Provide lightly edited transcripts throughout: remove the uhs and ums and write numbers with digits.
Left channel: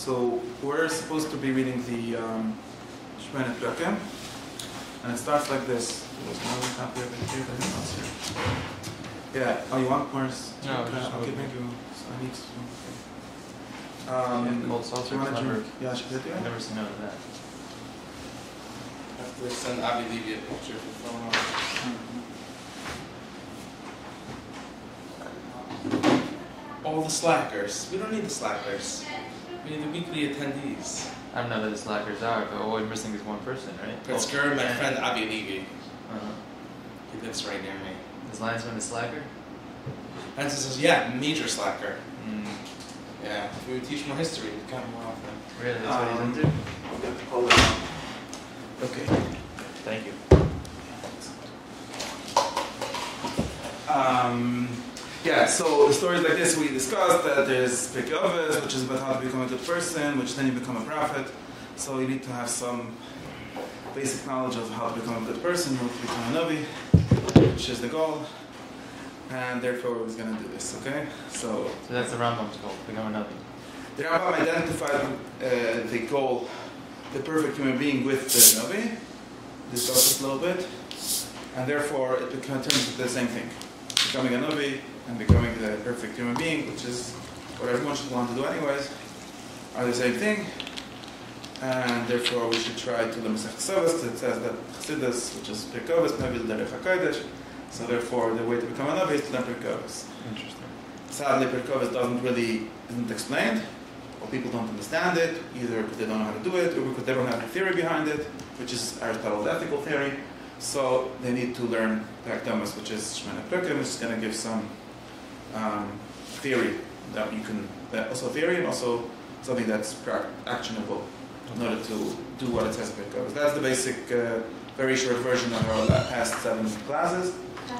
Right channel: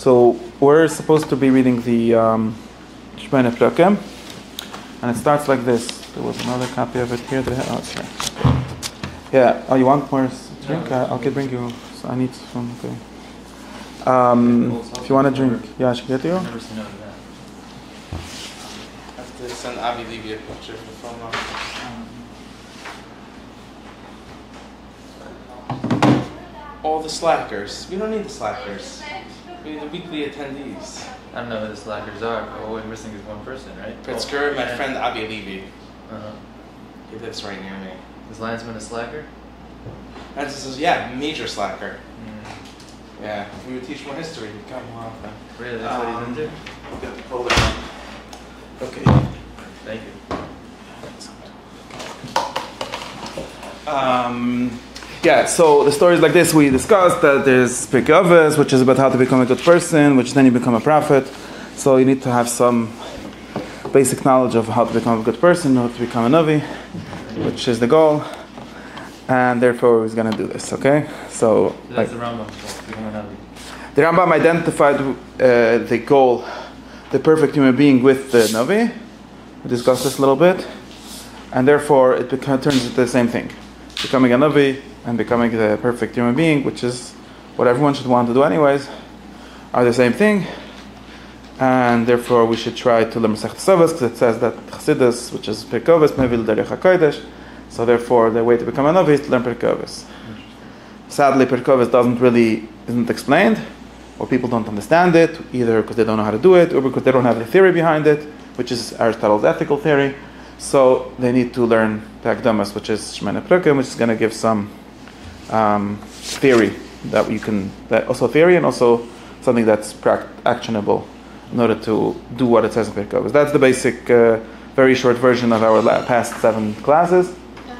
So we're supposed to be reading the Shomne Prakim, and it starts like this. There was another copy of it here. Sorry. Yeah. Oh, you want more drink? I can bring you. So I need some. Okay. If you want to drink, yeah, I should get you. I've never seen none of that. I have to send Avi Levy a picture for film. All the slackers. We don't need the slackers. We need the weekly attendees. I don't know who the slackers are, but all we're missing is one person, right? Pritzker, my friend Avi Levy. Uh-huh. He lives right near me. Is Lansman a slacker? And says, yeah, major slacker. Mm. Yeah, we would teach more history. We've got more often. Really? That's what he's into? Hold it on. Okay. Thank you. Yeah, so the story is like this. We discussed that there's Prakim, which is about how to become a good person, which then you become a prophet. So you need to have some basic knowledge of how to become a good person, how to become a Lowy, which is the goal. And therefore, he's going to do this, okay? So that's the Rambam. Become a Lowy. The Rambam identified the goal, the perfect human being with the Lowy. We discussed this a little bit. And therefore, it turns into the same thing. Becoming a Lowy and becoming the perfect human being, which is what everyone should want to do anyways, are the same thing. And therefore, we should try to learn Masechet Ksubos, because it says that Chassidus, which is Prakim, Mevil Derech HaKodesh. So therefore, the way to become a Lowy is to learn Prakim. Interesting. Sadly, Prakim isn't explained, or people don't understand it, either because they don't know how to do it, or because they don't have the theory behind it, which is Aristotle's ethical theory. So they need to learn Prakim, which is Shomne Prakim, which is going to give some theory that also theory and also something that's actionable in order to do what it says in Prakim. That's the basic, very short version of our past 7 classes,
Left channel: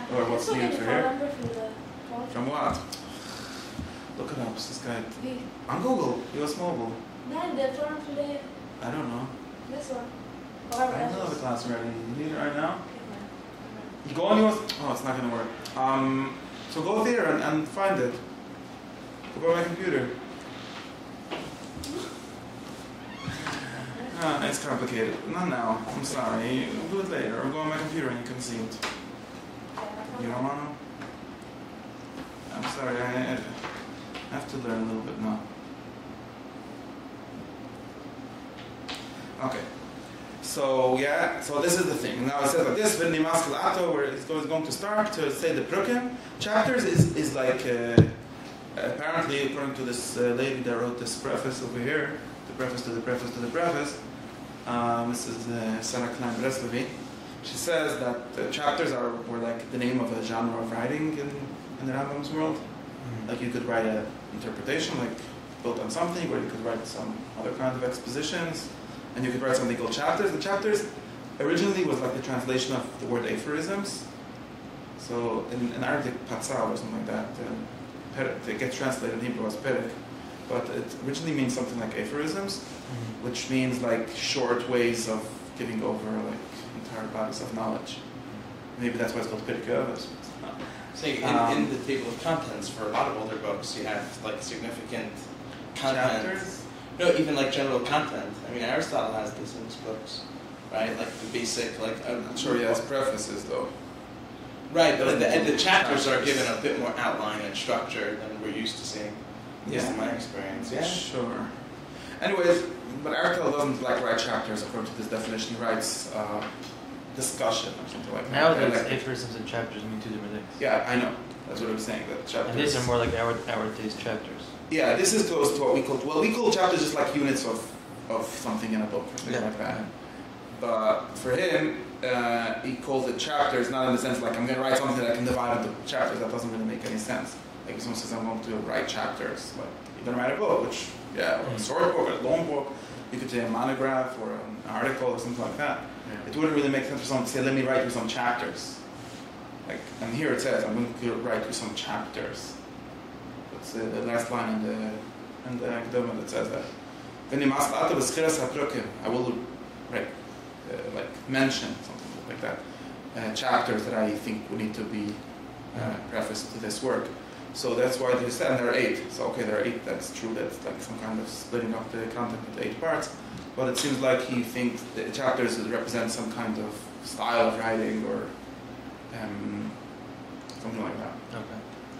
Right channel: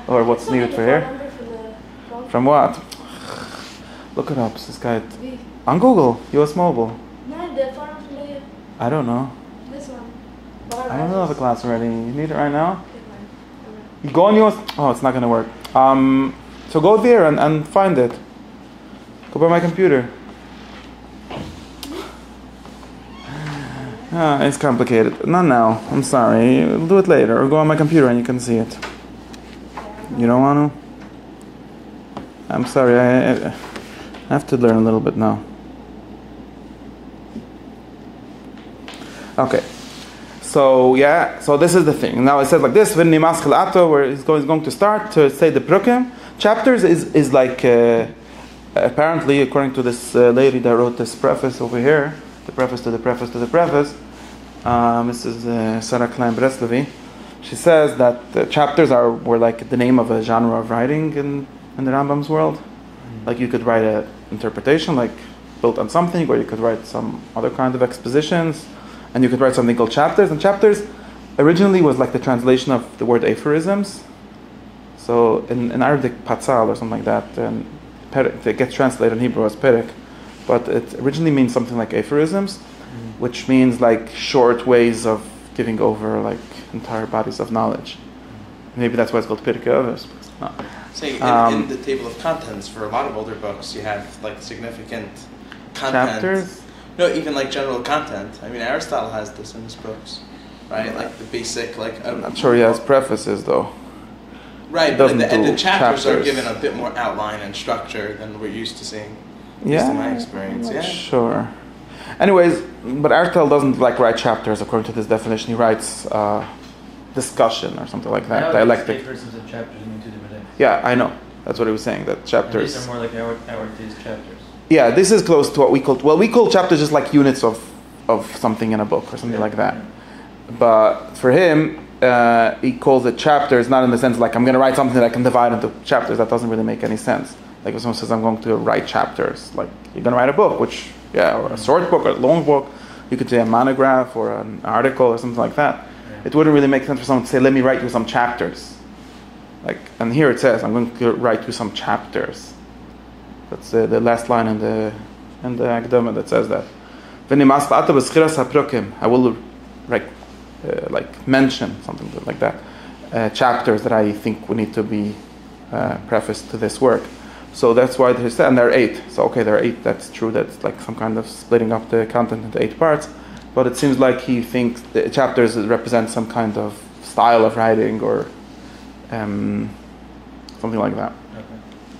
or what's needed for here. From what? Look it up. This guy on Google. US Mobile. I don't know. This one. I don't know the class already. You need it right now? You go on yours. Oh, it's not going to work. So go there and find it. Go by my computer. It's complicated. Not now. I'm sorry. We'll do it later. Or go on my computer and you can see it. You don't want to? I'm sorry. I have to learn a little bit now. Okay. So this is the thing. Now it says like this, where he's going to start to say the Prakim. Chapters is like, apparently, according to this lady that wrote this preface over here, the preface to the preface to the preface, Mrs. Sarah Klein Breslovi, she says that the chapters were like the name of a genre of writing in the Rambam's world. Like you could write an interpretation, like built on something, or you could write some other kind of expositions. And you could write something called chapters. And chapters originally was like the translation of the word aphorisms. So in Arabic, patzal or something like that, and it gets translated in Hebrew as perek. But it originally means something like aphorisms, which means like short ways of giving over like entire bodies of knowledge. Maybe that's why it's called Prakim. No. Say, in the table of contents for a lot of older books, you have like significant content. Chapters? No, even like general content. I mean, Aristotle has this in his books, right? Like the basic, like. I'm sure he has prefaces though. Right, but and the chapters are given a bit more outline and structure than we're used to seeing. Yeah. Just in my experience, yeah. Sure. Anyways, but Aristotle doesn't like write chapters according to this definition. He writes discussion or something like that. Dialectic. Aphorisms and chapters mean 2 different things. Yeah, I know. That's what he was saying. That chapters. And these are more like our days chapters. Yeah, this is close to what we call. Well, we call chapters just like units of something in a book or something like that. Yeah. But for him, he calls it chapters, not in the sense like I'm going to write something that I can divide into chapters. That doesn't really make any sense. Like if someone says I'm going to write chapters, like you're going to write a book, which or a short book or a long book. You could say a monograph or an article or something like that. Yeah. It wouldn't really make sense for someone to say, "Let me write you some chapters." Like, and here it says, "I'm going to write you some chapters." That's the last line in the Akdama that says that. I will like mention something like that. Chapters that I think would need to be prefaced to this work. So that's why they said, and there are 8. So okay, there are 8. That's true. That's like some kind of splitting up the content into 8 parts. But it seems like he thinks the chapters represent some kind of style of writing or something like that. Okay.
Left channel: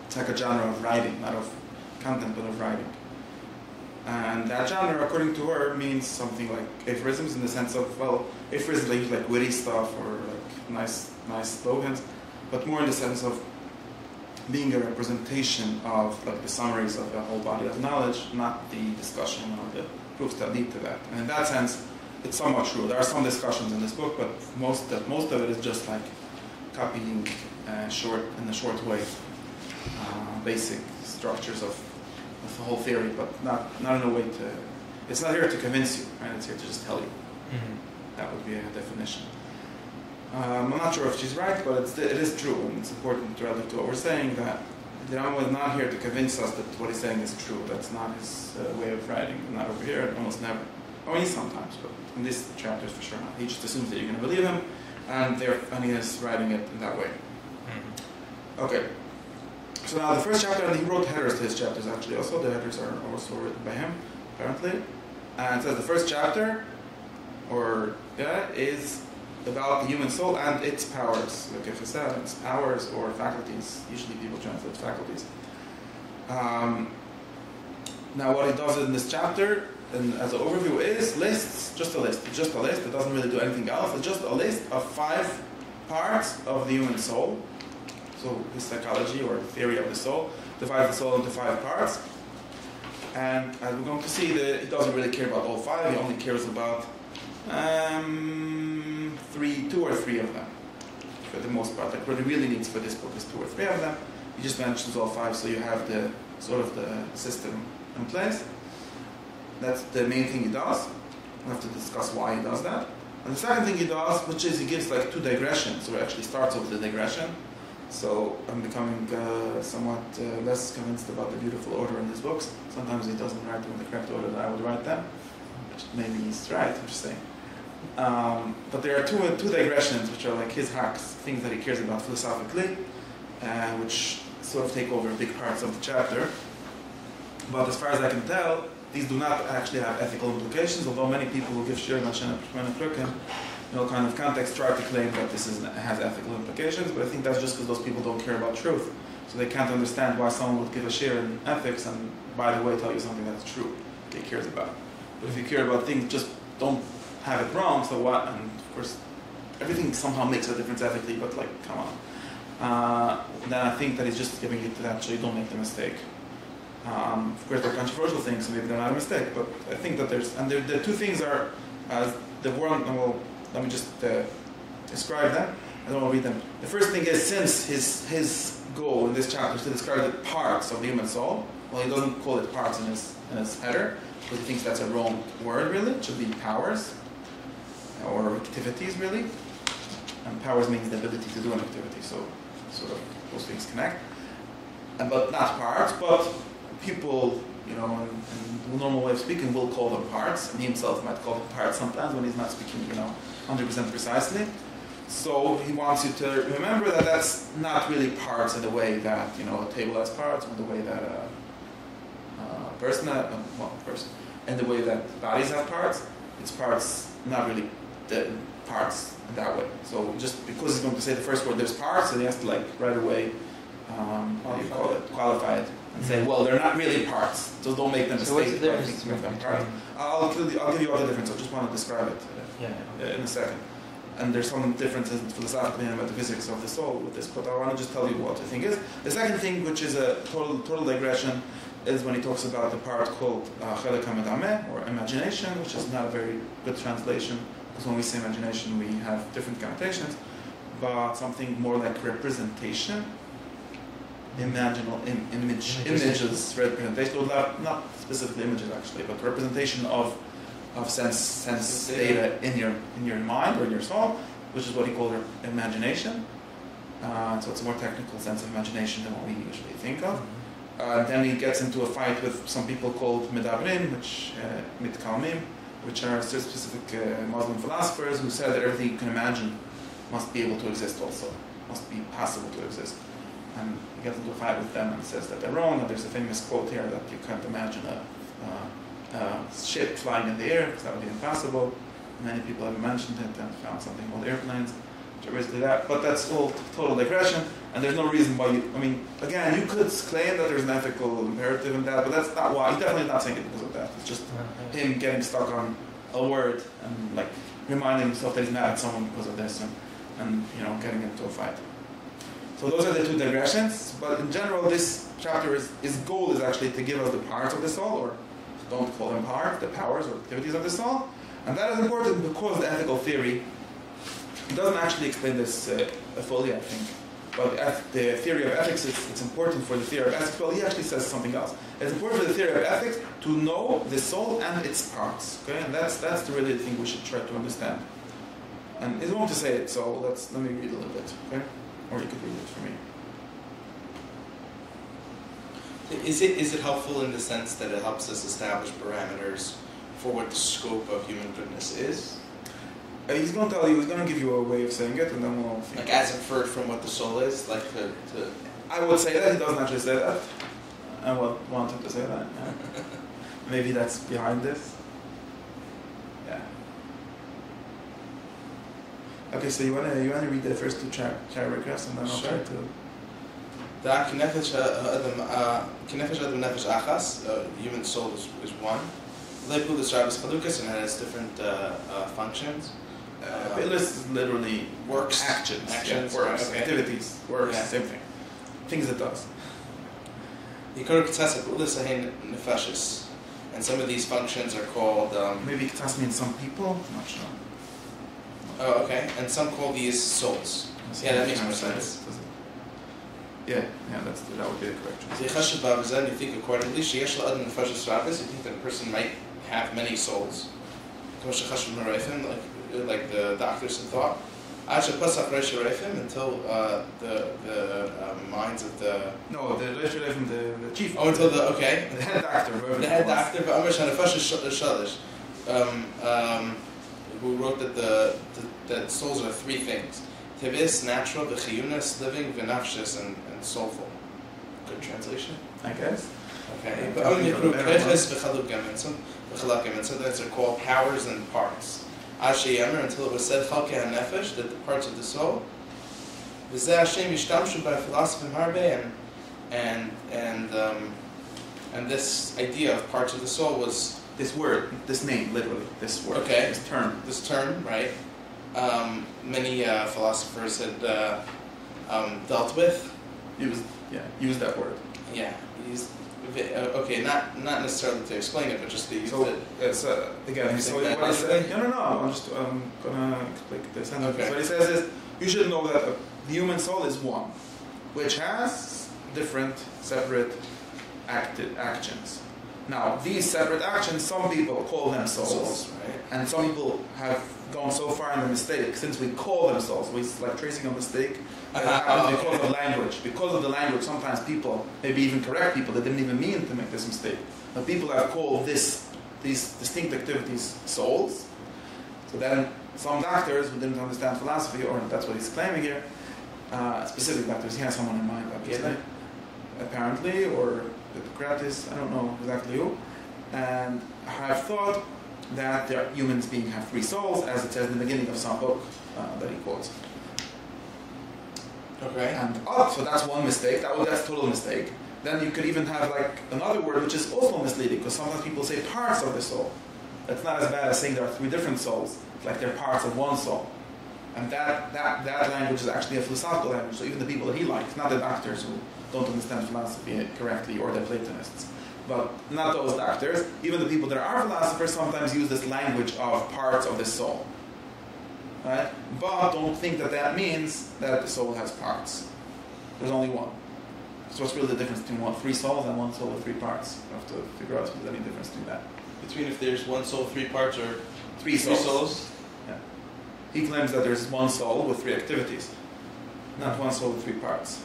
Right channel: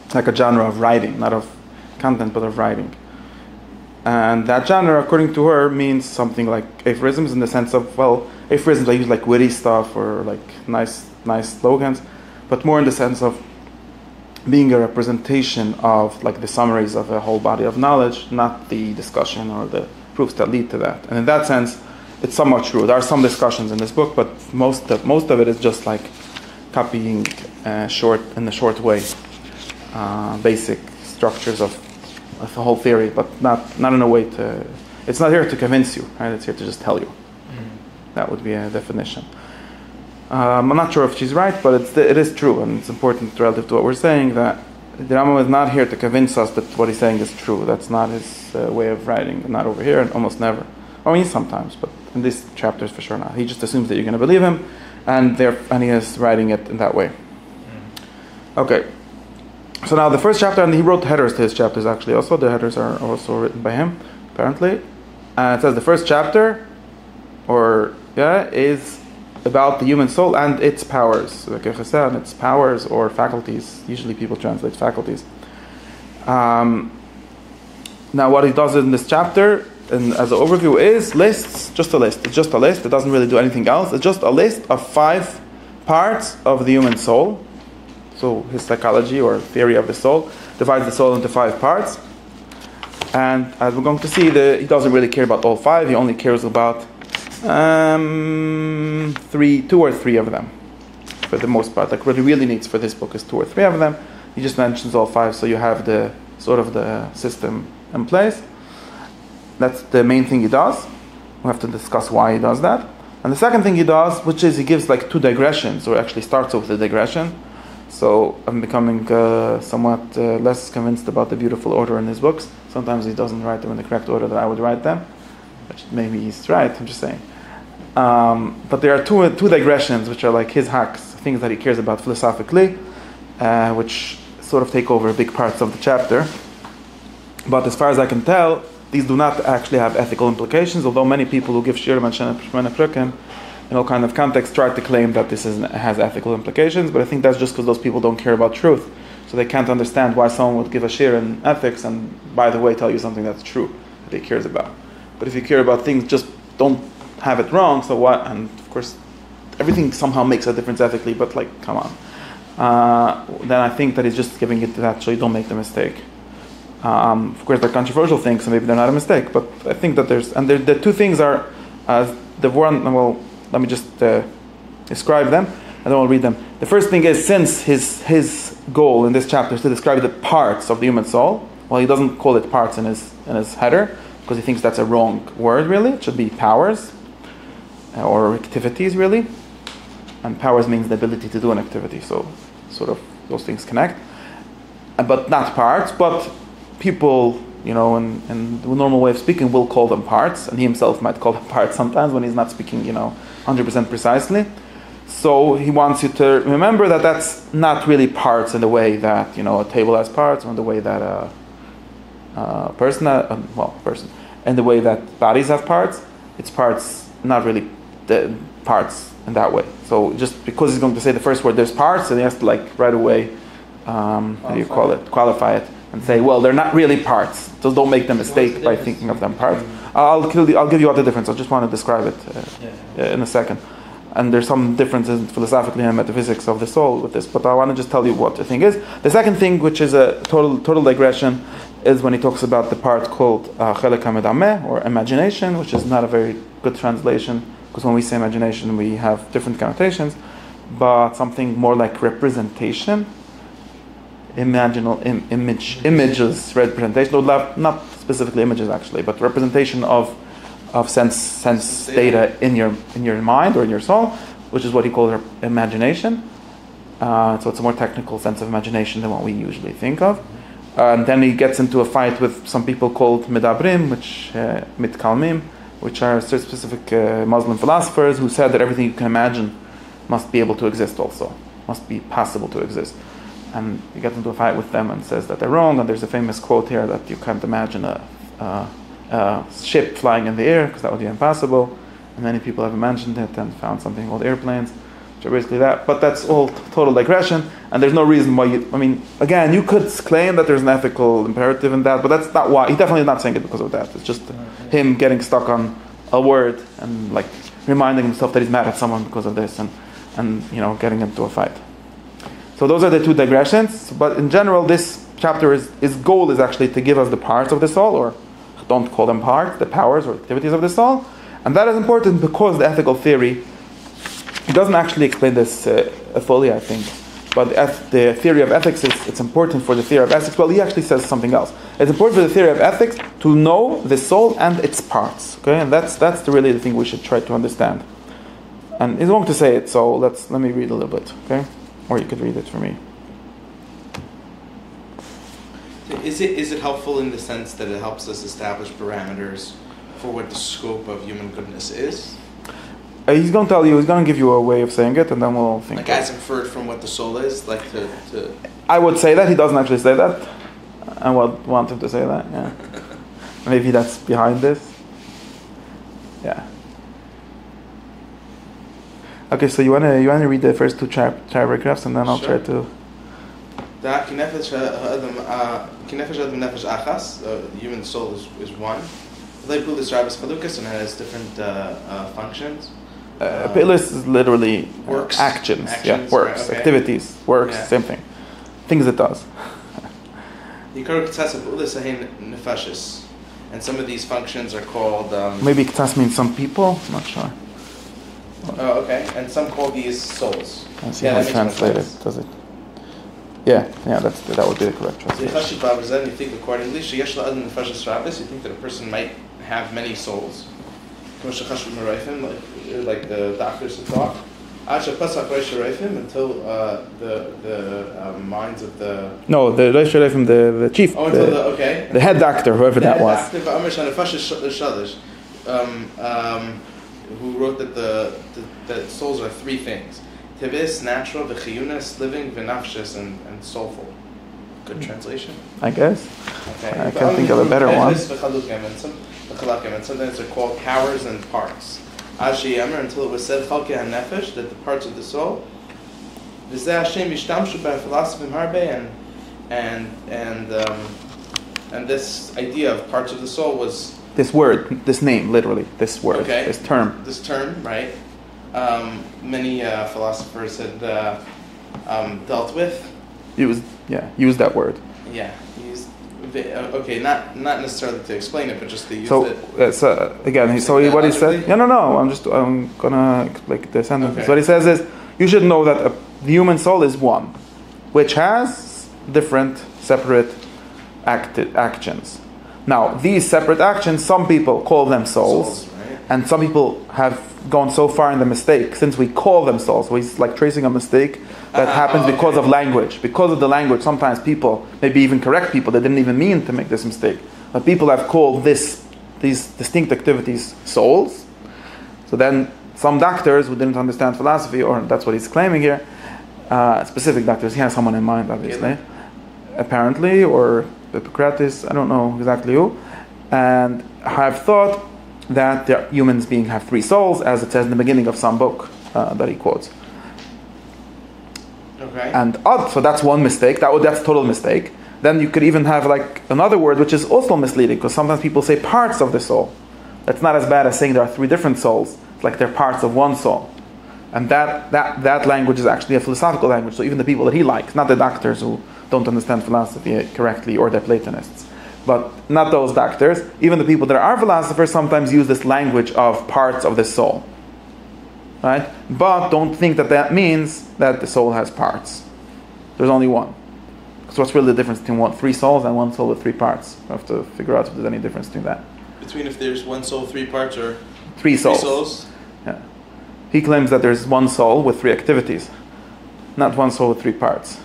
It's like a genre of writing, not of content, but of writing. And that genre, according to her, means something like aphorisms in the sense of, well, aphorisms I use like witty stuff or like nice slogans, but more in the sense of being a representation of like the summaries of a whole body of knowledge, not the discussion or the proofs that lead to that. And in that sense, it's somewhat true. There are some discussions in this book, but most of it is just like copying in a short way, basic structures of the whole theory, but not in a way to. It's not here to convince you, right? It's here to just tell you. Mm-hmm. That would be a definition. I'm not sure if she's right, but it is true, and it's important relative to what we're saying that the Rambam is not here to convince us that what he's saying is true. That's not his way of writing. Not over here, and almost never. I mean, sometimes, but in these chapters for sure not. He just assumes that you're going to believe him, and he is writing it in that way. Mm-hmm. Okay. So now the first chapter, and he wrote headers to his chapters actually also. The headers are also written by him, apparently. And it says the first chapter, is about the human soul and its powers. Like and its powers or faculties. Usually people translate faculties. Now what he does in this chapter, and as an overview, is lists, just a list. It's just a list. It doesn't really do anything else. It's just a list of 5 parts of the human soul. So his psychology or theory of the soul divides the soul into 5 parts. And as we're going to see, he doesn't really care about all 5. He only cares about 2 or 3 of them, for the most part. Like what he really needs for this book is 2 or 3 of them. He just mentions all 5, so you have the sort of the system in place. That's the main thing he does. We'll have to discuss why he does that. And the second thing he does, which is he gives like 2 digressions, or actually starts with a digression. So I'm becoming somewhat less convinced about the beautiful order in his books. Sometimes he doesn't write them in the correct order that I would write them. Which maybe he's right, I'm just saying. But there are two digressions which are like his hacks, things that he cares about philosophically, which sort of take over big parts of the chapter. But as far as I can tell, these do not actually have ethical implications, although many people who give shirim and Shomne Prakim in all kind of contexts try to claim that this has ethical implications, but I think that's just because those people don't care about truth. So they can't understand why someone would give a shir in ethics and, by the way, tell you something that's true, that he cares about. But if you care about things, just don't have it wrong, so what? And of course, everything somehow makes a difference ethically, but like, come on. Then I think that he's just giving it to that so you don't make the mistake. Of course, they're controversial things, so maybe they're not a mistake, but I think that the 2 things are, the one, well, let me just describe them, and then I'll read them. The first thing is, since his goal in this chapter is to describe the parts of the human soul, well, he doesn't call it parts in his header, because he thinks that's a wrong word, really. It should be powers, or activities, really. And powers means the ability to do an activity, so sort of those things connect. But not parts, but people, in the normal way of speaking, will call them parts, and he himself might call them parts sometimes when he's not speaking, 100% precisely. So he wants you to remember that that's not really parts in the way that, a table has parts, or in the way that a person, in the way that bodies have parts. It's parts, not really the parts in that way. So just because he's going to say the first word, there's parts, and he has to right away, qualify it, and say, well, they're not really parts. So don't make the mistake by thinking of them parts. I'll give you all the difference. I just want to describe it in a second. And there's some differences philosophically and metaphysics of the soul with this, but I want to just tell you what the thing is. The second thing, which is a total digression, is when he talks about the part called chelek hamedameh, or imagination, which is not a very good translation, because when we say imagination, we have different connotations, but something more like representation, images, representation, or not specifically images actually, but representation of sense data in your mind or in your soul, which is what he calls imagination. So it's a more technical sense of imagination than what we usually think of. And then he gets into a fight with some people called medabrim, mitkalmim, which are specific Muslim philosophers who said that everything you can imagine must be able to exist also, must be possible to exist. and he gets into a fight with them and says that they're wrong. And there's a famous quote here that you can't imagine a ship flying in the air because that would be impossible. And many people have imagined it and found something called airplanes, which are basically that. But that's all total digression, and there's no reason why you. I mean, again, you could claim that there's an ethical imperative in that, but that's not why. He definitely is not saying it because of that. It's just him getting stuck on a word and like reminding himself that he's mad at someone because of this, and getting into a fight. So those are the two digressions. But in general, this chapter his goal is actually to give us the parts of the soul, or don't call them parts, the powers or activities of the soul. And that is important because the ethical theory, he doesn't actually explain this fully, I think. But the theory of ethics, it's important for the theory of ethics. Well, he actually says something else. It's important for the theory of ethics to know the soul and its parts. Okay, and that's really the thing we should try to understand. And he's going to say it, so let me read a little bit. Okay, or you could read it for me. Is it helpful in the sense that it helps us establish parameters for what the scope of human goodness is? He's going to tell you. He's going to give you a way of saying it, and then we'll think. Like as inferred from what the soul is, like to. I would say that he doesn't actually say that. I would want him to say that. Yeah. Maybe that's behind this. Yeah. Okay, so you wanna read the first two paragraphs, and then I'll try to. Human soul is one. And has different functions. Pilus is literally works. Actions. Yeah, works, right, okay. Activities, works, yeah. Same thing. Things it does. And some of these functions are called. Maybe Ktas means some people. I'm not sure. Oh, okay. And some call these souls. Let's see how I translate it. Does it? Yeah, that would be the correct translation. You think accordingly, you think that a person might have many souls. Like the doctors have thought. Until the minds of the... No, the chief. Oh, until the head doctor, whoever that was. Who wrote that souls are three things. Tibis, natural, v'chiyunas, living, v'nafshis, and soulful. Good translation? I guess. Okay. I can't think of a better one. And sometimes they're called powers and parts. Ashi Yamar, until it was said, Chalke HaNefesh, that the parts of the soul. V'zeh Hashem yishtamshu by philosophy harbe, and this idea of parts of the soul was... This word, this name, literally, this word, this term. This term, right? Many philosophers had dealt with. Use that word. Yeah, not necessarily to explain it, but just to use it. So again, what he said. No. I'm gonna explain the sentence. Okay. So what he says is, you should know that the human soul is one, which has different separate actions. Now, these separate actions, some people call them souls, right? And some people have gone so far in the mistake, since we call them souls. So he's like tracing a mistake that happens because of language. Because of the language, sometimes people, maybe even correct people, they didn't even mean to make this mistake. But people have called these distinct activities souls. So then some doctors who didn't understand philosophy, or that's what he's claiming here, specific doctors, he has someone in mind, obviously, apparently, or Hippocrates, I don't know exactly who, and have thought that humans being have three souls, as it says in the beginning of some book that he quotes. Okay. And so that's one mistake. That's a total mistake. Then you could even have like another word which is also misleading, because sometimes people say parts of the soul. That's not as bad as saying there are three different souls. It's like they're parts of one soul. And that language is actually a philosophical language. So even the people that he likes, not the doctors who don't understand philosophy correctly, or they're Platonists, but not those doctors, even the people that are philosophers sometimes use this language of parts of the soul. Right? But don't think that means that the soul has parts. There's only one. So what's really the difference between three souls and one soul with three parts? You have to figure out if there's any difference between that. Between if there's one soul, three parts, or three souls? Yeah. He claims that there's one soul with three activities, not one soul with three parts.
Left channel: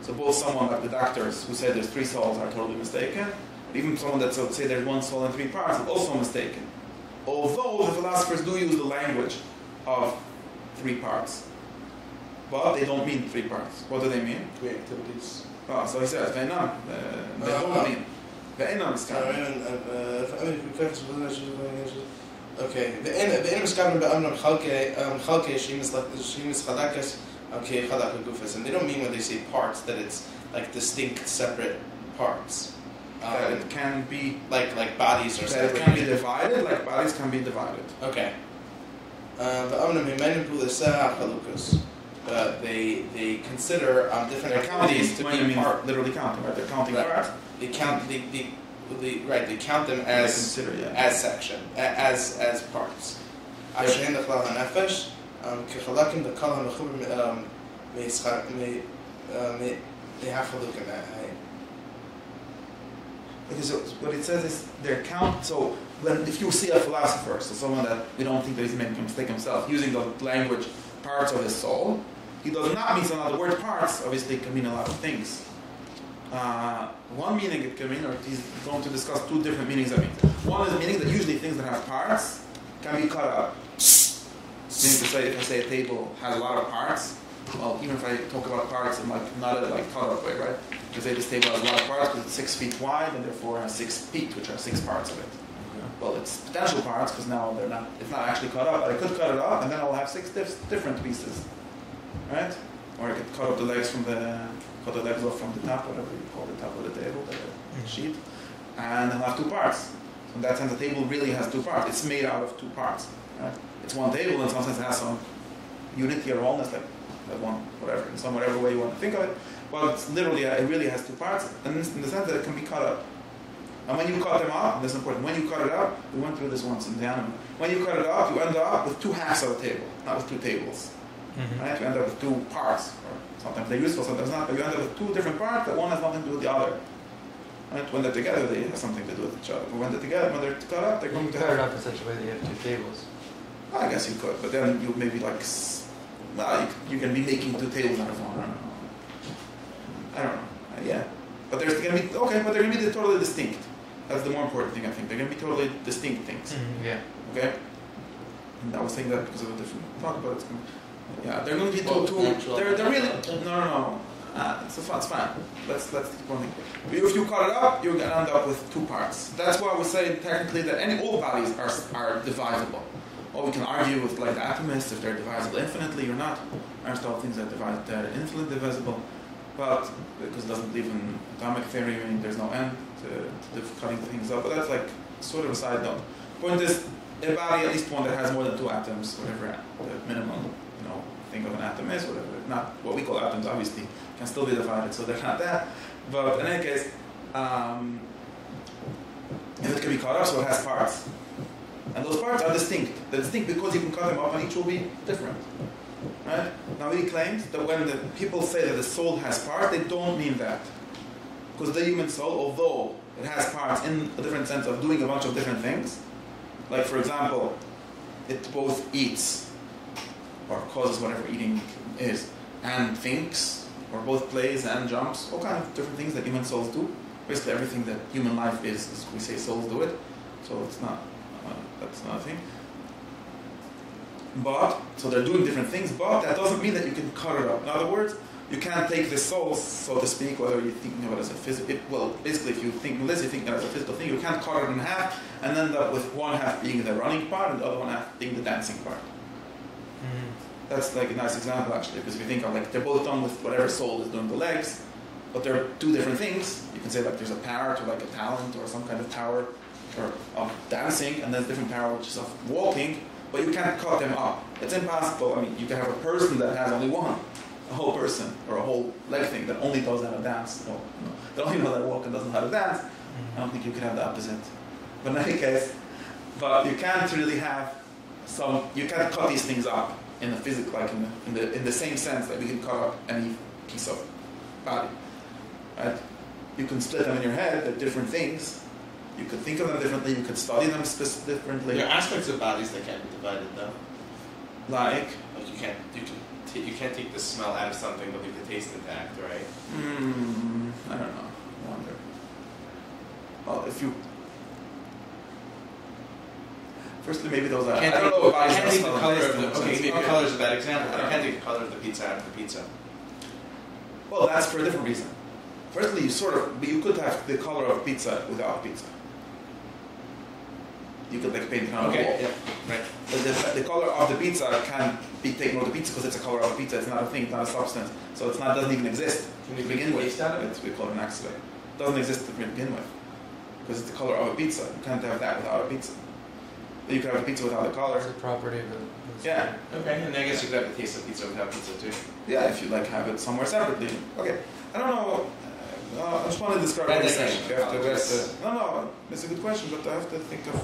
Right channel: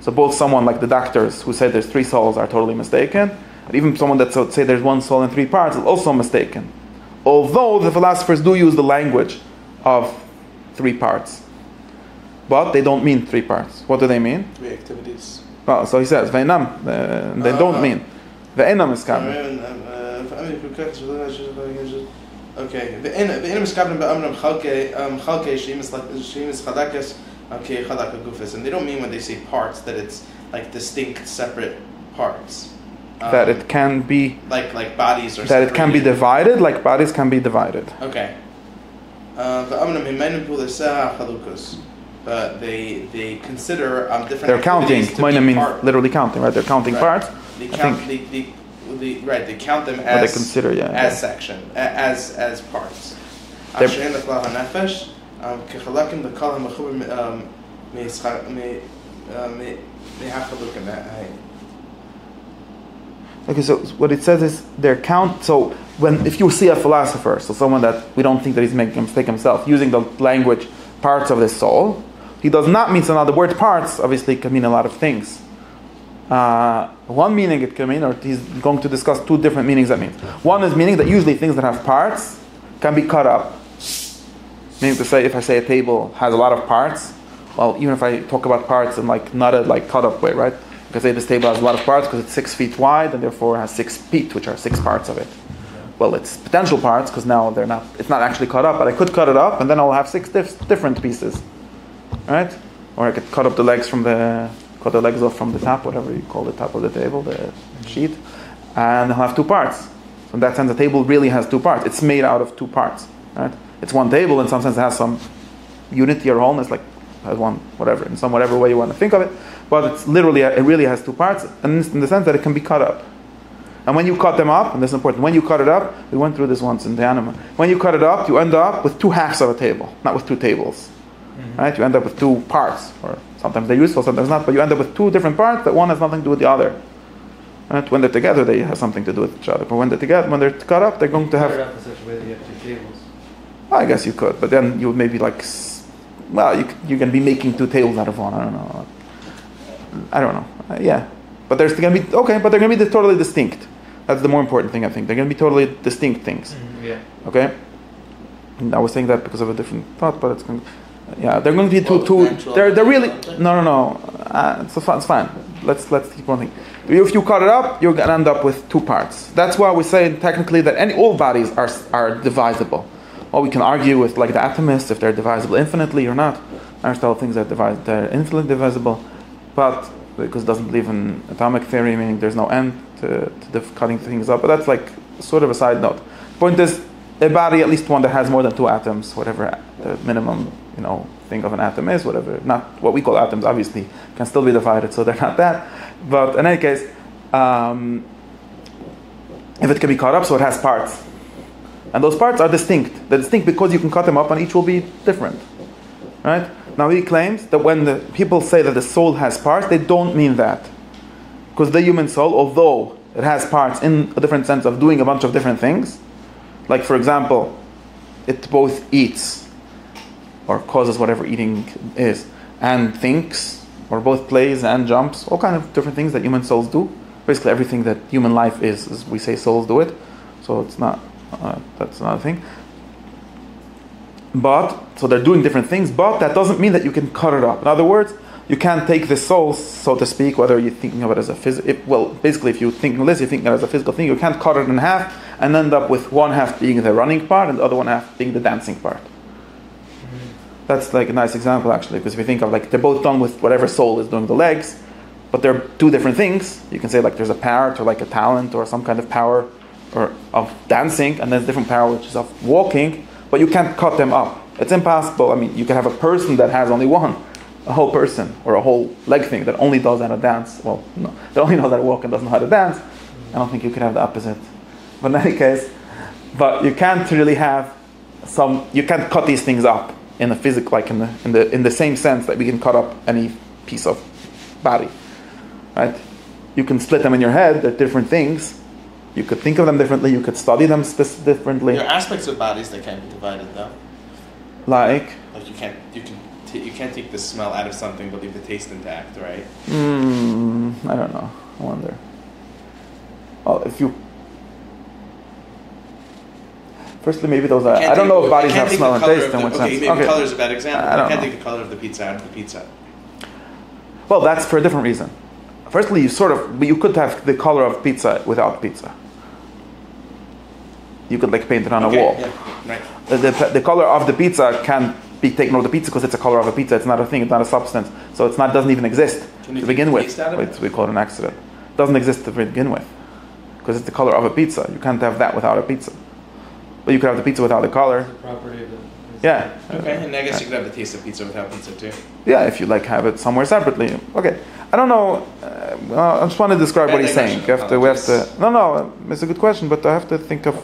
So both someone like the doctors who say there's three souls are totally mistaken, and even someone that say there's one soul and three parts is also mistaken. Although the philosophers do use the language of three parts. but they don't mean 3 parts. What do they mean? 3 activities. Well, so he says, Veinam, they don't mean. Ve'enam is kamen. Okay. Ve'enam is kamen be'amram chalke shemis chadakas chadaka gufis. And they don't mean when they say parts that it's like distinct, separate parts. That it can be... Like bodies or that it can be divided, like bodies can be divided. Okay. They consider different. They're counting. To means literally counting, right? They're counting parts. They count. They count them as. They consider, as section, as parts. Okay, so what it says is their count. So if you see a philosopher, so someone that we don't think that he's making a mistake himself, using the language parts of the soul, he does not mean, so now the word parts obviously can mean a lot of things. One meaning it can mean, or he's going to discuss 2 different meanings that means. One is meaning that usually things that have parts can be cut up. Meaning to say, if I say a table has a lot of parts, well, even if I talk about parts in not a cut up way, right? I can say this table has a lot of parts because it's 6 feet wide and therefore has 6 feet, which are 6 parts of it. Well, it's potential parts because now it's not actually cut up, but I could cut it up and then I'll have 6 different pieces, right? Or I could cut the legs off from the top, whatever you call the top of the table, the sheet, and I'll have 2 parts. So in that sense, the table really has 2 parts. It's made out of 2 parts, right? It's one table, in some sense it has some unity or wholeness, like has one, whatever, in some whatever way you want to think of it, but it really has 2 parts, and in the sense that it can be cut up. And when you cut them up, and this is important, when you cut it up, we went through this once in the anima, when you cut it up, you end up with 2 halves of a table, not with 2 tables. Right? You end up with 2 parts, or sometimes they're useful, sometimes not, but you end up with 2 different parts that one has nothing to do with the other. Right? When they're together, they have something to do with each other. But when they're cut up, they're going to have... Cut it up in such a way that you have 2 tables. I guess you could, but then you would maybe you can be making 2 tables out of one. I don't know. Yeah, but they're going to be okay. But they're going to be totally distinct. That's the more important thing, I think. They're going to be totally distinct things. Yeah. Okay. And I was saying that because of a different thought, but it's going. They're going to be two. They're really no. It's fine. Let's keep one thing. If you cut it up, you're going to end up with 2 parts. That's why we say technically that all bodies are divisible. Well, we can argue with like the atomists if they're divisible infinitely or not. Aristotle thinks they're infinitely divisible, but because it doesn't believe in atomic theory, meaning there's no end to cutting things up. But that's like sort of a side note. Point is, a body, at least one that has more than 2 atoms, whatever the minimum thing of an atom is, whatever. Not what we call atoms, obviously, can still be divided, so they're not that. But in any case, if it can be cut up, so it has parts. And those parts are distinct. They're distinct because you can cut them up and each will be different. Right? Now he claims that when the people say that the soul has parts, they don't mean that. Because the human soul, although it has parts in a different sense of doing a bunch of different things, like for example, it both eats or causes whatever eating is, and thinks, or both plays and jumps, all kind of different things that human souls do. Basically everything that human life is we say souls do it. So it's not, that's another thing. But, so they're doing different things, but that doesn't mean that you can cut it up. In other words, you can't take the soul, so to speak, whether you're thinking of it as a physical, basically if you're thinking this, you're thinking of it as a physical thing, you can't cut it in half and end up with one half being the running part and the other one half being the dancing part. That's like a nice example actually, because if you think of like, they're both done with whatever soul is doing the legs, but they're 2 different things. You can say like there's a parrot or like a talent or some kind of power or of dancing, and there's different power which is of walking, but you can't cut them up. It's impossible. I mean, you can have a person that has only one, a whole person, or a whole leg thing that only does how to dance. Well, no, that only knows how to walk and doesn't know how to dance. I don't think you can have the opposite. But in any case, but you can't really have you can't cut these things up in a physical, like in the same sense that we can cut up any piece of body, right? You can split them in your head. They're different things. You could think of them differently. You could study them differently. There are aspects of bodies that can't be divided, though. Like you can't take the smell out of something but leave the taste intact, right? I don't know. I wonder. Well, Firstly, maybe those are. I don't know if bodies have smell and taste in what sense. Okay, maybe color is a bad example. I don't You can't know. take the color of the pizza out of the pizza. Well, that's for a different reason. Firstly, you could have the color of pizza without pizza. You could like paint it on a wall. Yeah, right. The color of the pizza can be taken over the pizza because it's a color of a pizza. It's not a thing. It's not a substance. So it's not doesn't even exist to begin with. We call it an accident. It doesn't exist to begin with because it's the color of a pizza. You can't have that without a pizza. But you could have the pizza without the color. It's the property of the. Yeah. Okay, and I guess you could have the taste of pizza without pizza too. Yeah, if you like have it somewhere separately. Okay. I don't know. Well, I just want to describe what he's saying. We have to. No, it's a good question, but I have to think of.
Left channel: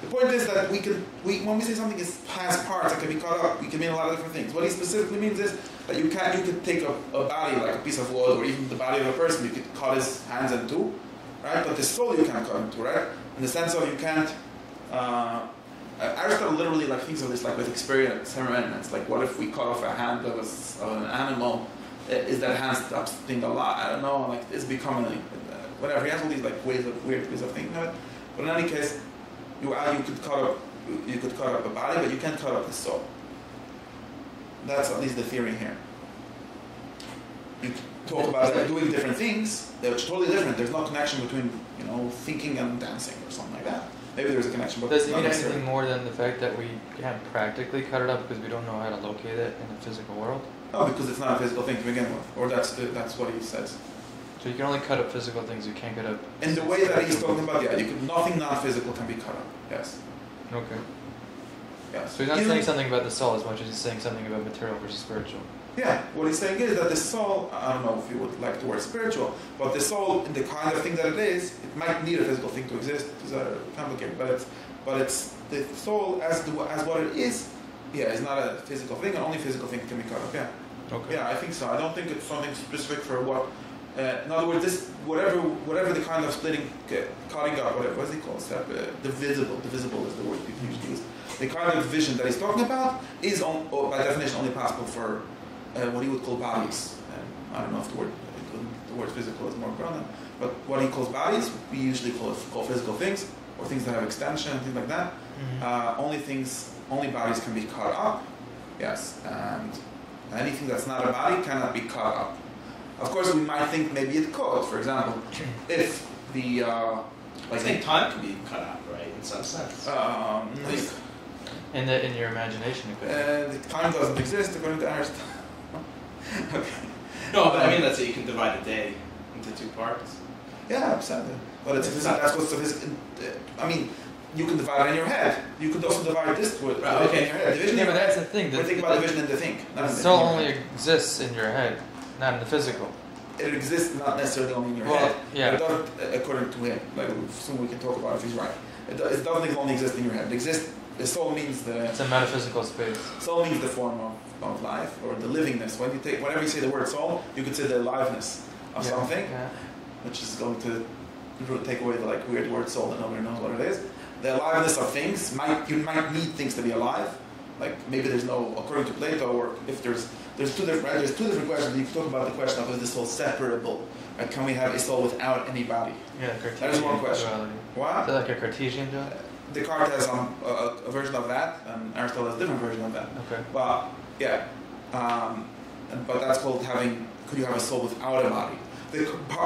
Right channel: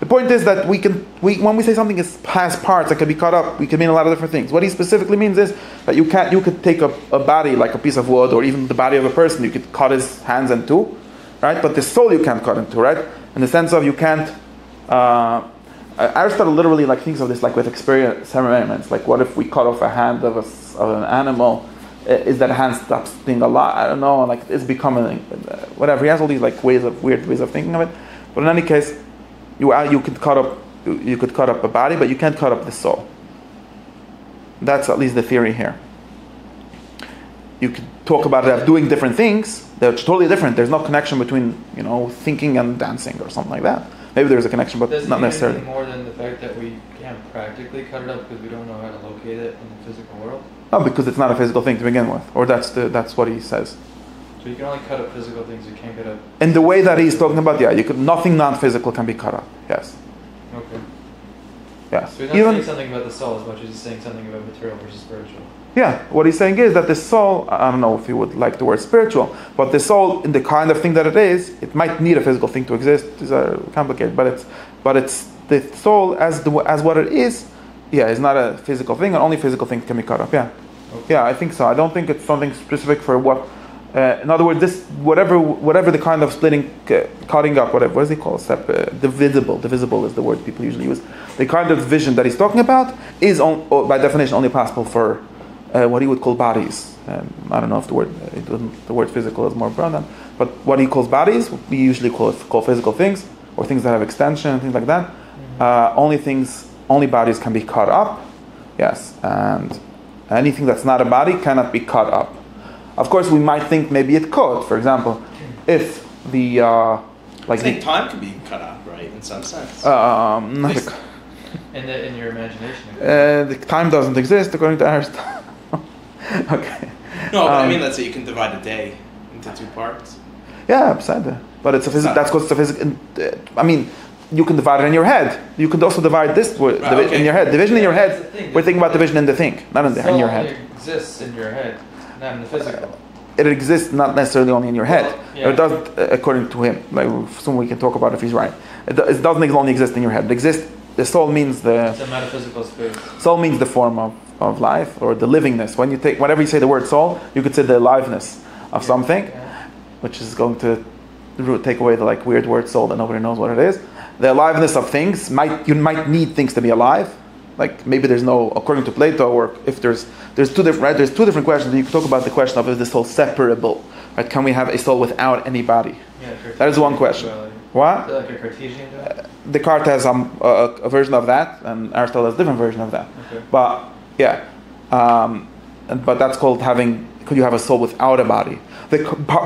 The point is that when we say something has parts that can be cut up, we can mean a lot of different things. What he specifically means is that you could take a body like a piece of wood, or even the body of a person. You could cut his hands in two, right? But the soul you can't cut into, right? In the sense of you can't. Aristotle literally like thinks of this like with experiments. Like, what if we cut off a hand of an animal? Is that hand stops being alive? I don't know. Like, it's becoming whatever. He has all these like weird ways of thinking of it. But in any case, you could cut up a body, but you can't cut up the soul. That's at least the theory here. You could talk about that doing different things. They're totally different. There's no connection between thinking and dancing or something like that. Maybe there's a connection, but Does it not mean necessarily. anything more than the fact that we can't practically cut it up because we don't know how to locate it in the physical world? No, because it's not a physical thing to begin with, or that's what he says. So you can only cut up physical things. You can't cut up. In the way that he's talking about, nothing non-physical can be cut up. Yes. Okay. Yes. So he's not saying something about the soul as much as he's saying something about material versus spiritual. Yeah, what he's saying is that the soul, I don't know if you would like the word spiritual, but the soul, in the kind of thing that it is, it might need a physical thing to exist. These are complicated, but it's the soul as what it is. Yeah, it's not a physical thing, and only physical things can be cut up. Yeah, Okay. yeah, I think so. I don't think it's something specific for what. In other words, this whatever the kind of splitting, cutting up, whatever. What is it called? Divisible. Divisible is the word people usually use. The kind of vision that he's talking about is, by definition, only possible for what he would call bodies. I don't know if the word physical is more broad than, but what he calls bodies, we usually call physical things, or things that have extension and things like that. Mm-hmm. Only bodies can be cut up. Yes, and anything that's not a body cannot be cut up. Of course, we might think maybe it could. For example, if the I think time can be cut up, right? In some sense. In your imagination. The time doesn't exist according to Aristotle. Okay. No, but I mean, let's say you can divide a day into two parts. Yeah, beside but it's a physical. That's what's the physical. I mean, you can divide it in your head. You could also divide this in your head. Division in your head. We're thinking about division in the thing, not in your head. It exists in your head, not in the physical. It exists not necessarily only in your head, yeah. but it doesn't, according to him. Like, soon we can talk about if he's right. It doesn't only exist in your head. The soul means It's a metaphysical space. Soul means the form of life, or the livingness. Whenever you say the word soul, you could say the aliveness of something, which is going to take away the weird word soul that nobody knows what it is. The aliveness of things, you might need things to be alive. Like, maybe there's no, according to Plato, or if there's two different, right? There's two different questions. You can talk about the question of, is the soul separable? Right? Can we have a soul without any body? Yeah, that is one question. What? Is that like a Cartesian duality? Descartes has a version of that, and Aristotle has a different version of that. Okay. But yeah, but that's called having. Could you have a soul without a body?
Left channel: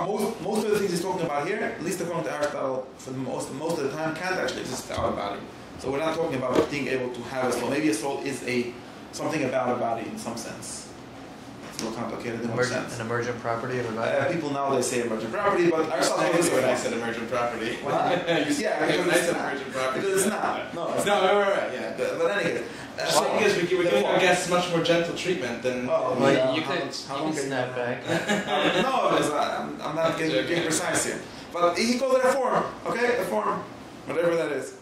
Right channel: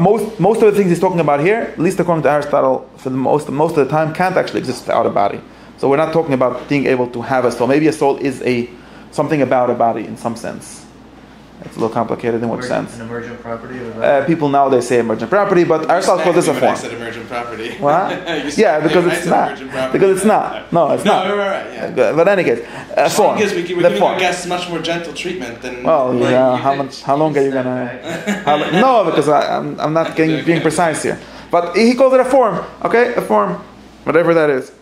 Most of the things he's talking about here, at least according to Aristotle, for most of the time, can't actually exist without a body. So we're not talking about being able to have a soul. Maybe a soul is something about a body in some sense. It's a little complicated in what sense? An emergent property of a body? People nowadays say emergent property, but Aristotle calls this a form. I said emergent property. What? Yeah, because it's not. Because it's not. No, it's not. No, right, yeah. But in any case, a form. We're giving our guests much more gentle treatment than. Well, yeah. How long are you gonna? No, because I'm not being precise here. But he calls it a form. Okay, a form, whatever that is.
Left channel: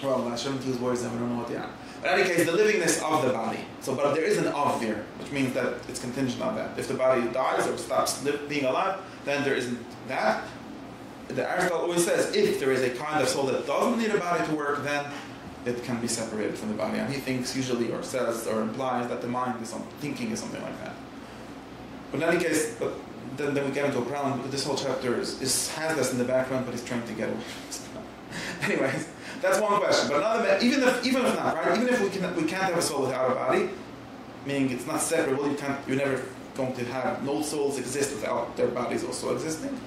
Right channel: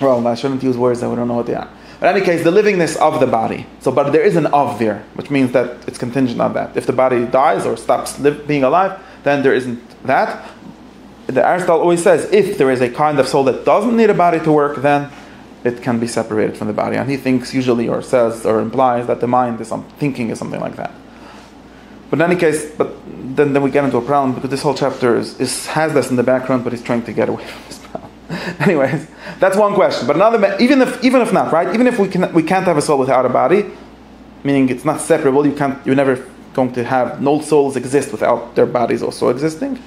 Well, I shouldn't use words that we don't know what they are. But in any case, the livingness of the body. But there is an of there, which means that it's contingent on that. If the body dies or stops being alive, then there isn't that. Aristotle always says, if there is a kind of soul that doesn't need a body to work, then it can be separated from the body. And he thinks usually, or says, or implies that the mind is thinking is something like that. But in any case, then we get into a problem, because this whole chapter has this in the background, but he's trying to get away from this problem. Anyways, that's one question. But another, even if not, right? Even if we can't have a soul without a body, meaning it's not separable. You're never going to have, no souls exist without their bodies also existing.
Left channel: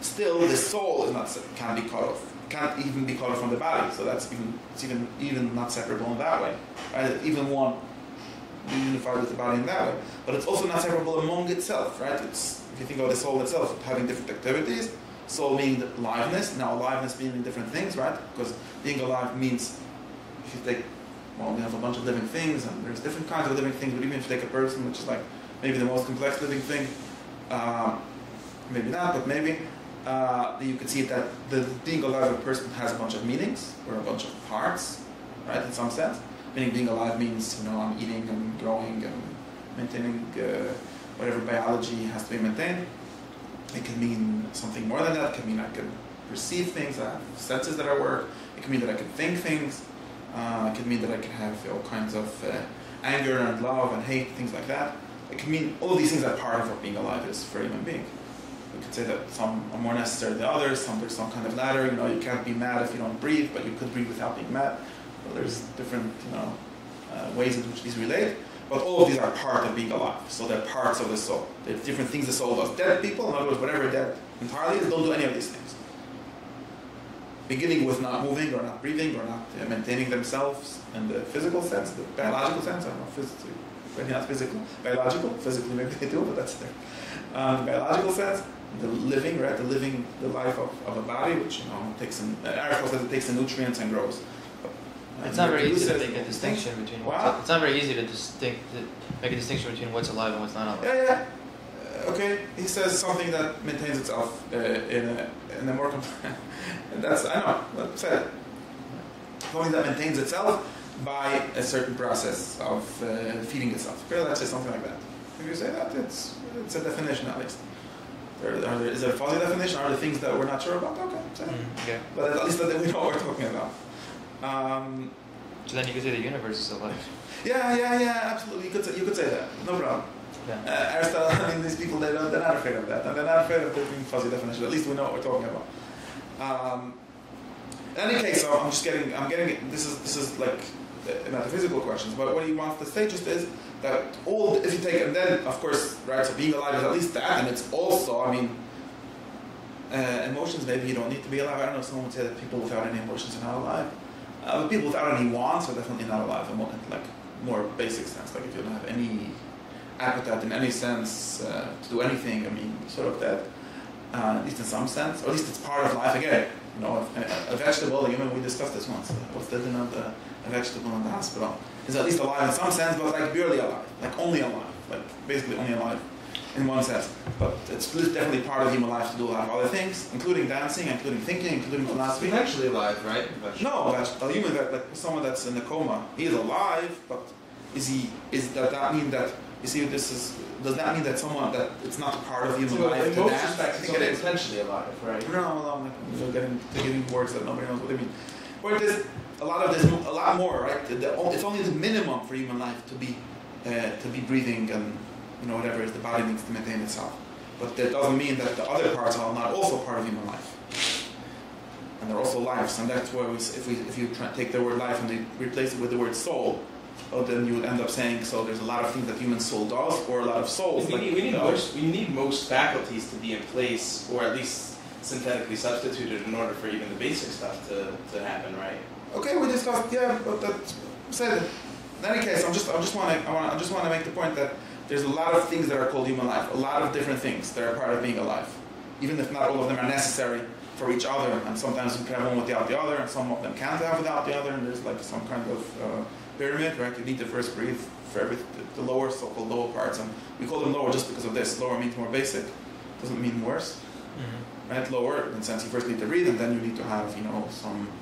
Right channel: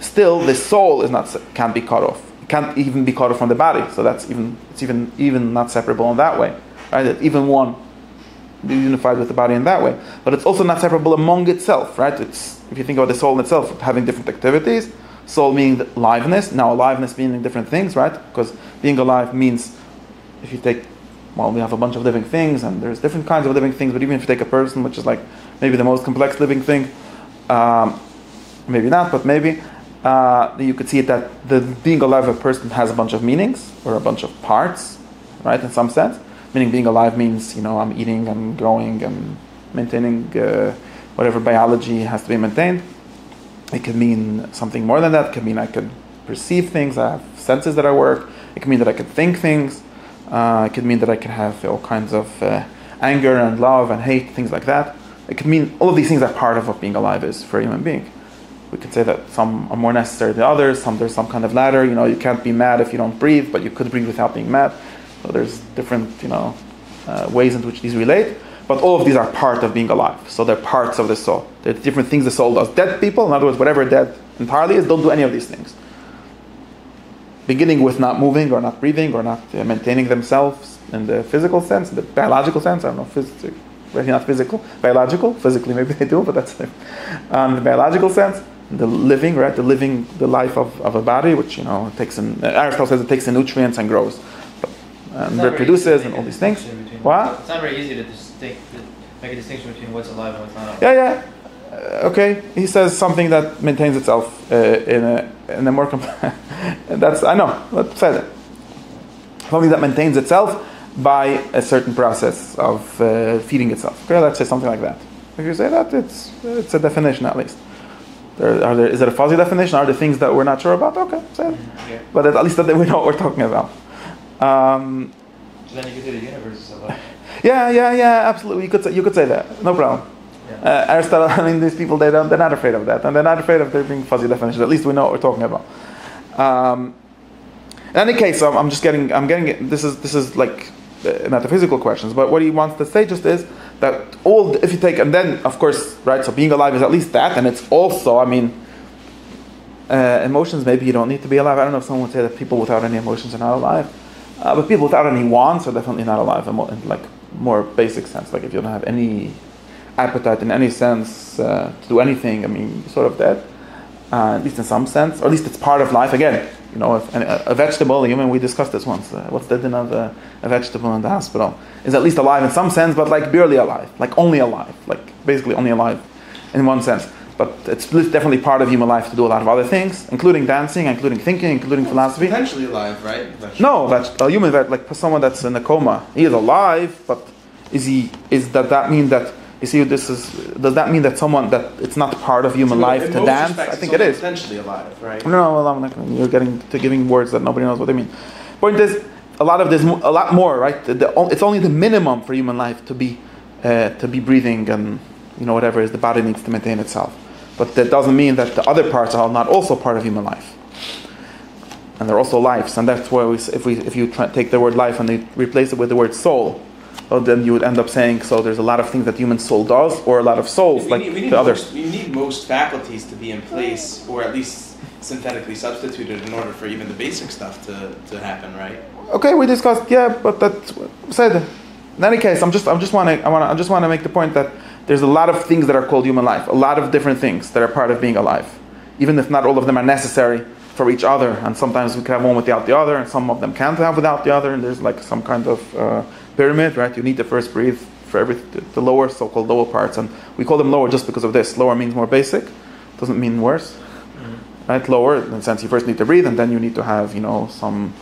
Still, the soul can't be cut off. Can't even be cut off from the body. So it's even not separable in that way, right? That even one be unified with the body in that way. But it's also not separable among itself, right? It's, if you think about the soul in itself having different activities. Soul meaning aliveness. Now aliveness meaning different things, right? Because being alive means, if you take, well, we have a bunch of living things, and there's different kinds of living things, but even if you take a person, which is like maybe the most complex living thing, maybe not, but maybe, you could see it that the being alive of a person has a bunch of meanings, or a bunch of parts, right, in some sense. Meaning being alive means, I'm eating, I'm growing, I'm maintaining whatever biology has to be maintained. It could mean something more than that. It could mean I could perceive things, I have senses that I work. It could mean that I could think things. It could mean that I can have all kinds of anger and love and hate, things like that. It could mean all of these things are part of what being alive is for a human being. We could say that some are more necessary than others. There's some kind of ladder. You can't be mad if you don't breathe, but you could breathe without being mad. So there's different, ways in which these relate. But all of these are part of being alive. So they're parts of the soul. They're different things the soul does. Dead people, in other words, whatever dead entirely is, don't do any of these things. Beginning with not moving or not breathing or not maintaining themselves in the physical sense, the biological sense, I don't know, maybe not physical, biological, physically maybe they do, but that's the biological sense, the living, right, the life of a body, which, takes in, Aristotle says it takes in nutrients and grows. Reproduces and all these things. What? It's not very easy to make a distinction between what's alive and what's not alive. Yeah. Okay. He says something that maintains itself in a more that's, I know. Let's say that. Something that maintains itself by a certain process of feeding itself. Okay, let's say something like that. If you say that, it's a definition at least. Is it a fuzzy definition? Are there things that we're not sure about? Okay, say it. Yeah. But at least that we know what we're talking about. So then you could say the universe is alive. Yeah, absolutely. You could say that. No problem. Yeah. Aristotle, these people, they're not afraid of that, and they're not afraid of there being fuzzy definitions. At least we know what we're talking about. In any case, I'm getting. This is like metaphysical questions, but what he wants to say just is that if you take, and then of course, right. So being alive is at least that, and it's also, emotions. Maybe you don't need to be alive. I don't know if someone would say that people without any emotions are not alive. But people without any wants are definitely not alive in like more basic sense. Like if you don't have any appetite in any sense to do anything, sort of dead. At least in some sense, or at least it's part of life. Again, if a vegetable, we discussed this once. What's the din of a vegetable in the hospital? Is at least alive in some sense, but like barely alive, like only alive, like basically only alive in one sense. But it's definitely part of human life to do a lot of other things, including dancing, including thinking, including philosophy. Potentially alive, right? No, a human, like someone that's in a coma, he is alive, but does that mean that, you see, does that mean that it's not part of human life to dance? I think it is. Potentially alive, right? No, you're giving words that nobody knows what they mean. Point is, a lot more, right? It's only the minimum for human life to be breathing and, whatever is the body needs to maintain itself. But that doesn't mean that the other parts are not also part of human life. And they're also lives, and that's why if you take the word life and they replace it with the word soul, well, then you would end up saying, so there's a lot of things that human soul does, or a lot of souls, we need most faculties to be in place, or at least synthetically substituted in order for even the basic stuff to happen, right? Okay, we discussed, but that said. In any case, I just want to make the point that there's a lot of things that are called human life, a lot of different things that are part of being alive, even if not all of them are necessary for each other, and sometimes we can have one without the other, and some of them can't have without the other, and there's like some kind of pyramid, right? You need to first breathe for the lower, so-called lower parts, and we call them lower just because of this. Lower means more basic, doesn't mean worse, right? Lower, in the sense you first need to breathe, and then you need to have, some,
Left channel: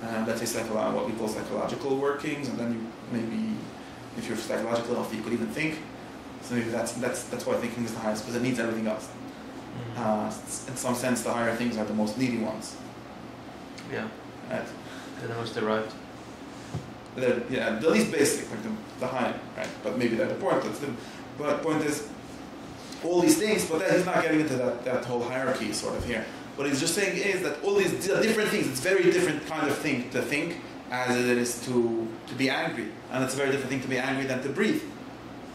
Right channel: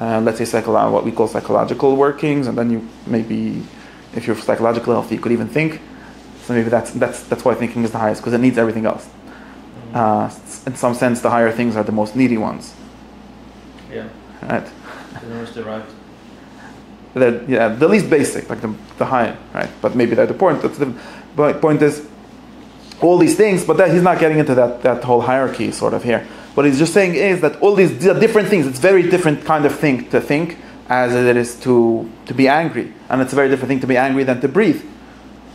let's say, what we call psychological workings, and then you maybe, if you're psychologically healthy, you could even think. So maybe that's why thinking is the highest, because it needs everything else. In some sense, the higher things are the most needy ones. Yeah. Right. The most derived. The least basic, like the high, right? But maybe they're the point. But point is, all these things. But he's not getting into that whole hierarchy sort of here. What he's just saying is that all these are different things. It's a very different kind of thing to think as it is to be angry. And it's a very different thing to be angry than to breathe.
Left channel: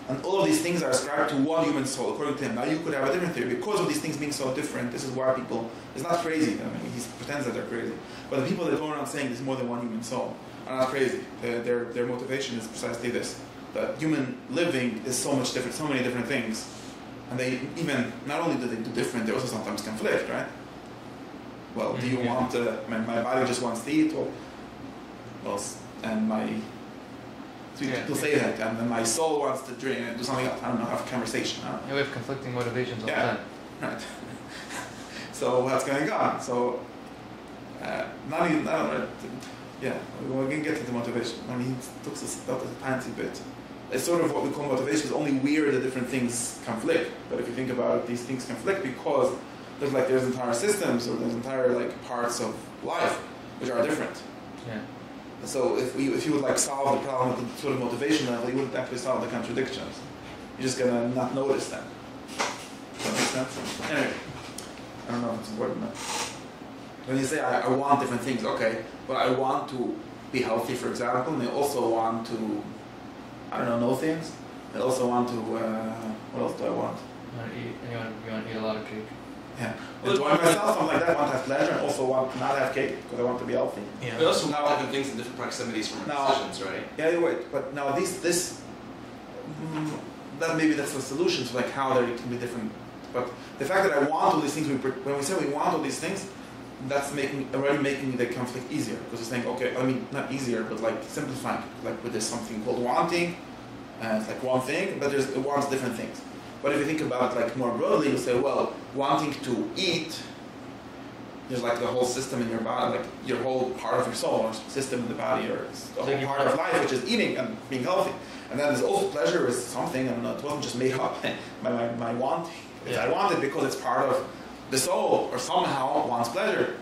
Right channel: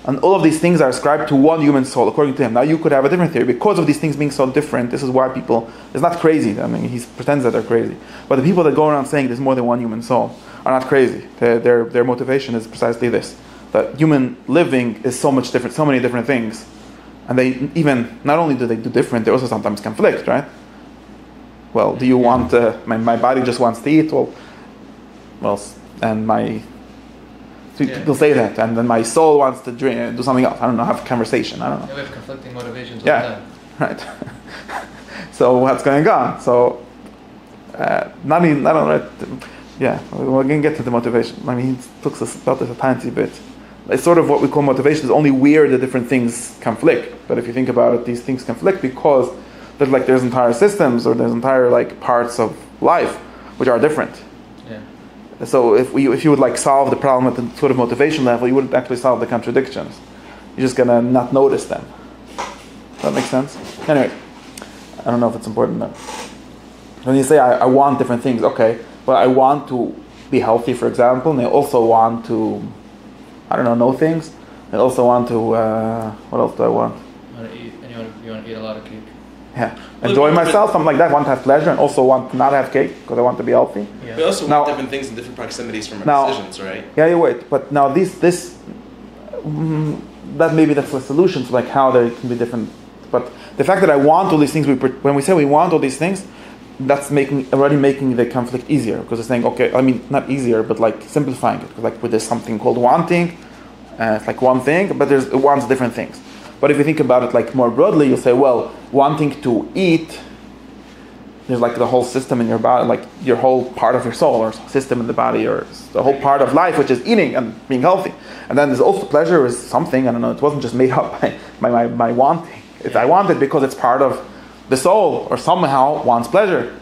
And all of these things are ascribed to one human soul, according to him. Now you could have a different theory. Because of these things being so different, this is why people, it's not crazy. I mean, he pretends that they're crazy. But the people that go around saying there's more than one human soul are not crazy. Their motivation is precisely this. That human living is so much different, so many different things. And they even, not only do they do different, they also sometimes conflict, right? Well, do you want, my body just wants to eat, and people say that, and then my soul wants to drink, do something else. I don't know, have a conversation, I don't know. Yeah, we have conflicting motivations all the time. Right. So what's going on? So, we're going to get to the motivation. I mean, he talks about this a tiny bit. It's sort of what we call motivation, is only where the different things conflict. But if you think about it, these things conflict because there's entire systems or there's entire parts of life which are different. Yeah. So if you would solve the problem at the sort of motivation level, you wouldn't actually solve the contradictions. You're just gonna not notice them. Does that make sense? Anyway, I don't know if it's important though. When you say I want different things, okay, but I want to be healthy, for example, and I also want to, know things. I also want to, what else do I want? You want to eat a lot of cake. Yeah, enjoy myself, something like that. Want to have pleasure, and also want to not have cake because I want to be healthy. Yeah. We also want different things in different proximities from our decisions, right? Yeah, you wait. But now this that maybe that's the solution to how they can be different. But the fact that I want all these things, when we say we want all these things, that's already making the conflict easier because it's saying, okay, I mean not easier, but simplifying it. Because there's something called wanting, it's one thing, but it wants different things. But if you think about it more broadly, you'll say, well, wanting to eat, there's the whole system in your body, your whole part of your soul, or system in the body, or the whole part of life, which is eating and being healthy. And then there's also pleasure is something, I don't know, it wasn't just made up by my wanting. I want it because it's part of the soul, or somehow wants pleasure.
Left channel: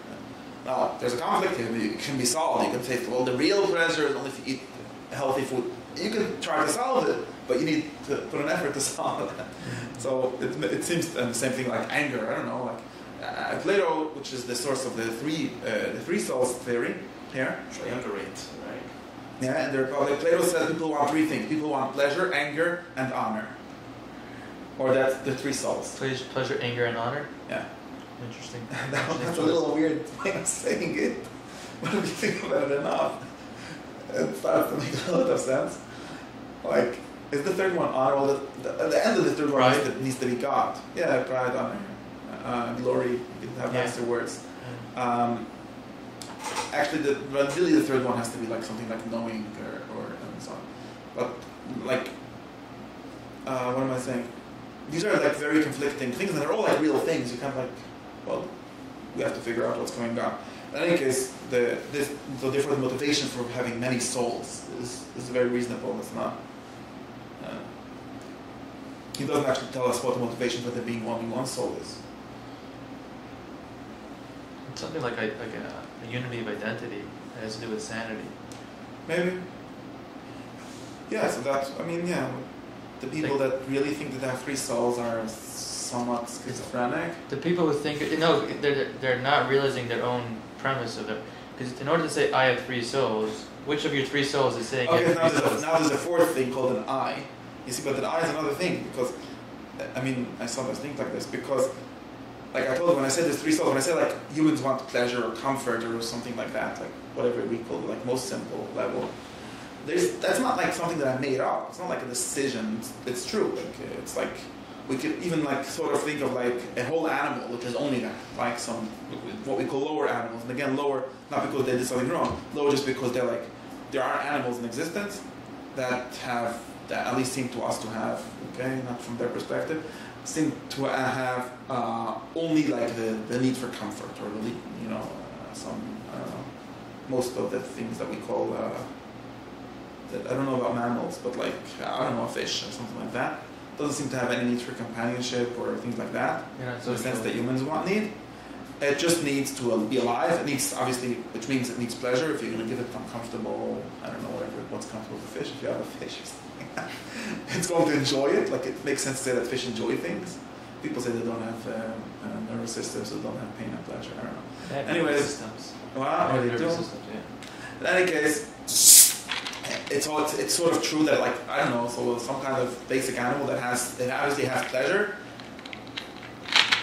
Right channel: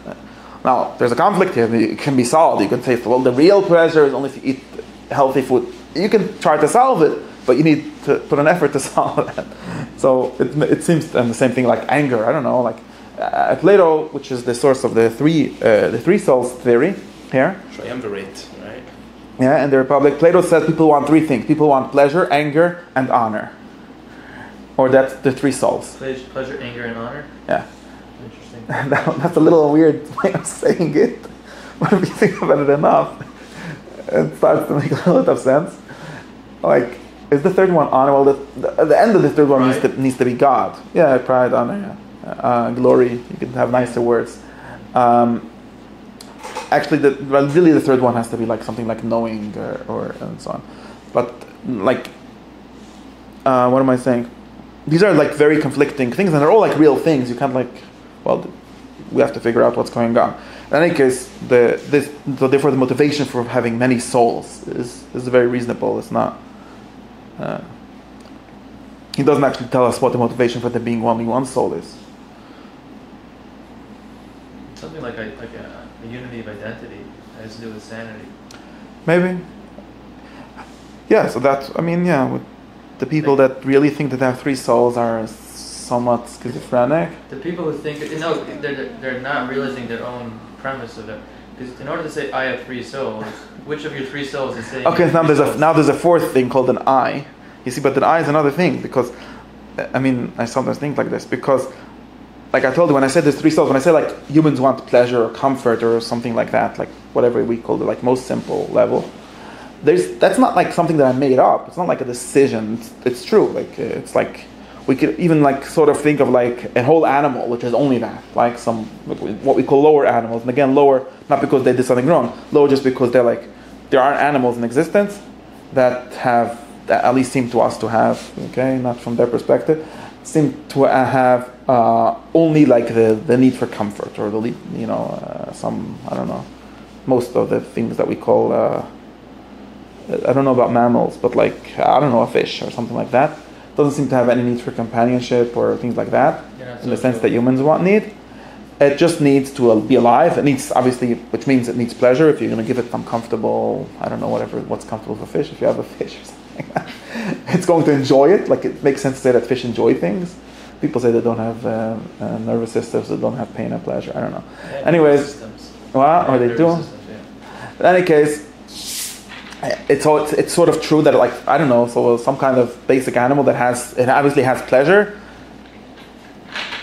Now, there's a conflict here. It can be solved. You can say, well, the real pleasure is only if you eat healthy food. You can try to solve it, but you need to put an effort to solve that. So it seems, and the same thing anger. I don't know, Plato, which is the source of the three souls theory here. Triumvirate, right? Yeah, in the Republic, Plato said people want three things. People want pleasure, anger, and honor. Or that's the three souls. Pleasure, anger, and honor? Yeah. Interesting. That's a little weird way of saying it. But if you think about it enough, it starts to make a lot of sense. Is the third one honor? Well, the end of the third one needs to be God. Yeah, pride, honor, glory. You can have nicer words. Actually, really the third one has to be something like knowing or and so on. But what am I saying? These are very conflicting things, and they're all real things. You can't we have to figure out what's going on. In any case, so therefore the motivation for having many souls is very reasonable. It's not. He doesn't actually tell us what the motivation for there being only one soul is. It's something like a unity of identity that has to do with sanity. Maybe. Yeah. So that's. With the people that really think that they have three souls are somewhat schizophrenic. The people who think they're not realizing their own premise of it. Because in order to say I have three souls, which of your three souls is saying? Okay, now there's a fourth thing called an I. You see, but an I is another thing because, I sometimes think like this because, I told you when I said there's three souls, when I say humans want pleasure or comfort or something like that, whatever we call it, most simple level. That's not something that I made up. It's not a decision. It's true. It's we could even sort of think of a whole animal which is only that, some what we call lower animals. And again, lower not because they did something wrong, lower just because they're there are animals in existence that at least seem to us to have, okay, not from their perspective, seem to have only the need for comfort or the some, I don't know, most of the things that we call I don't know about mammals, but I don't know, a fish or something like that doesn't seem to have any need for companionship or things like that, in the sense that humans need. It just needs to be alive. It needs, obviously, which means it needs pleasure. If you're going to give it some comfortable, I don't know, what's comfortable for fish. If you have a fish or something, it's going to enjoy it. It makes sense to say that fish enjoy things. People say they don't have nervous systems, they don't have pain and pleasure. I don't know. Yeah, Anyways, well, or they do. Systems, In any case, it's sort of true that, like, I don't know, so some kind of basic animal that obviously has pleasure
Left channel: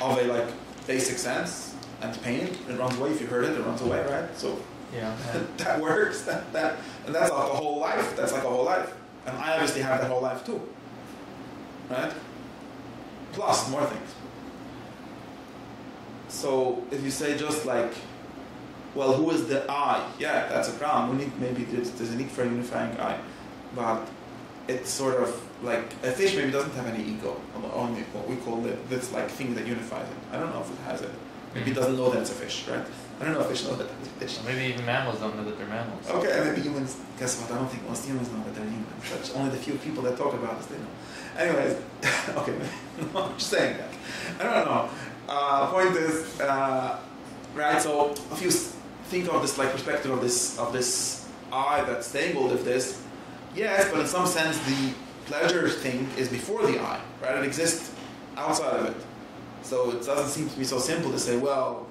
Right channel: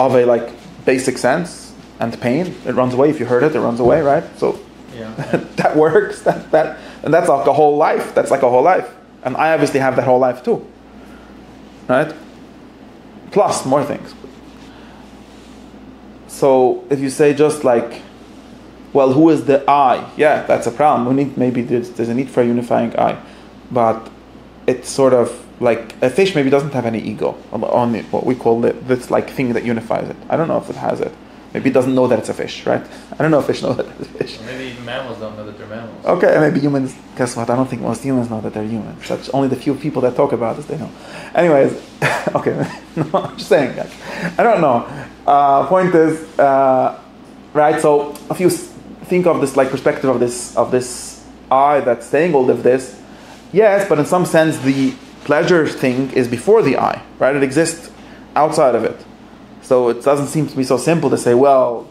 of a like basic sense and pain. It runs away. If you hurt it runs away, right? So yeah. that works. And that's like a whole life. That's like a whole life. And I obviously have that whole life too, right? Plus more things. So if you say just like, well, who is the I? Yeah, that's a problem. Maybe there's a need for a unifying I, but it's sort of like a fish maybe doesn't have any ego on it, what we call this like thing that unifies it. I don't know if it has it. Maybe it doesn't know that it's a fish, right? I don't know if fish know that it's a fish. Or maybe even mammals don't know that they're mammals. Okay, and maybe humans. Guess what? I don't think most humans know that they're humans. That's only the few people that talk about it, they know. Anyways, okay. No, I'm just saying that. I don't know. Point is, right? So if you think of this like perspective of this I that's saying all of this, yes, but in some sense the pleasure thing is before the I, right? It exists outside of it. So it doesn't seem to be so simple to say, well,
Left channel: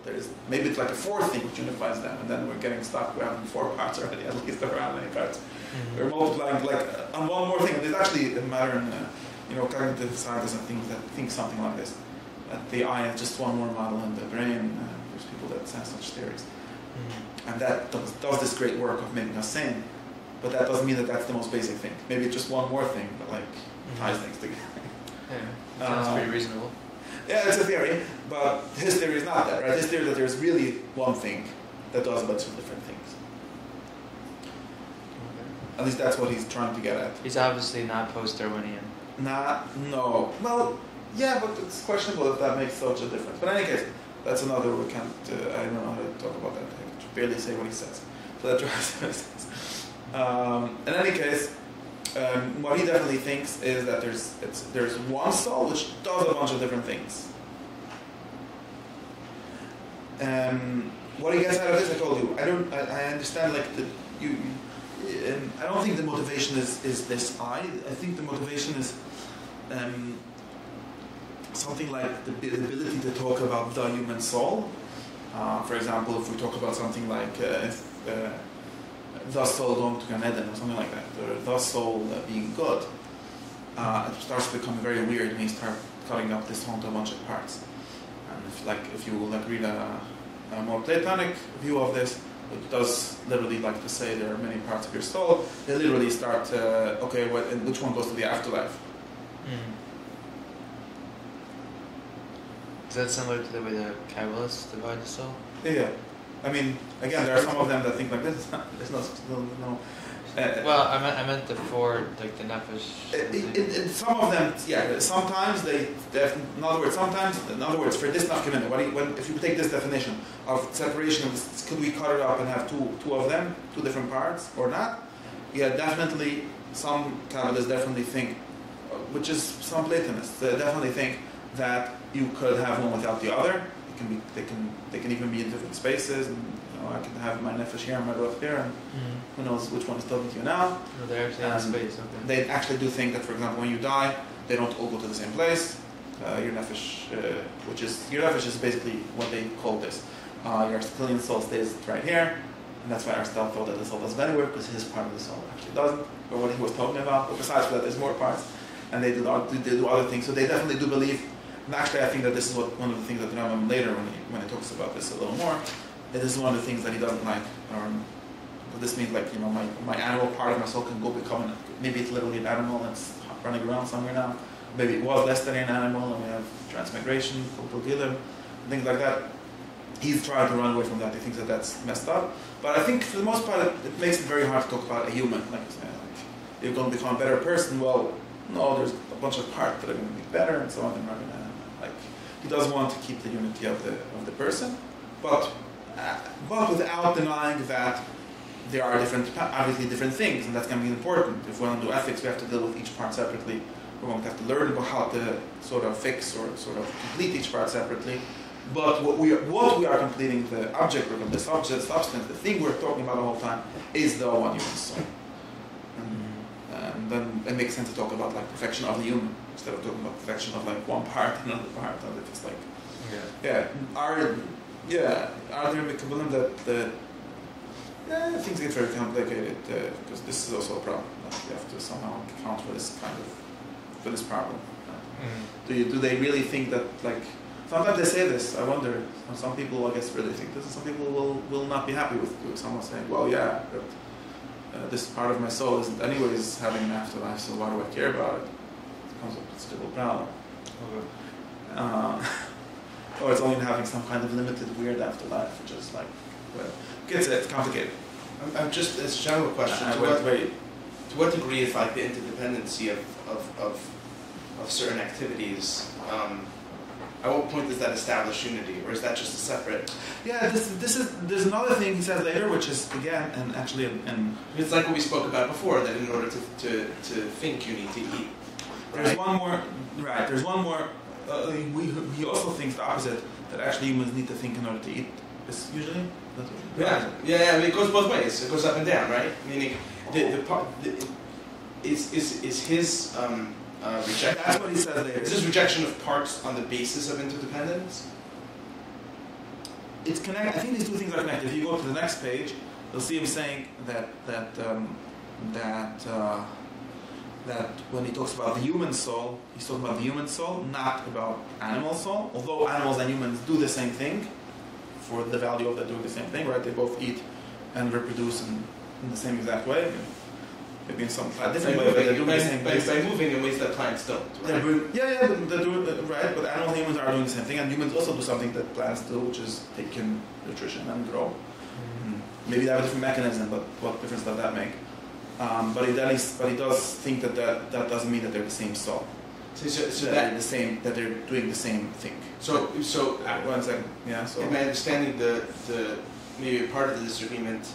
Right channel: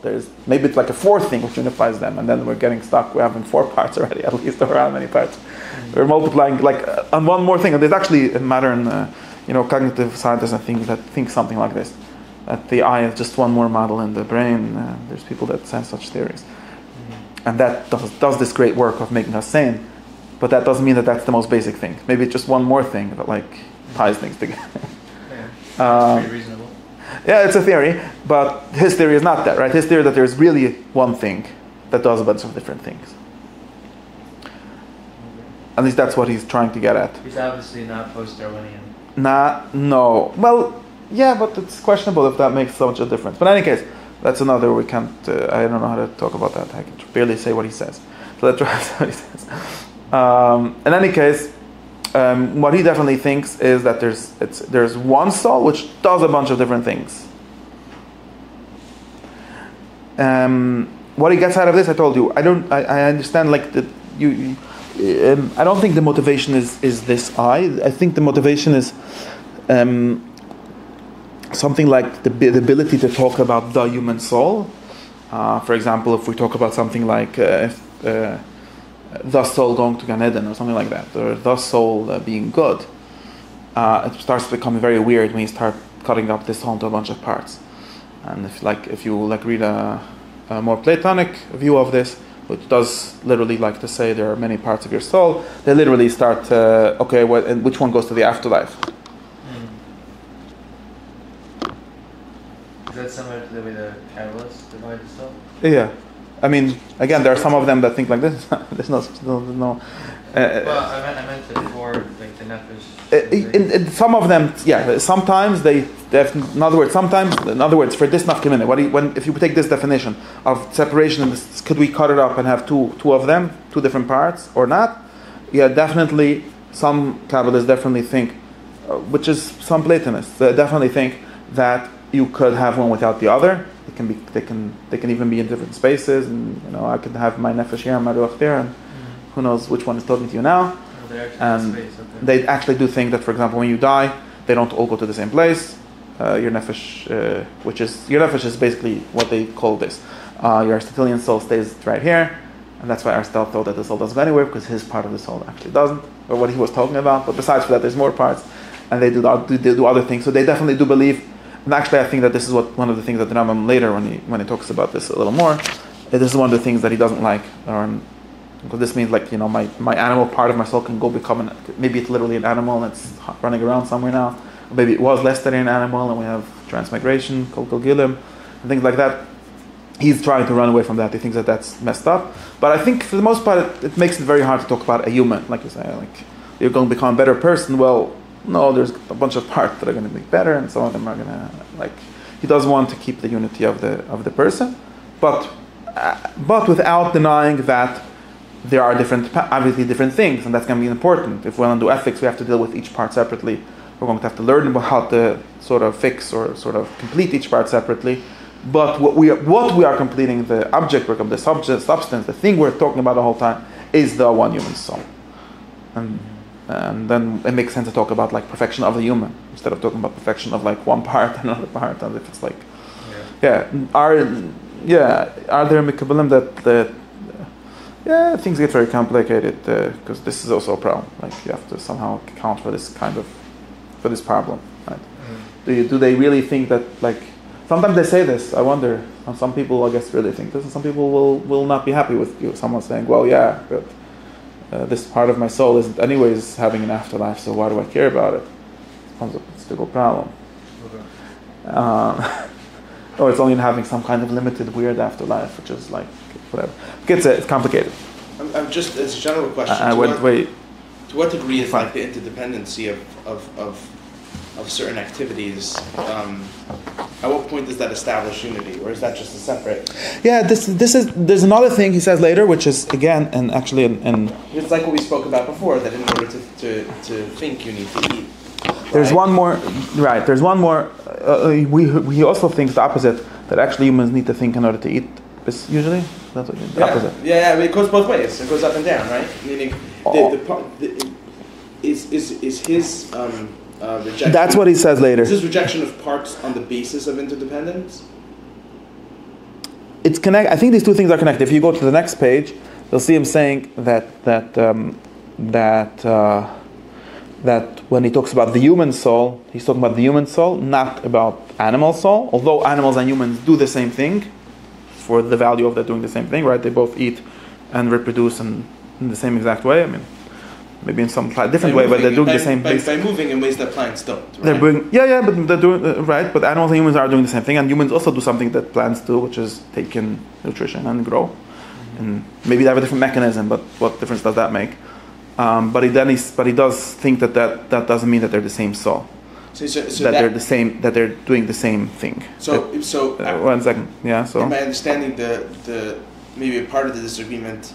maybe it's like a fourth thing which unifies them, and then we're getting stuck. We're having 4 parts already, at least, or how many parts. Mm-hmm. We're multiplying like on one more thing. And there's actually a modern, cognitive scientists and things that think something like this, that the I is just one more model in the brain. There's people that send such theories, and that does this great work of making us sane. But that doesn't mean that that's the most basic thing. Maybe it's just one more thing that like ties things together. Yeah, that's pretty reasonable. Yeah, it's a theory, but his theory is not that, right? His theory is that there's really one thing that does a bunch of different things. Okay. At least that's what he's trying to get at. He's obviously not post-Darwinian. No. Well, yeah, but it's questionable if that makes such a difference. But in any case, that's another, we can't, I don't know how to talk about that. I can barely say what he says. So let's try what he says. In any case, what he definitely thinks is that there's one soul which does a bunch of different things. What he gets out of this, I told you. I understand like I don't think the motivation is this I think the motivation is something like the ability to talk about the human soul. For example, if we talk about something like the soul going to Gan Eden or something like that, or the soul being good, it starts to become very weird when you start cutting up this soul into a bunch of parts. And if you read a more Platonic view of this, which does literally like to say there are many parts of your soul, they literally start and which one goes to the afterlife? Is that similar to the way the Kabbalists divide the soul? Yeah. I mean, again, there are some of them that think like this. There's no. Well, I meant the four, like the nefesh. In some of them, yeah. Sometimes they have, in other words, for this nafkamina, if you take this definition of separation, could we cut it up and have two of them, two different parts, or not? Yeah, definitely. Some Kabbalists definitely think, which is some Platonists, definitely think that you could have one without the other. They can even be in different spaces, and I can have my nefesh here and my ruach there, and who knows which one is talking to you now. Oh, they're actually in space. Okay. They actually do think that, for example, when you die, they don't all go to the same place. Your nefesh, is basically what they call this. Your Aristotelian soul stays right here, and that's why Aristotle thought that the soul doesn't go anywhere, because his part of the soul actually doesn't, or what he was talking about. But besides that, there's more parts, and they do other things. So they definitely do believe. And actually, I think that this is one of the things that the Rambam later, when he talks about this a little more, this is one of the things that he doesn't like. Because this means like my animal part of my soul can go become maybe it's literally an animal and it's running around somewhere now. Or maybe it was less than an animal and we have transmigration, kol gilim, and things like that. He's trying to run away from that. He thinks that that's messed up. But I think for the most part, it makes it very hard to talk about a human, like you say, like you're going to become a better person. Well, no, there's a bunch of parts that are going to be better, and some of them are going to He does want to keep the unity of the person, but without denying that there are obviously different things, and that's going to be important. If we want to do ethics, we have to deal with each part separately. We're going to have to learn about how to sort of fix or sort of complete each part separately. But what we are completing, the object, the substance, the thing we're talking about the whole time, is the one human soul. And And then it makes sense to talk about like perfection of the human instead of talking about perfection of like one part and another part. And if it's like, are there mikabelim that things get very complicated because this is also a problem. Like you have to somehow account for this problem, right? Do they really think that like sometimes they say this? I wonder. Some people, I guess, really think this, and some people will not be happy with you. Someone saying, "Well, yeah, but this part of my soul isn't anyways having an afterlife, so why do I care about it?" It becomes a stable problem. Or it's only having some kind of limited, weird afterlife, which is like whatever. It's complicated. I'm just it's a general question. To what degree is like the interdependency of certain activities? At what point does that establish unity, or is that just a separate? Yeah, there's another thing he says later, which is again, and actually, it's like what we spoke about before, that in order to think, you need to eat. There's one more, right? There's one more. He also thinks the opposite, that actually humans need to think in order to eat. Usually, that's the opposite. Yeah, it goes both ways. It goes up and down, right? Meaning, is his rejection. That's what he says later. Is his rejection of parts on the basis of interdependence? It's connect. I think these two things are connected. If you go to the next page, you'll see him saying that when he talks about the human soul, he's talking about the human soul, not about animal soul. Although animals and humans do the same thing, for the value of that doing the same thing, right? They both eat and reproduce in the same exact way. I mean, maybe in some different way, but they're doing the same thing. By moving in ways that plants don't, right? They're doing, but they're doing, right? But animals and humans are doing the same thing, and humans also do something that plants do, which is take in nutrition and grow. And maybe they have a different mechanism, but what difference does that make? But he does think that doesn't mean that they're the same soul. So they're the same, that they're doing the same thing. So 1 second, yeah. So am I understanding the maybe a part of the disagreement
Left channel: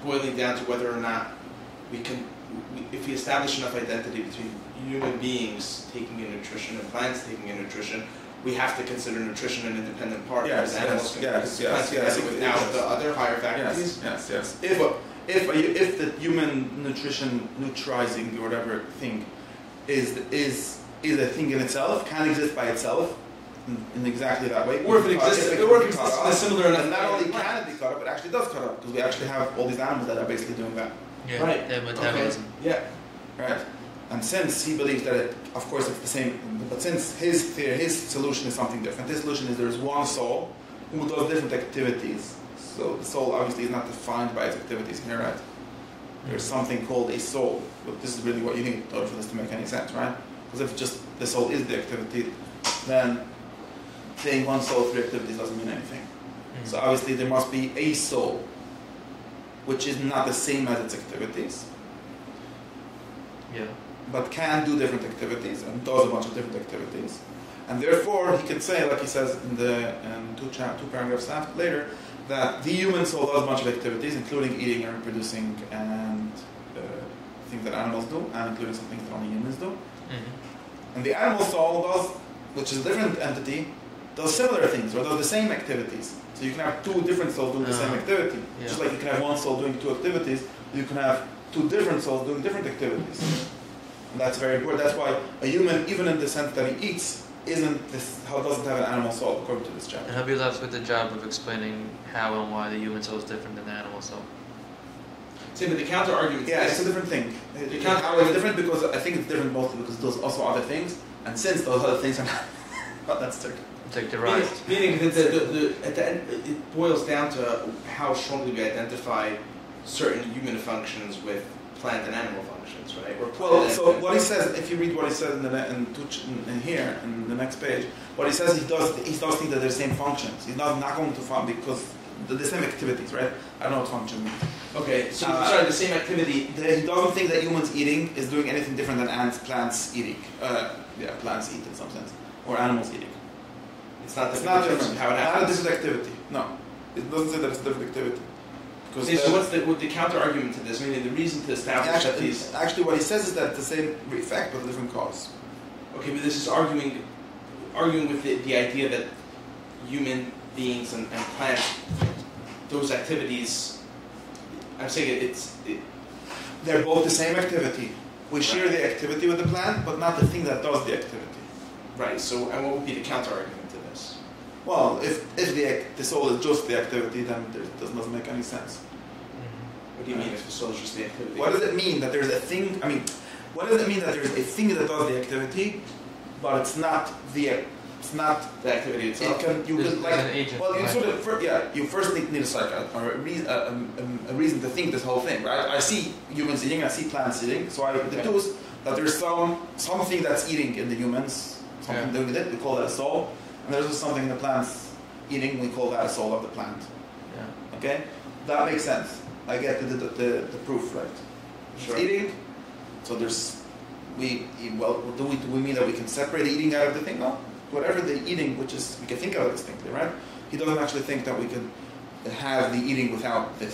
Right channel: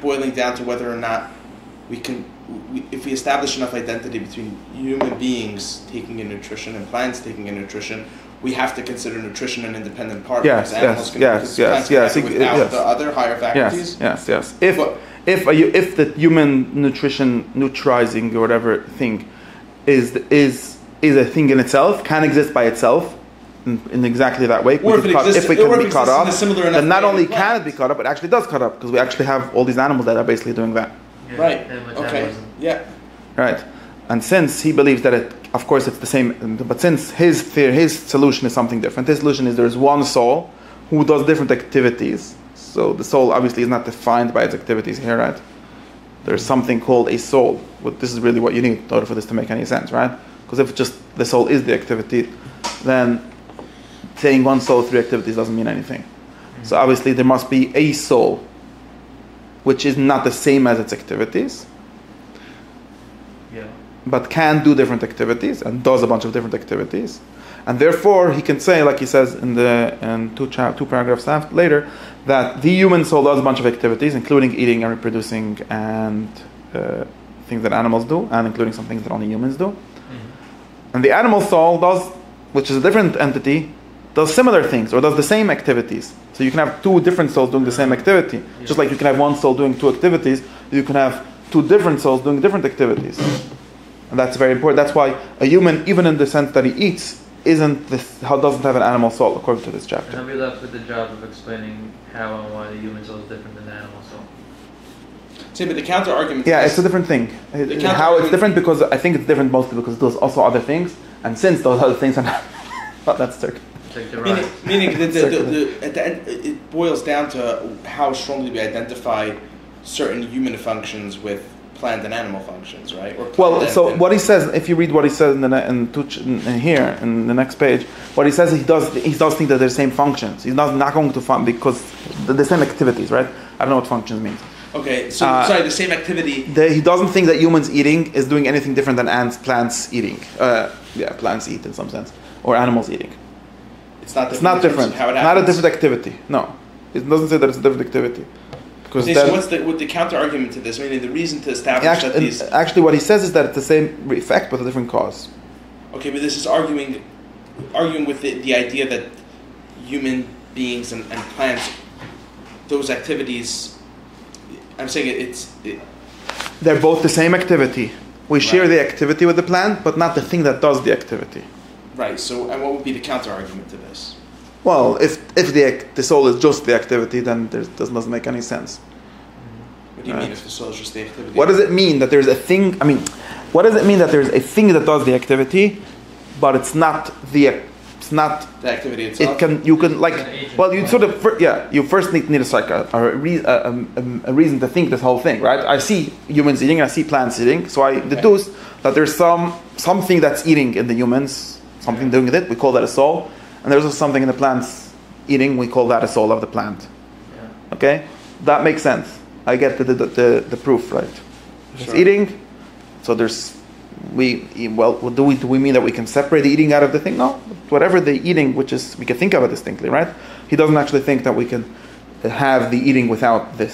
boiling down to whether or not if we establish enough identity between human beings taking in nutrition and plants taking in nutrition, we have to consider nutrition an independent part. Yes. Without the other higher faculties. Yes. If the human nutrition neutralizing or whatever thing is a thing in itself, can exist by itself in exactly that way. Or if it can be cut off, then not only can it be cut up, it actually does cut up, because we actually have all these animals that are basically doing that. Yeah, right. Okay. Yeah. Right. And since he believes that of course it's the same, but since his solution is something different, his solution is there's one soul who does different activities. So the soul obviously is not defined by its activities here, right? There's something called a soul. But this is really what you need in order for this to make any sense, right? Because if just the soul is the activity, then saying one soul, 3 activities doesn't mean anything. Mm-hmm. So obviously there must be a soul which is not the same as its activities, but can do different activities and does a bunch of different activities. And therefore he can say, like he says in two paragraphs later, that the human soul does a bunch of activities, including eating and reproducing and things that animals do, and including some things that only humans do. Mm-hmm. And the animal soul does, which is a different entity, does similar things or does the same activities. So you can have 2 different souls doing the same activity. Yeah. Just like you can have one soul doing 2 activities, you can have 2 different souls doing different activities. And that's very important. That's why a human, even in the sense that he eats, doesn't have an animal soul, according to this chapter. And he'll be left with the job of explaining how and why the human soul is different than the animal soul. See, but the counter argument. Yeah, it's a different thing. How it's different, because I think it's different mostly because there's also other things, and since those other things are not, that's tricky. Meaning that at the end, it boils down to how strongly we identify certain human functions with plant and animal functions, right? So what he says, if you read what he says in here in the next page, what he says, he does think that they're the same functions. He's not going to find, because the same activities, right? I don't know what functions means. Okay, so the same activity. He doesn't think that humans eating is doing anything different than plants eating. Plants eat in some sense, or animals eating. It's not different. Not a different activity. No, it doesn't say that it's a different activity. So what's the counter argument to this? I mean, the reason to establish that these. Actually, what he says is that it's the same effect but a different cause. Okay, but this is arguing with the idea that human beings and plants, those activities. I'm saying they're both the same activity, We share the activity with the plant, but not the thing that does the activity. Right. So, and what would be the counter argument to this? Well, if the soul is just the activity, then it doesn't make any sense. What do you mean if the soul is just the activity? What does it mean that there's a thing? I mean, what does it mean that there's a thing that does the activity, but it's not the activity itself? You first need a reason to think this whole thing, right? I see humans eating, I see plants eating, so I deduce that there's something that's eating in the humans, something doing with it. We call that a soul, and there's also something in the plants eating. We call that a soul of the plant. Yeah. Okay, that makes sense. I get the proof, right? It's eating, so there's do we mean that we can separate the eating out of the thing? No. Whatever the eating, which is, we can think of it distinctly, right? He doesn't actually think that we can have the eating without the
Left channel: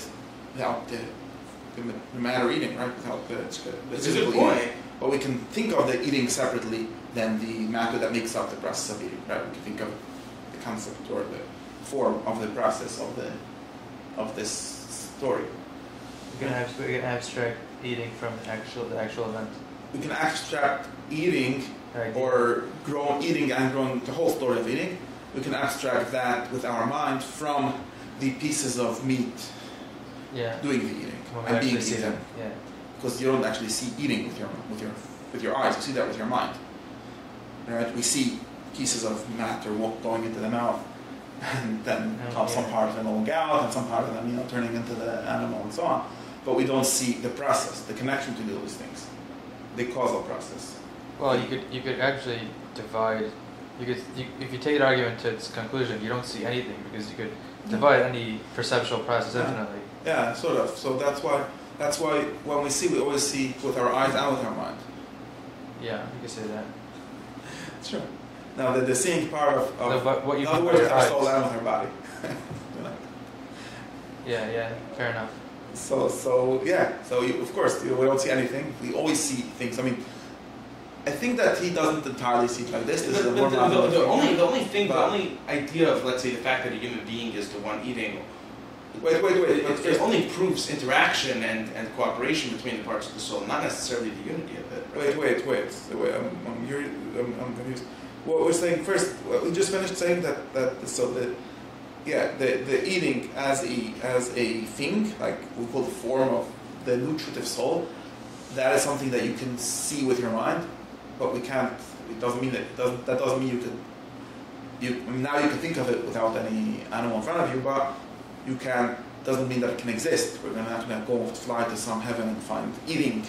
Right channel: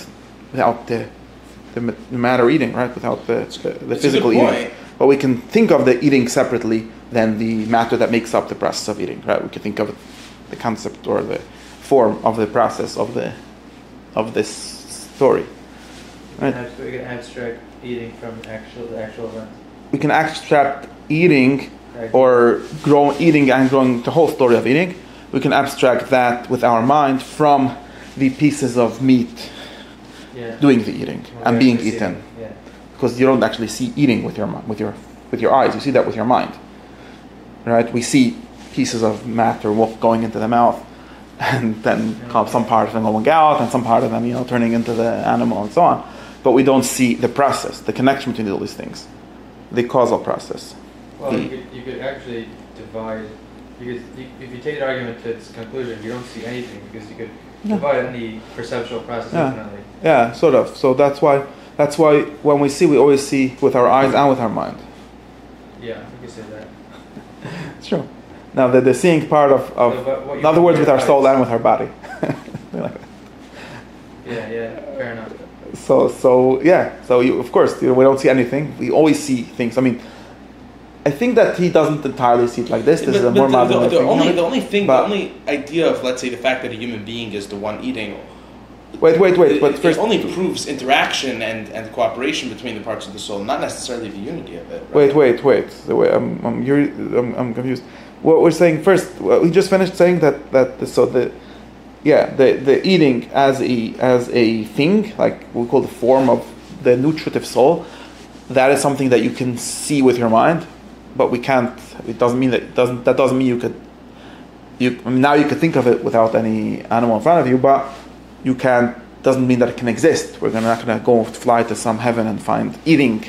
matter eating, right? Without the physical eating. But we can think of the eating separately than the matter that makes up the process of eating, right? We can think of the concept or the form of the process of this story. Right? We can abstract eating from the actual event. We can abstract eating or eating and growing, the whole story of eating. We can abstract that with our mind from the pieces of meat doing the eating and being eaten. Yeah. Because you don't actually see eating with your eyes. You see that with your mind, right? We see pieces of matter going into the mouth, and then some part of them going out, and some part of them turning into the animal and so on. But we don't see the process, the connection between all these things, the causal process. Well, you could actually divide. If you take an argument to its conclusion, you don't see anything because you could divide any perceptual process infinitely. Yeah, sort of. So that's why when we see, we always see with our eyes and with our mind. Yeah, you can say that. It's true. Now the seeing part of in other words, with our soul and with our body. Yeah, fair enough. So of course we don't see anything. We always see things. I mean, I think that he doesn't entirely see it like this. This is a more modern the only idea of, let's say, the fact that a human being is the one eating. Wait. But first, it only proves interaction and cooperation between the parts of the soul, not necessarily the unity of it. Right? Wait. I'm confused. What we're saying first, we just finished saying that the eating as a thing, like we call the form of the nutritive soul, that is something that you can see with your mind, but we can't. It doesn't mean that doesn't mean you could. Now you could think of it without any animal in front of you, but you can't. Doesn't mean that it can exist. We're not going to go fly to some heaven and find eating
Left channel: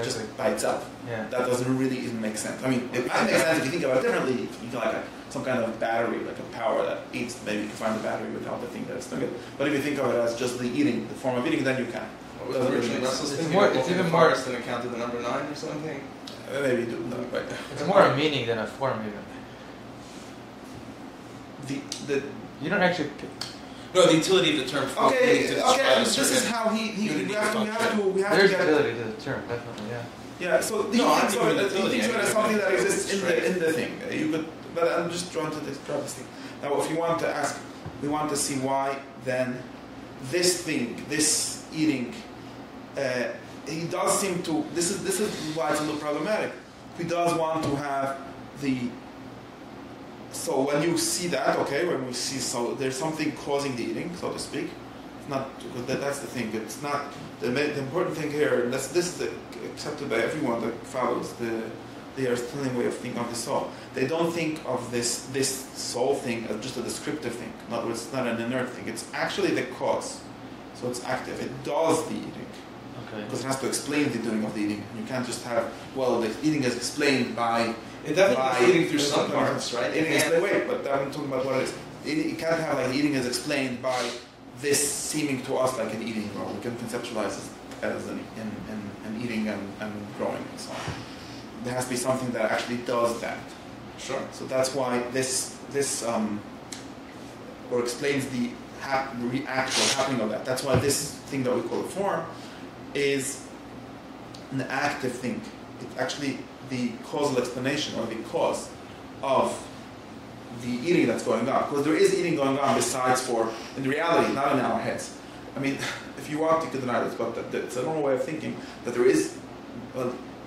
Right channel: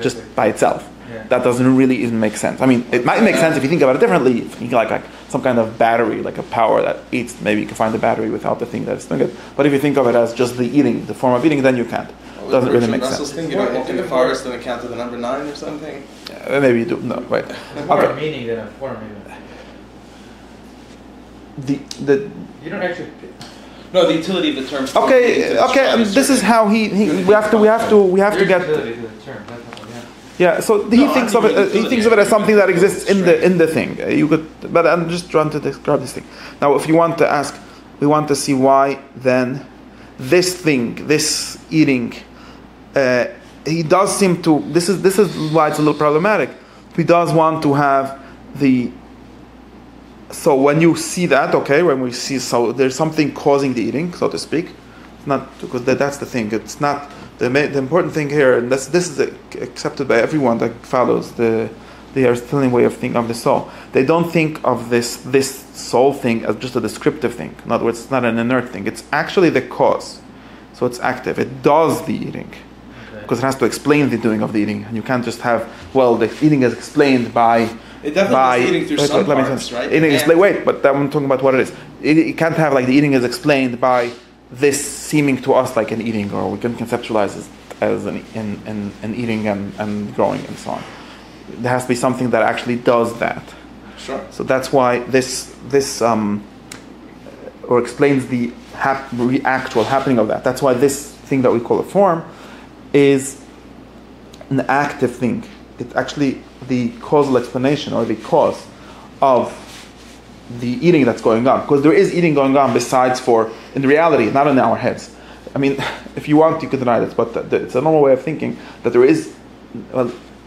just by itself. Yeah. That doesn't really even make sense. I mean, it might make sense if you think about it differently. If you think like some kind of battery, like a power that eats, maybe you can find the battery without the thing that's doing it. But if you think of it as just the eating, the form of eating, then you can't. It doesn't really make sense. Thinking about moving the forest and a count to the number 9 or something? Maybe you do. No, wait. It's more a meaning than a form, even. You don't actually... No, the utility of the term. Okay. And this is how we have to get. Utility to the term, definitely. Yeah. So he thinks of it. He thinks of it as something that exists in the thing. You could, but I'm just trying to describe this thing. Now, if you want to ask, we want to see why then this thing, this eating, he does seem to. This is why it's a little problematic. He does want to have the. So when you see that, when we see, so there's something causing the eating, so to speak. It's not, because that's the thing. It's not the important thing here, and this is accepted by everyone that follows the Aristotelian way of thinking of the soul. They don't think of this soul thing as just a descriptive thing. In other words, it's not an inert thing. It's actually the cause. So it's active. It does the eating. Because it has to explain the doing of the eating. And you can't just have, the eating is explained by... It definitely is eating through some parts, right? But I'm talking about what it is. It can't have the eating is explained by this seeming to us like an eating, or we can conceptualize it as an eating and growing and so on. There has to be something that actually does that. Sure. So that's why this or explains the actual happening of that. That's why this thing that we call a form is an active thing. It's actually the causal explanation or the cause of the eating that's going on. Because there is eating going on besides in reality, not in our heads. I mean, if you want, you could deny this, but it's a normal way of thinking that there is,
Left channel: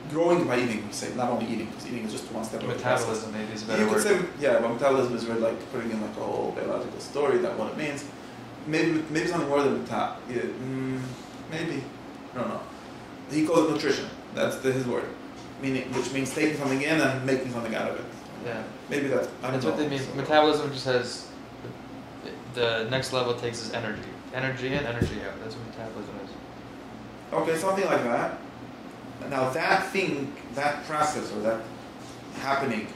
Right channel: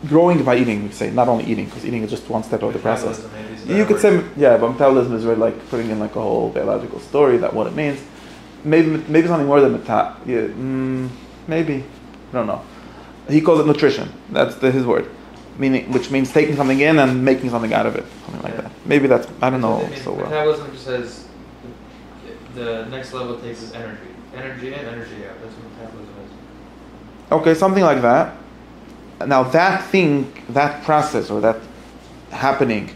growing by eating, you say, not only eating, because eating is just one step of the process. Metabolism maybe is a You better could word. say, yeah, but metabolism is really like putting in like a whole biological story that what it means. Maybe something more than maybe, I don't know. He calls it nutrition. That's his word, which means taking something in and making something out of it, something like that. Maybe that's, I don't know. So metabolism just has the next level takes is energy. Energy in, energy out. That's what metabolism is. Okay, something like that. Now that thing, that process or that happening,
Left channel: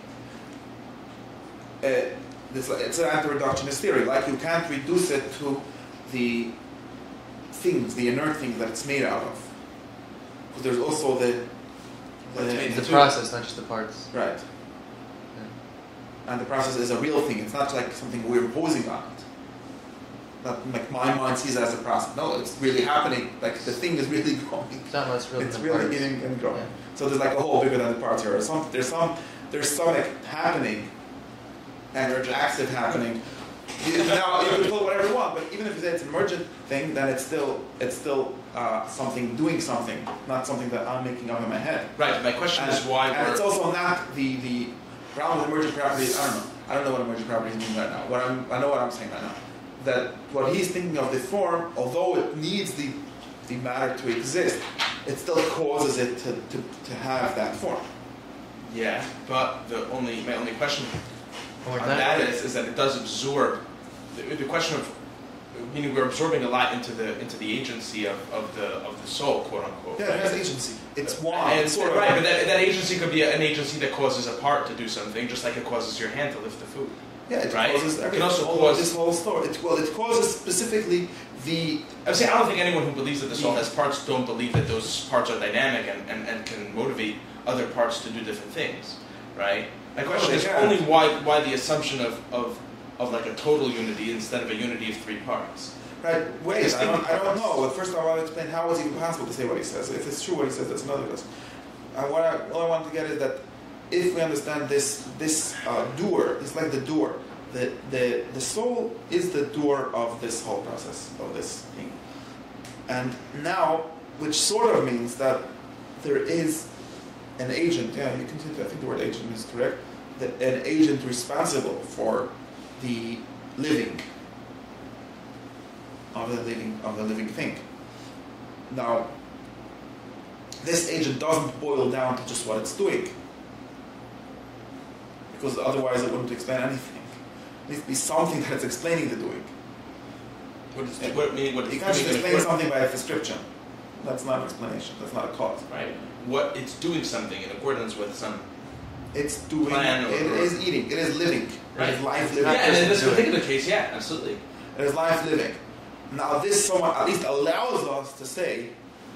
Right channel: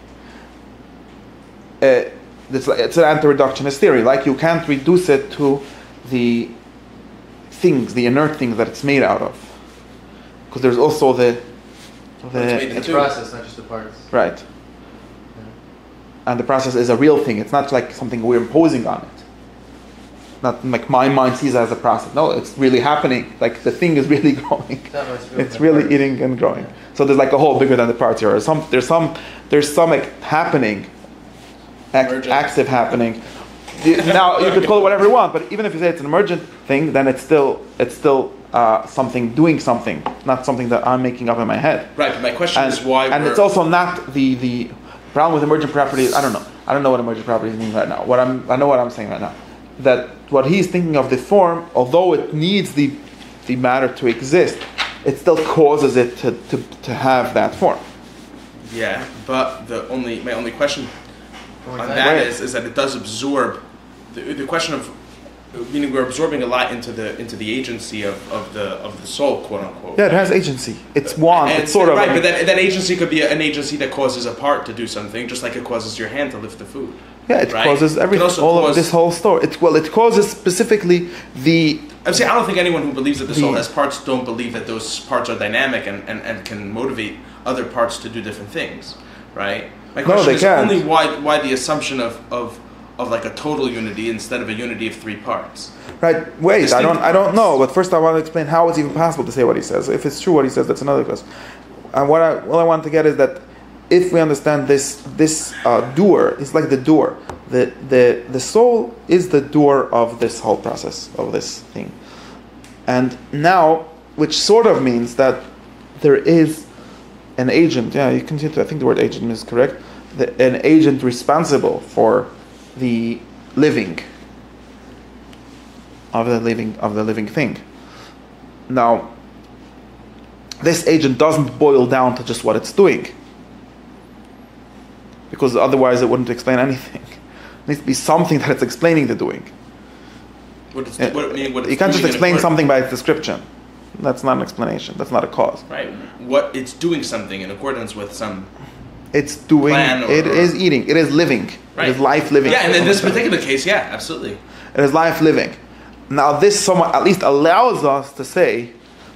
it's an anti-reductionist theory. Like you can't reduce it to the things, the inert things that it's made out of, because there's also the process, not just the parts. Right. Yeah. And the process is a real thing. It's not like something we're imposing on it. Not like my mind sees it as a process. No, it's really happening. Like the thing is really growing. It's really eating and growing. Yeah. So there's like a whole bigger than the parts here. There's some happening, active happening. Now you could call it whatever you want, but even if you say it's an emergent thing, then it's still something doing something, not something that I'm making up in my head. Right. But my question is why. And it's also not the problem with emergent properties. I don't know what emergent properties mean right now. I know what I'm saying right now. That what he's thinking of the form, although it needs the matter to exist, it still causes it to have that form. Yeah, but my only question on that is that it does absorb the question of meaning we're absorbing a lot into the agency of the soul, quote unquote. Yeah, it has agency. It's one. It's sort of right, but that agency could be an agency that causes a part to do something, just like it causes your hand to lift the food. Yeah, it causes everything. All of this whole story. It causes specifically the. I'm saying I don't think anyone who believes that the soul has parts don't believe that those parts are dynamic and can motivate other parts to do different things, right? My question is only why the assumption of like a total unity instead of a unity of three parts. Right. Wait, I don't know. But first, I want to explain how it's even possible to say what he says. If it's true what he says, that's another question. What I want to get is that if we understand this doer, it's like the doer. The soul is the doer of this whole process of this thing, and now, which sort of means that there is an agent. Yeah, you continue to. I think the word agent is correct. An agent responsible for the living of the living thing. Now, this agent doesn't boil down to just what it's doing, because otherwise it wouldn't explain anything. It needs to be something that it's explaining the doing. You can't just explain something by its description. That's not an explanation. That's not a cause. Right. What it's doing something in accordance with some. It's doing. It is eating. It is living. Right. It is life living. Yeah, and in this particular case, yeah, absolutely. It is life living. Now, this somewhat at least allows us to say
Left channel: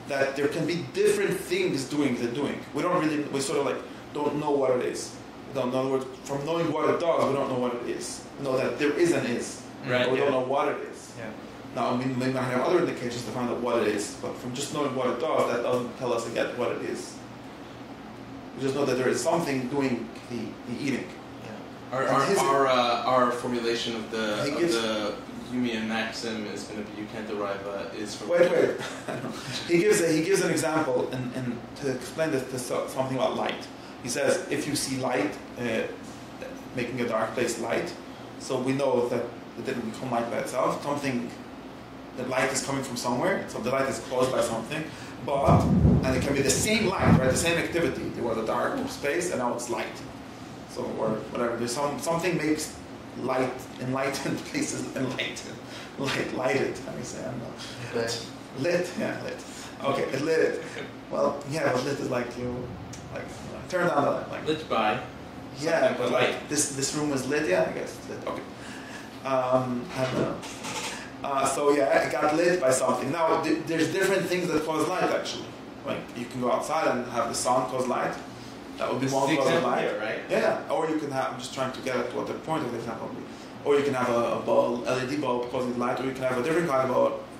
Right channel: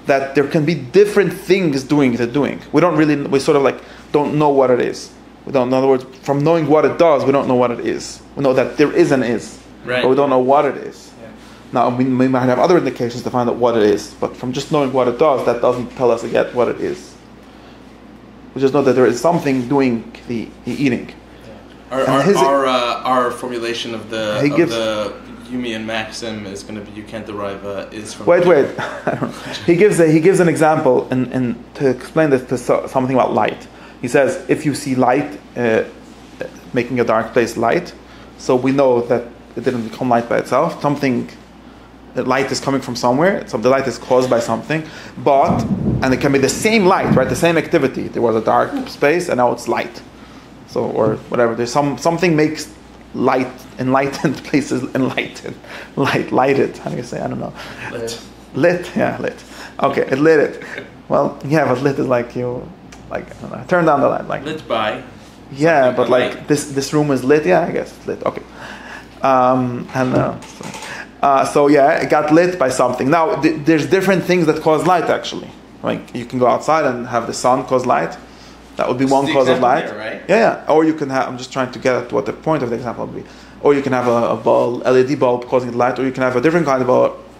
that there can be different things doing the doing. We sort of like don't know what it is. In other words, from knowing what it does, we don't know what it is. We know that there is an is, right, but we don't know what it is. Yeah. Now, we might have other indications to find out what it is, but from just knowing what it does, that doesn't tell us yet what it is. We just know that there is something doing the eating. Yeah. Our formulation of the Humean maxim is going to be you can't derive is from. Wait. He gives an example and to explain this to something about light. He says if you see light making a dark place light, so we know that it didn't become light by itself. That light is coming from somewhere. So the light is caused by something, and it can be the same light, right? The same activity. There was a dark space, and now it's light. So or whatever. There's something makes light enlightened places lighted. How do you say? I don't know. Lit. Yeah, lit. Okay, it lit it. Well, yeah, but lit is like you, like I don't know, turn down the light, like lit by. Yeah, but like this room is lit. Yeah, I guess it's lit. Okay. So yeah, it got lit by something. Now there's different things that cause light actually. Like you can go outside and have the sun cause light. That would be one cause of light. There, right? Yeah. Or you can have. I'm just trying to get at what the point of the example would be. Or you can have a bulb, LED bulb causing light, or you can have a different kind of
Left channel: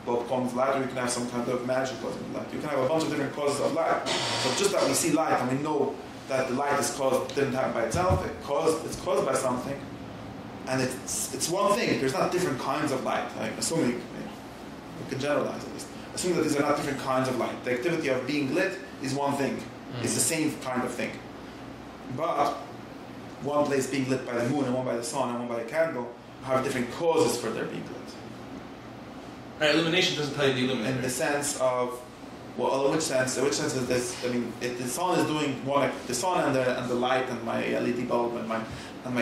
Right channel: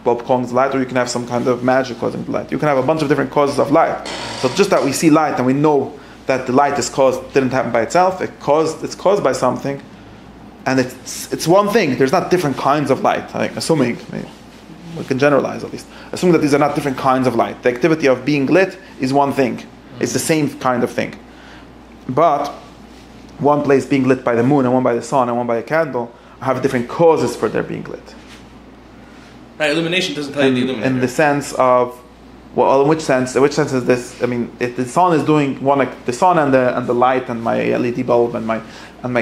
bulb causing light, or you can have some kind of magic causing light. You can have a bunch of different causes of light. So just that we see light and we know that the light didn't happen by itself. It's caused by something, and it's one thing. There's not different kinds of light. Assuming we can generalize at least. Assuming that these are not different kinds of light. The activity of being lit is one thing. It's the same kind of thing. But one place being lit by the moon and one by the sun and one by a candle have different causes for their being lit. Right, illumination doesn't tell you the illuminator. In the sense of, well, in which sense is this? I mean, if the sun is doing one, like the sun and the light and my LED bulb and my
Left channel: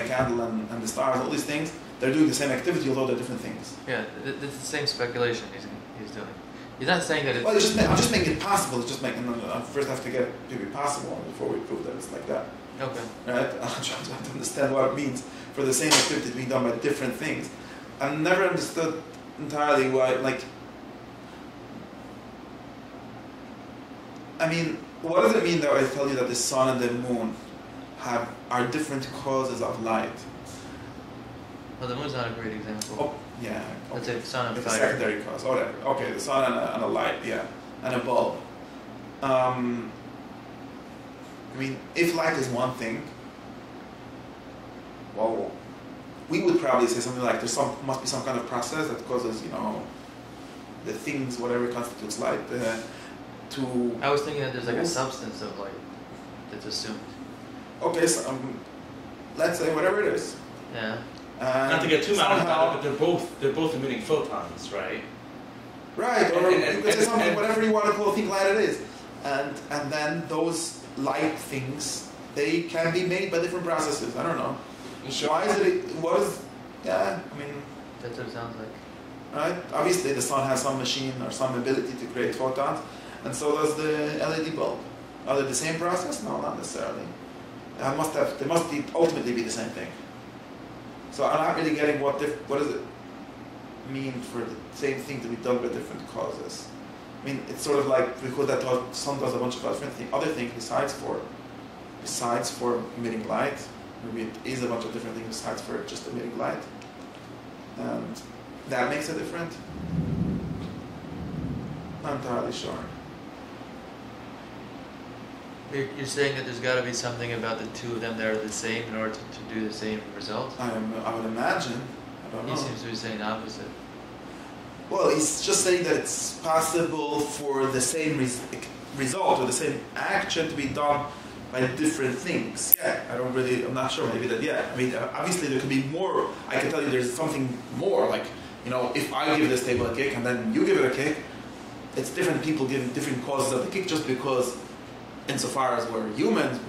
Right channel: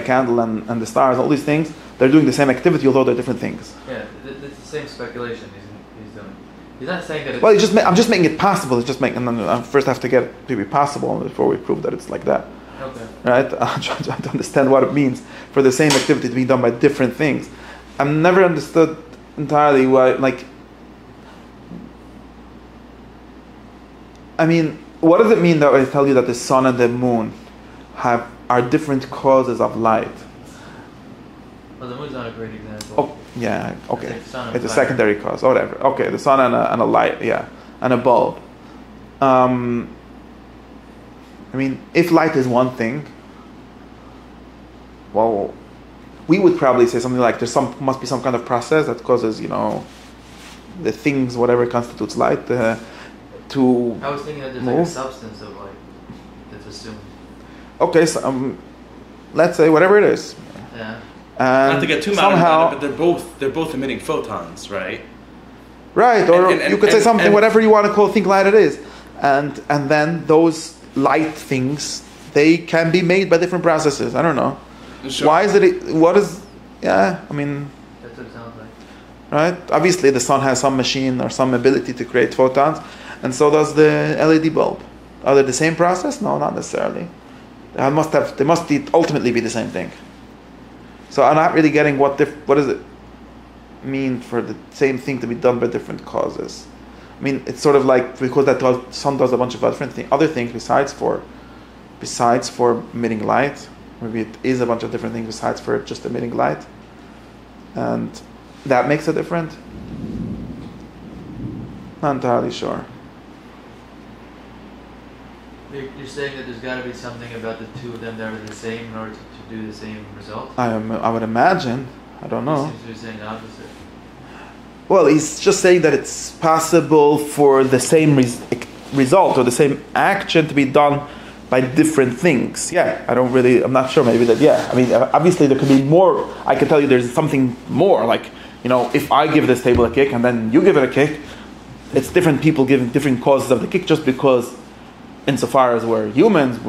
candle and the stars, all these things, they're doing the same activity, although they're different things. Yeah, it's the same speculation he's doing. He's not saying that. Well, I'm just making it possible. It's just making. I first have to get it to be possible before we prove that it's like that. Okay. Right? I'm trying to understand what it means for the same activity to be done by different things. I've never understood entirely why, like, I mean, what does it mean that I tell you that the sun and the moon are different causes of light? Well, the moon's not a great example. Oh, yeah, okay. It's a secondary cause, or whatever. Okay, the sun and a light, yeah, and a bulb. I mean, if light is one thing, well, we would probably say something like must be some kind of process that causes, the things, whatever constitutes light, to I was thinking that there's like a substance of light that's assumed. Okay, so let's say whatever it is. Yeah. Not to get too mad somehow, about it, but they're both emitting photons, right? Right, or you could say something, whatever you want to think light it is, and then those light things, they can be made by different processes. I don't know. Sure. Why is it? What is? Yeah, I mean. That's what it sounds like. Right. Obviously, the sun has some machine or some ability to create photons, and so does the LED bulb. Are they the same process? No, not necessarily. They must ultimately be the same thing. So I'm not really getting what does it mean for the same thing to be done by different causes. I mean, it's sort of like, because that sun does a bunch of other things besides for emitting light. Maybe it is a bunch of different things besides for just emitting light, and that makes it different. Not entirely sure. You're saying that there's got to be something about the two of them that are the same in order to do the same result? I would imagine. I don't know. He seems to be saying the opposite. Well, he's just saying that it's possible for the same result or the same action to be done by different things. Yeah, I'm not sure, maybe that, yeah. I mean, obviously there could be more. I can tell you there's something more, like, if I give this table a kick and then you give it a kick, it's different people giving different causes of the kick, just because insofar as we're humans,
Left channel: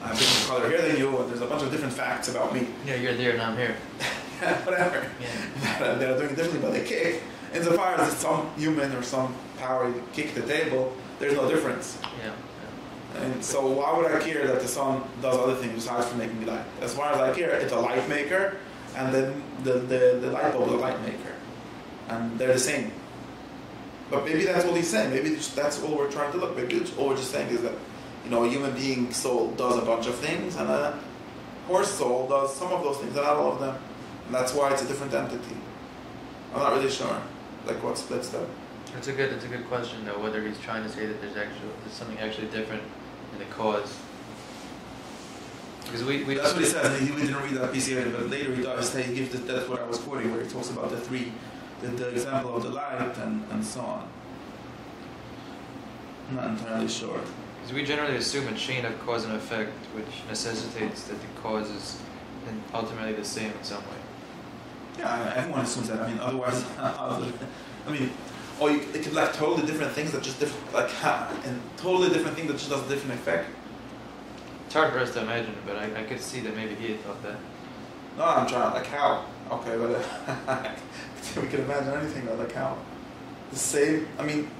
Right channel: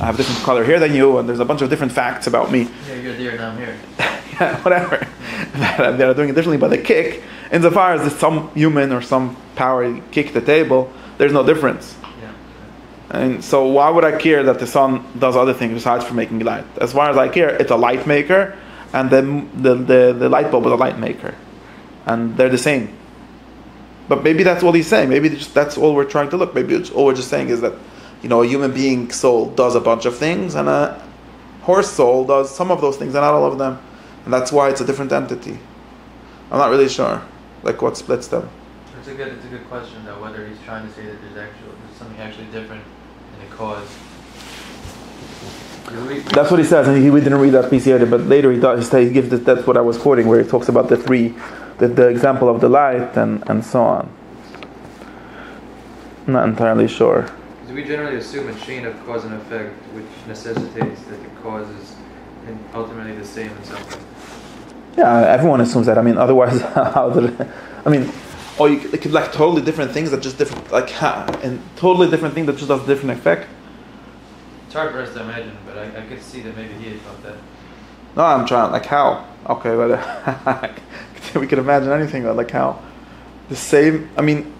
I have a different color here than you, and there's a bunch of different facts about me. Yeah, you're there and I'm here. Yeah, whatever. Yeah. They're doing it differently, but they kick. Insofar as some human or some power kick the table, there's no difference. Yeah. And so why would I care that the sun does other things besides for making light? As far as I care, it's a light maker, and then the light bulb is a light maker. And they're the same. But maybe that's what he's saying. Maybe that's all we're trying to look. Maybe all we're just saying is that, a human being soul does a bunch of things, and a horse soul does some of those things, and not all of them. And that's why it's a different entity. I'm not really sure, like, what splits them. It's a good question, though, whether he's trying to say that there's something actually different in the cause. Because that's what he says, and we didn't read that piece yet, but later he gives that's what I was quoting, where he talks about the example of the light and so on. I'm not entirely sure. Because we generally assume a chain of cause and effect, which necessitates that the cause is ultimately the same in some way. Yeah, everyone assumes that. I mean, otherwise, it could like totally different things that just different, and totally different thing that just does different effect. It's hard for us to imagine, but I could see that maybe he had felt that. No, I'm trying, like, how? Okay, but we could imagine anything, but like how? The same, I mean...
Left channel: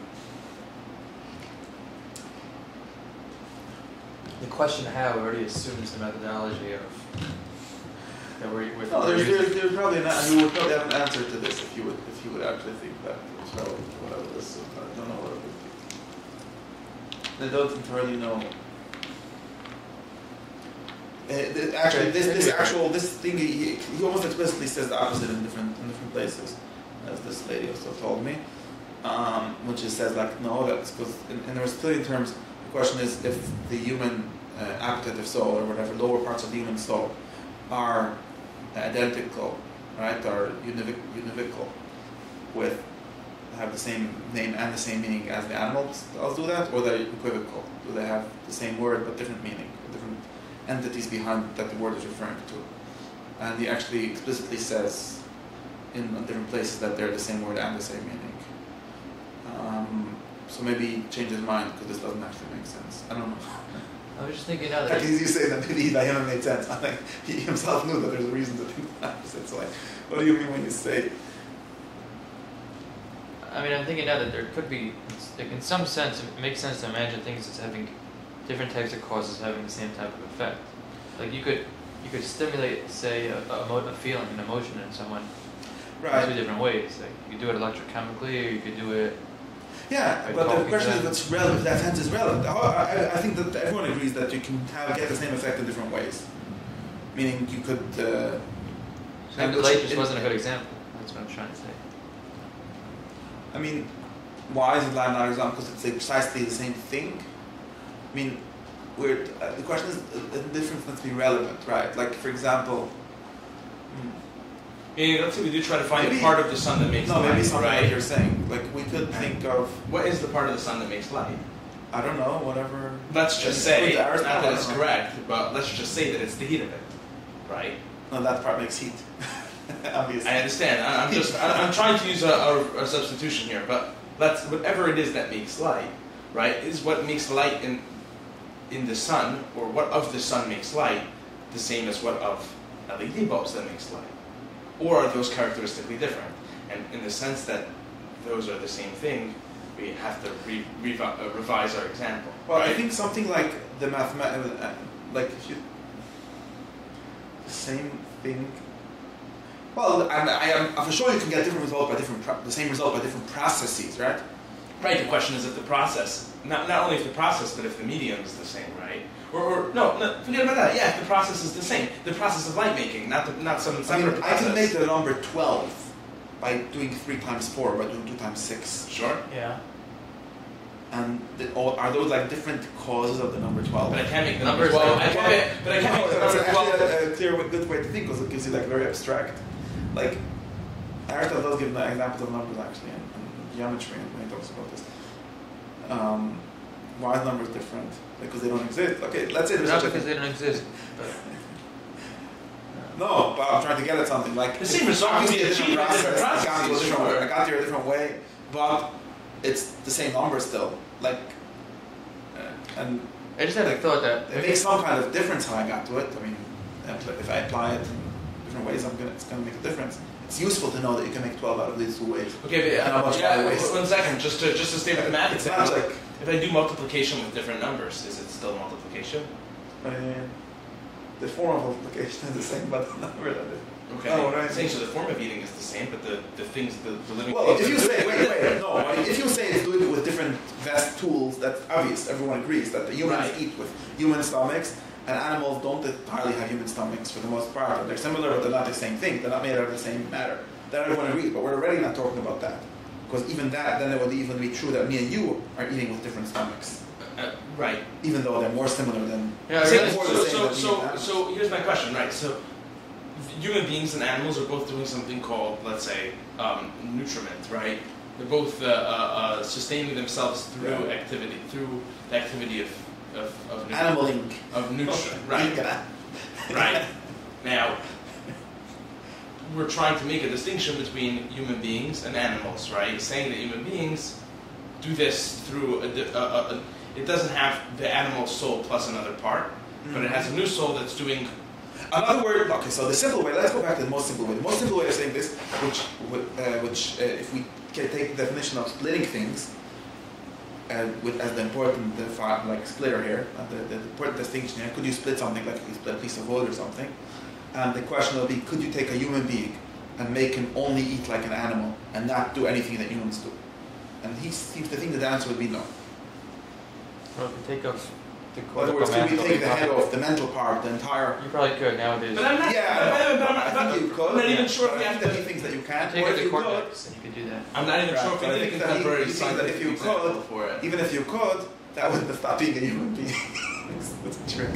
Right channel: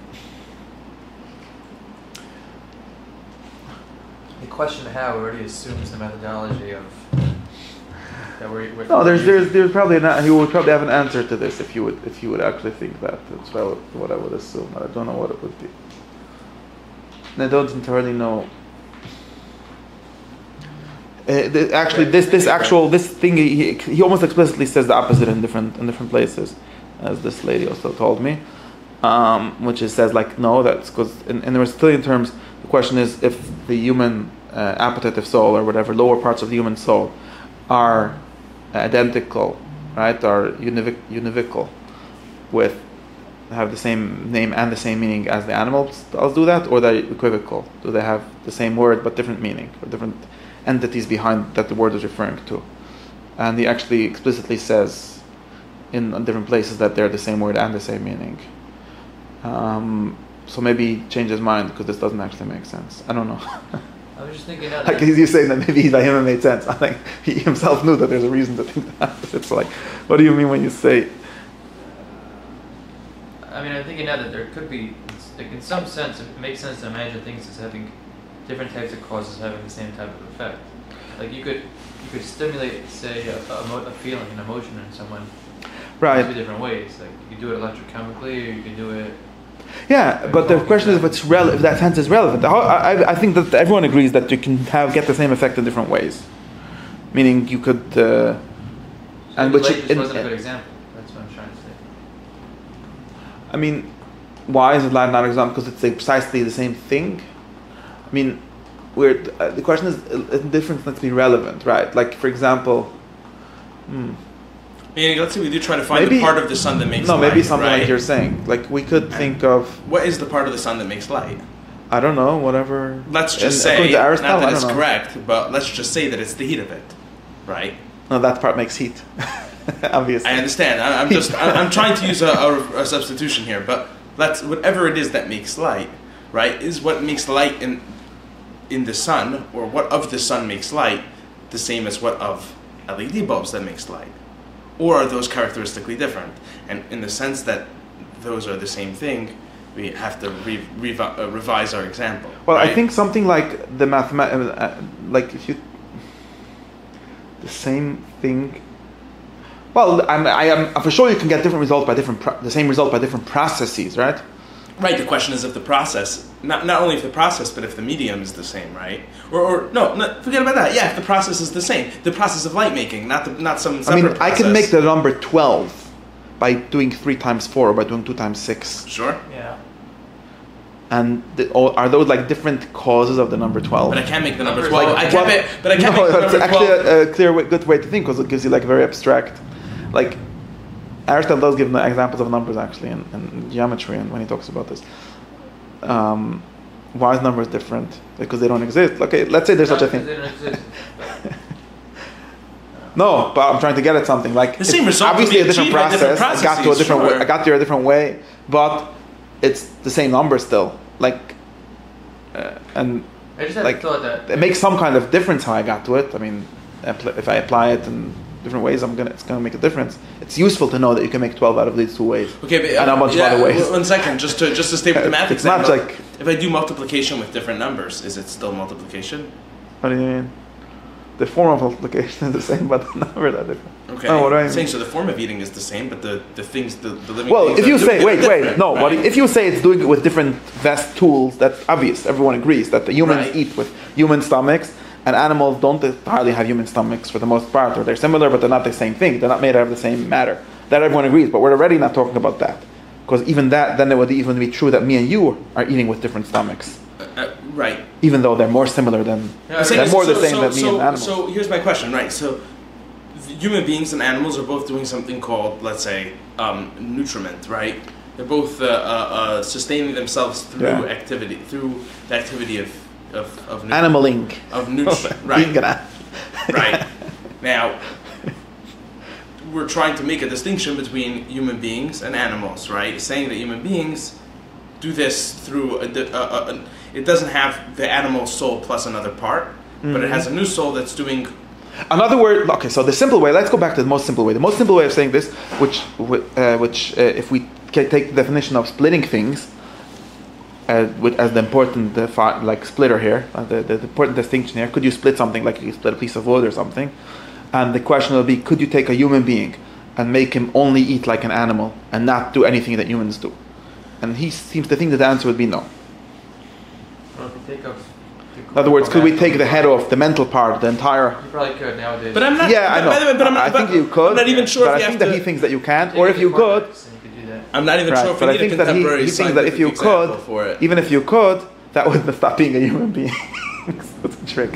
The question how already assumes the methodology of... No, there's probably he would probably have an answer to this if you would actually think that. That's what I would assume. I don't know what it would be. I don't entirely know. This thing he almost explicitly says the opposite in different places, as this lady also told me, which is says like no, that's because in the Aristotelian terms the question is if the human appetitive soul or whatever lower parts of the human soul are identical, right, or univocal with have the same name and the same meaning as the animals do that, or they're equivocal? Do they have the same word but different meaning, or different entities behind that the word is referring to? And he actually explicitly says in different places that they're the same word and the same meaning. So maybe change his mind because this doesn't actually make sense. I don't know. I was just thinking that. Like you saying that maybe by him it made sense. I think he himself knew that there's a reason to think that. It's like, what do you mean when you say? I mean, I'm thinking now that there could be, like, in some sense, it makes sense to imagine things as having different types of causes having the same type of effect. Like you could stimulate, say, a feeling, an emotion in someone, Right. in two different ways. Like you do it electrochemically, or you can do it. Yeah, but the question is if that sense is relevant. I think that everyone agrees that you can get the same effect in different ways. Meaning you could. And which just wasn't a good example. That's what I'm trying to say. I mean, why is it not an example? Because it's precisely the same thing. I mean, the question is a difference needs to be relevant, right? Like, for example. Yeah, let's say we do try to find the part of the sun that makes light. No, maybe something right? like you're saying. Like, we could think of... What is the part of the sun that makes light? I don't know, whatever... Let's just say, not that it's correct, but let's just say that it's the heat of it, right? No, that part makes heat, obviously. I understand. I'm trying to use a substitution here, but whatever it is that makes light, right, is what makes light in the sun, or what of the sun makes light, the same as what of LED bulbs that makes light? Or are those characteristically different? And in the sense that those are the same thing, we have to revise our example. Well, right? I think something like the like if you the same thing. Well, I am for sure you can get different results by the same result by different processes, right? Right. The question is if the process, not only if the process, but if the medium is the same, right? Or no, forget about that. Yeah, if the process is the same, the process of light making, not some separate process. I can make the number 12 by doing 3 times 4 or by doing 2 times 6. Sure. Yeah. And are those like different causes of the number 12? But I can't make the number 12. I can't make the number 12. It's actually a clear, good way to think because it gives you like very abstract, like. Aristotle does give examples of numbers actually in geometry, and when he talks about this, why is numbers different? Because they don't exist. Okay, let's say there's such a thing. They don't exist. No, but I'm trying to get at something like the same result. Obviously, a different process. I got to a different way. Sure. I got there a different way, but it's the same number still. Like, and I just had like thought that it makes some kind of difference how I got to it. I mean, if I apply it in different ways, it's gonna make a difference. It's useful to know that you can make 12 out of these 2 ways. Okay, but and a bunch of other ways. 1 second, just to stay with the math. It's not like if I do multiplication with different numbers, is it still multiplication? What do you mean? The form of multiplication is the same, but the numbers are different. Okay. Oh, what do I mean? Saying so the form of eating is the same, but the things, the living. Well, things if you say right? if you say it's doing it with different vast tools, that's obvious. Everyone agrees that the humans eat with human stomachs. And animals don't entirely have human stomachs for the most part, or they're similar, but they're not the same thing. They're not made out of the same matter. That everyone agrees, but we're already not talking about that. Because even that, then it would even be true that me and you are eating with different stomachs. Right. Even though they're more similar than... they're more the same than me and animals. So here's my question, right? So human beings and animals are both doing something called, let's say, nutriment, right? They're both sustaining themselves through activity, through the activity of animaling. Of nutrient, right. Right. Now, we're trying to make a distinction between human beings and animals, right? Saying that human beings do this through it doesn't have the animal soul plus another part, but it has a new soul that's doing... Another word, okay, so the simple way, let's go back to the most simple way. The most simple way of saying this, which if we take the definition of splitting things, as the important splitter here, the important distinction here. Could you split something like you split a piece of wood or something? And the question will be, could you take a human being and make him only eat like an animal and not do anything that humans do? And he seems to think that the answer would be no. Well, if you take in other words, could we take the head off, the mental part, the entire... You probably could nowadays. But I'm not... Yeah, I know. I think you could. I'm not even sure but if I think that he thinks that you can't. Or if you could... I'm not even sure if we need a contemporary he thinks that if you could, even if you could, that would stop being a human being. That's a trick.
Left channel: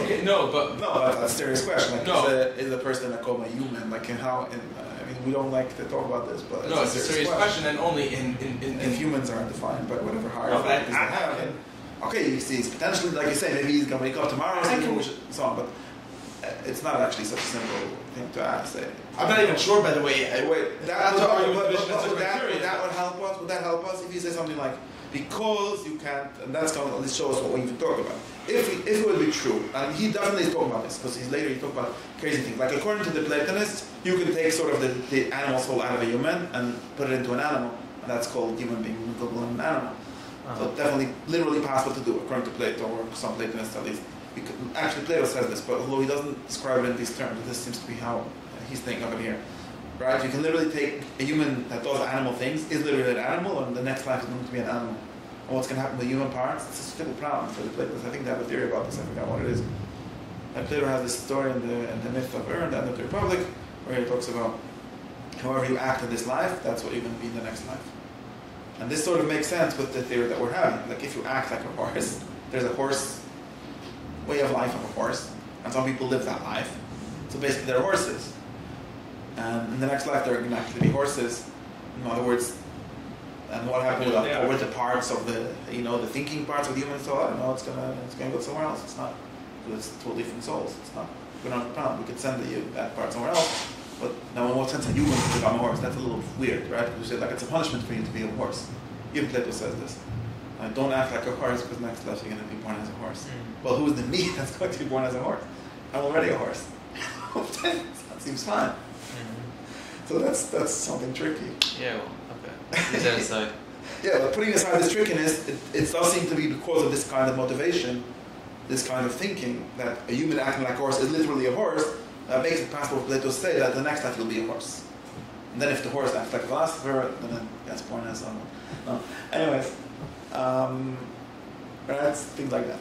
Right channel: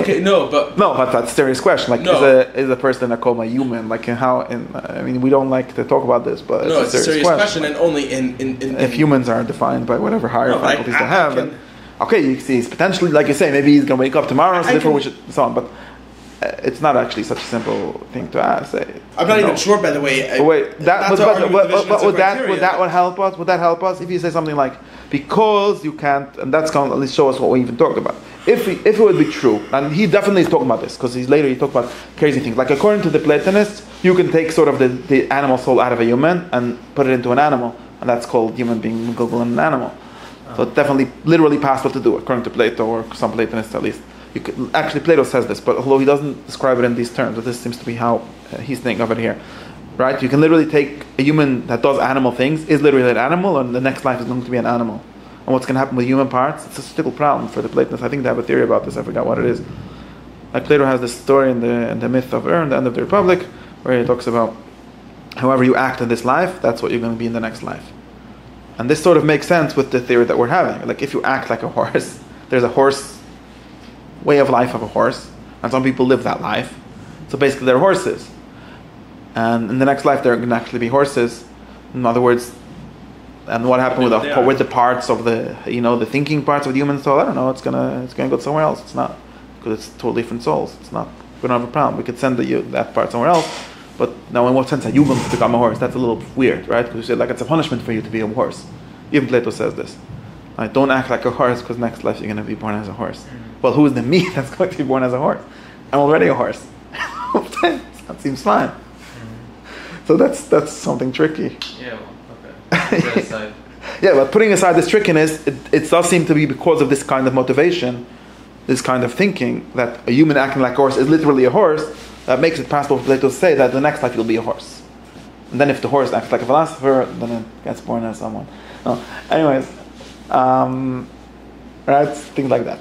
Okay, no, but that's a serious question. Like, no. is a person a coma human? Like, I mean, we don't like to talk about this, but no, it's a serious question. And only in if humans are defined by whatever higher faculties they have, then okay, you see, it's potentially, like you say, maybe he's going to wake up tomorrow, so on. But it's not actually such a simple thing to ask. I'm not even sure, by the way. Would that help us? Would that help us if you say something like, because you can't, and that's going to at least show us what we even talked about. If it would be true, and he definitely is talking about this, because he talked about crazy things. Like, according to the Platonists, you can take sort of the animal soul out of a human and put it into an animal, and that's called human being equivalent an animal. So it's definitely literally possible to do, according to Plato, or some Platonists at least. Actually, Plato says this, but although he doesn't describe it in these terms, but this seems to be how he's thinking of it here. Right? You can literally take a human that does animal things, is literally an animal, and the next life is going to be an animal. And what's going to happen with human parts? It's a still problem for the Platonists. I think they have a theory about this. I forgot what it is. Like, Plato has this story in the myth of the end of the Republic, where he talks about however you act in this life, that's what you're going to be in the next life. And this sort of makes sense with the theory that we're having. Like, if you act like a horse, there's a horse way of life of a horse, and some people live that life. So basically, they're horses. And in the next life, they're going to actually be horses. In other words, and what happened with the parts of the thinking parts of the human soul? I don't know. It's gonna go somewhere else. It's not, because it's totally different souls. It's not. We don't have a problem. We could send that part somewhere else. But now, in what sense are you going to become a horse? That's a little weird, right? Because we say, like, it's a punishment for you to be a horse. Even Plato says this. Right? Don't act like a horse, because next life you're going to be born as a horse. Well, who is the me that's going to be born as a horse? I'm already a horse. That seems fine. So that's something tricky. Yeah, well, okay. Yeah, but putting aside this trickiness, it does seem to be because of this kind of motivation, this kind of thinking, that a human acting like a horse is literally a horse, that makes it possible for Plato to say that the next life you'll be a horse. And then if the horse acts like a philosopher, then it gets born as someone. Anyways, right, things like that.